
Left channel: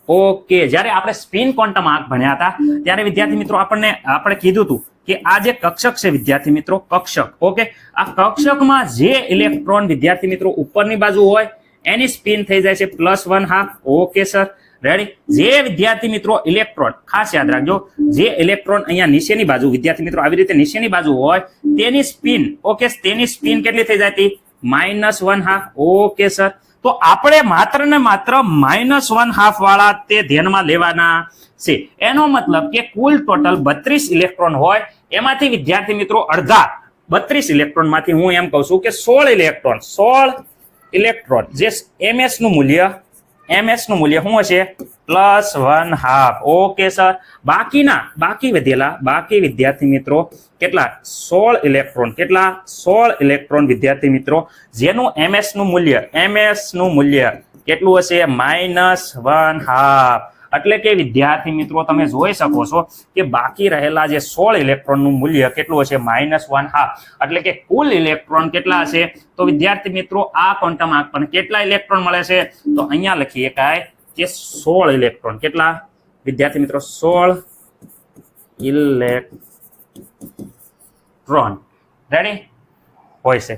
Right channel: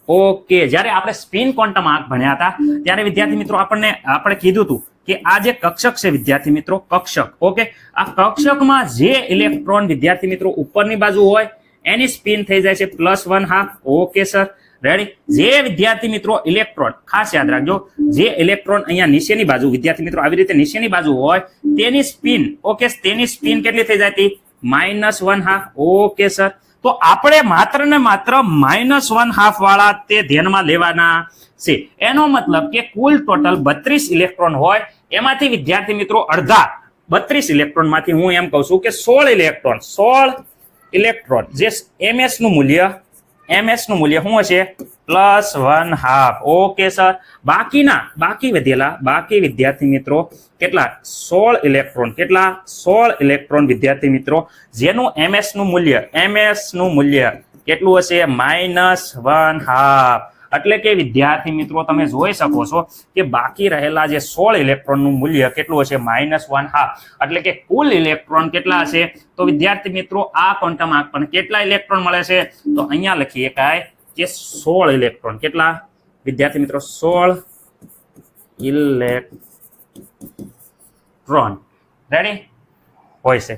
ઓકે, જ્યારે આપણે સ્પિન ક્વોન્ટમ આંક ભણ્યા હતા ત્યારે વિદ્યાર્થી મિત્રો આપણે કીધું હતું કે આ જે કક્ષક છે વિદ્યાર્થી મિત્રો, કક્ષક. ઓકે, આ કક્ષકમાં જે ઇલેક્ટ્રોન વિદ્યાર્થી મિત્રો ઉપરની બાજુ હોય એની સ્પિન થઈ જાય છે +1/2. Okay sir, ready? જે વિદ્યાર્થી મિત્રો ઇલેક્ટ્રોન, ખાસ યાદ રાખજો, જે ઇલેક્ટ્રોન અહીંયા નીચેની બાજુ વિદ્યાર્થી મિત્રો આવી રીતે નીચેની બાજુ હોય તેની સ્પિન, ઓકે, તેની સ્પિન કેટલી થઈ જતી? -1/2. ઓકે સર, તો આપણે માત્ર ને માત્ર -1/2 વાળા તે ધ્યાનમાં લેવાના છે. એનો મતલબ કે કુલ ટોટલ 32 ઇલેક્ટ્રોન હોય, એમાંથી વિદ્યાર્થી મિત્રો અડધા 32 ઇલેક્ટ્રોન માંથી હું એમ કહું છું કે 16 ઇલેક્ટ્રોન જે ms નું મૂલ્ય શું હશે? +1/2. ઓકે સર, બાકી વિદ્યાર્થી મિત્રો કેટલા? 16 ઇલેક્ટ્રોન. કેટલા? 16 ઇલેક્ટ્રોન વિદ્યાર્થી મિત્રો, જેનું ms નું મૂલ્ય કેટલું હશે? -1/2. એટલે કે વિદ્યાર્થી મિત્રો તમે જોઈ શકો છો કે બાકી રહેલા જે 16 ઇલેક્ટ્રોન નું મૂલ્ય કેટલું હશે? -1/2. એટલે કે કુલ ઇલેક્ટ્રોન કેટલા હશે? તો વિદ્યાર્થી મિત્રો આ ક્વોન્ટમ આંક પર કેટલા ઇલેક્ટ્રોન મળે છે? તો અહીંયા લખીએ કે 16 ઇલેક્ટ્રોન. કેટલા વિદ્યાર્થી મિત્રો? 16 ઇલેક્ટ્રોન. રેડી હોય છે.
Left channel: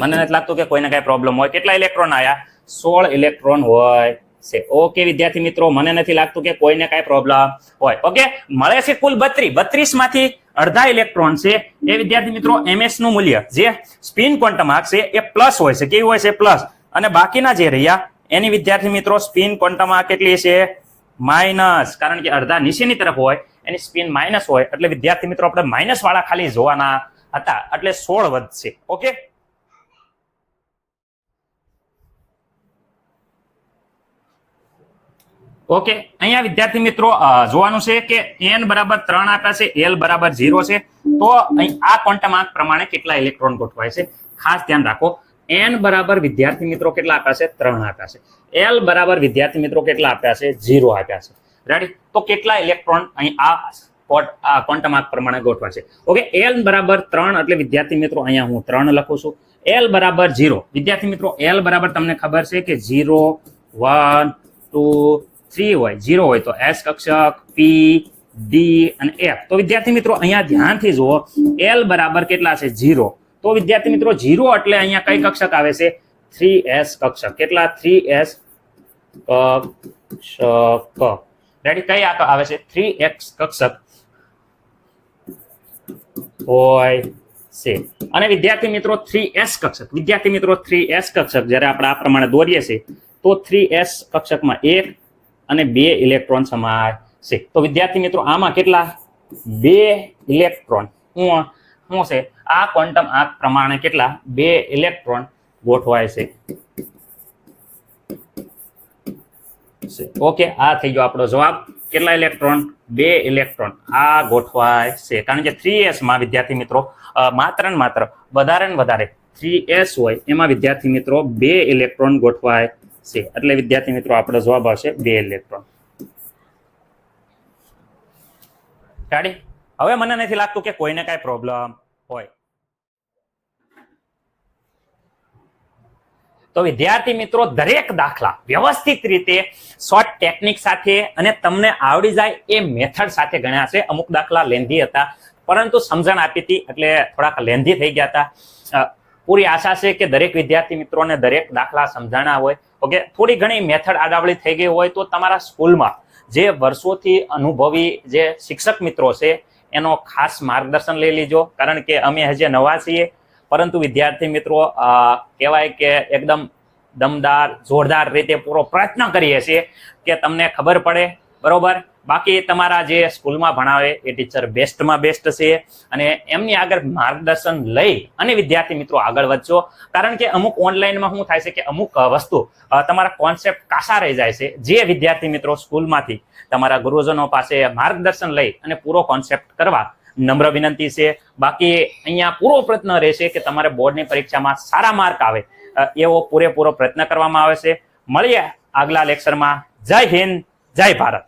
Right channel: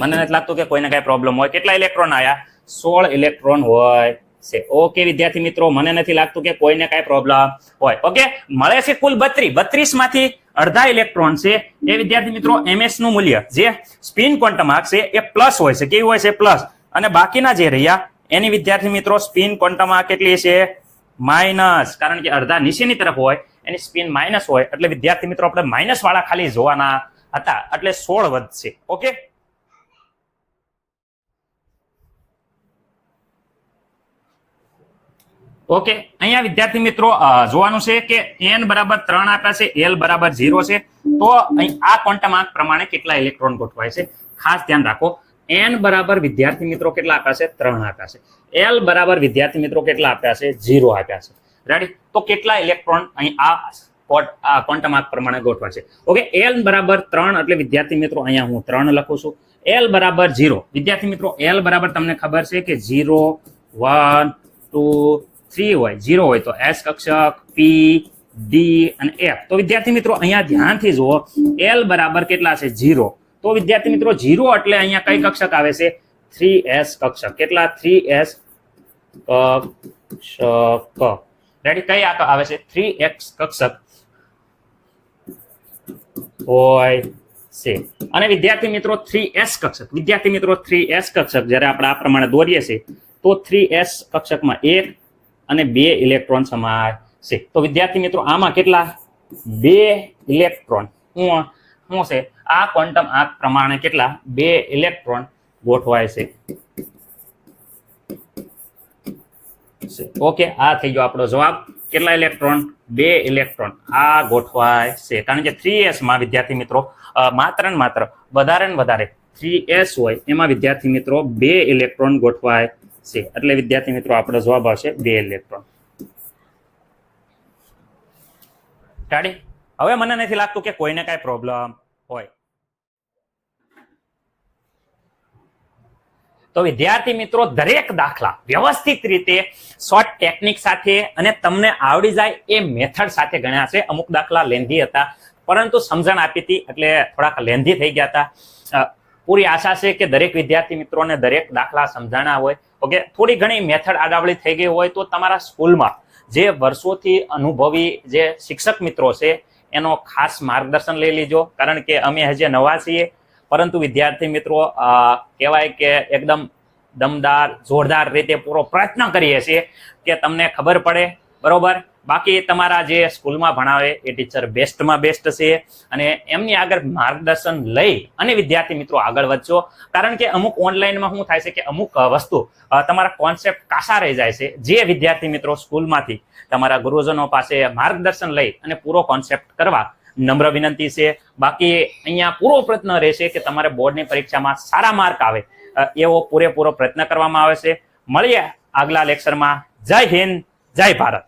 મને નથી લાગતું કે કોઈને કઈ પ્રોબ્લેમ હોય. કેટલા ઇલેક્ટ્રોન આવ્યા? 16 ઇલેક્ટ્રોન હોય છે. ઓકે વિદ્યાર્થી મિત્રો, મને નથી લાગતું કે કોઈને કઈ પ્રોબ્લેમ હોય. ઓકે, મળે છે કુલ 32 માંથી અડધા ઇલેક્ટ્રોન છે એ વિદ્યાર્થી મિત્રો ms નું મૂલ્ય જે સ્પિન ક્વોન્ટમ આંક છે એ પ્લસ હોય છે. કેવી હોય છે? પ્લસ. અને બાકીના જે રહ્યા એની વિદ્યાર્થી મિત્રો સ્પિન ક્વોન્ટમ આંક કેટલી છે? માઇનસ. કારણ કે અડધા નીચેની તરફ હોય એની સ્પિન માઇનસ હોય એટલે વિદ્યાર્થી મિત્રો આપણે માઇનસ વાળા ખાલી જોવાના હતા, એટલે 16 વધશે. ઓકે, ઓકે, અહીંયા વિદ્યાર્થી મિત્રો જોવાનું છે કે n બરાબર 3 આપ્યા છે, l બરાબર 0 છે. તો અહીં આ ક્વોન્ટમ આંક પ્રમાણે કેટલા ઇલેક્ટ્રોન ગોઠવાય છે? ખાસ ધ્યાન રાખો. n બરાબર વિદ્યાર્થી મિત્રો કેટલા આપ્યા છે? 3 આપ્યા છે. l બરાબર વિદ્યાર્થી મિત્રો કેટલા આપ્યા છે? 0 આપ્યા છે. રેડી? તો કેટલા ઇલેક્ટ્રોન અહીં આ ક્વોન્ટમ આંક પ્રમાણે ગોઠવાય છે? ઓકે, l બરાબર 3 એટલે વિદ્યાર્થી મિત્રો અહીંયા હું 3 લખું છું. l બરાબર 0 વિદ્યાર્થી મિત્રો, l બરાબર તમને ખબર છે કે 0 1 2 3 હોય. 0 હોય તો s કક્ષક, p d અને f. તો વિદ્યાર્થી મિત્રો અહીંયા ધ્યાનથી જુઓ, l બરાબર કેટલા છે? 0. તો વિદ્યાર્થી મિત્રો 0 એટલે અહીંયા કઈ કક્ષક આવે છે? 3s કક્ષક. કેટલા? 3s કક્ષક. રેડી? કઈ આવે છે? 3x કક્ષક હોય છે. અને વિદ્યાર્થી મિત્રો 3s કક્ષક, વિદ્યાર્થી મિત્રો 3s કક્ષક જ્યારે આપણે આ પ્રમાણે દોરીએ છીએ તો 3s કક્ષકમાં 1 અને 2 ઇલેક્ટ્રોન સમાય છે. તો વિદ્યાર્થી મિત્રો આમાં કેટલા 2 ઇલેક્ટ્રોન શું છે આ ક્વોન્ટમ આંક પ્રમાણે કેટલા 2 ઇલેક્ટ્રોન ગોઠવાય છે. ઓકે, આ થઈ ગયો આપણો જવાબ. કેટલા ઇલેક્ટ્રોન 2 ઇલેક્ટ્રોન આ ગોઠવાય છે. કારણ કે 3s માં વિદ્યાર્થી મિત્રો માત્ર ને માત્ર વધારે ને વધારે 3s હોય એમાં વિદ્યાર્થી મિત્રો 2 ઇલેક્ટ્રોન ગોઠવાય છે. એટલે વિદ્યાર્થી મિત્રો આપણો જવાબ આવશે 2 ઇલેક્ટ્રોન. ગાડી હવે મને નથી લાગતું કે કોઈને કઈ પ્રોબ્લેમ હોય. તો વિદ્યાર્થી મિત્રો દરેક દાખલા વ્યવસ્થિત રીતે શોર્ટ ટેકનિક સાથે અને તમને આવડી જાય એ મેથડ સાથે ગણ્યા છે. અમુક દાખલા લેન્ધી હતા પરંતુ સમજણ આપી હતી એટલે થોડાક લેન્ધી થઈ ગયા હતા. પૂરી આશા છે કે દરેક વિદ્યાર્થી મિત્રોને દરેક દાખલા સમજાણા હોય. ઓકે, થોડી ઘણી મેથડ આગાવળી થઈ ગઈ હોય તો તમારા સ્કૂલમાં જે વર્ષોથી અનુભવી જે શિક્ષક મિત્રો છે એનો ખાસ માર્ગદર્શન લઈ લેજો. કારણ કે અમે હજી નવા છીએ પરંતુ વિદ્યાર્થી મિત્રો કહેવાય કે એકદમ દમદાર જોરદાર રીતે પૂરો પ્રયત્ન કરીએ છીએ કે તમને ખબર પડે. બરોબર, બાકી તમારા જે સ્કૂલમાં ભણાવે એ ટીચર બેસ્ટમાં બેસ્ટ છે અને એમની આગળ માર્ગદર્શન લઈ અને વિદ્યાર્થી મિત્રો આગળ વધજો. કારણ કે અમુક ઓનલાઈનમાં શું થાય છે કે અમુક વસ્તુ તમારા કોન્સેપ્ટ કાસા રહી જાય છે. જે વિદ્યાર્થી મિત્રો સ્કૂલમાંથી તમારા ગુરુજનો પાસે માર્ગદર્શન લઈ અને પૂરો કોન્સેપ્ટ કરવા નમ્ર વિનંતી છે. બાકી અહીંયા પૂરો પ્રયત્ન રહેશે કે તમારે બોર્ડની પરીક્ષામાં સારા માર્ક આવે એવો પૂરેપૂરો પ્રયત્ન કરવામાં આવે છે. મળીએ આગલા લેક્ચરમાં. જય હિન્દ, જય ભારત.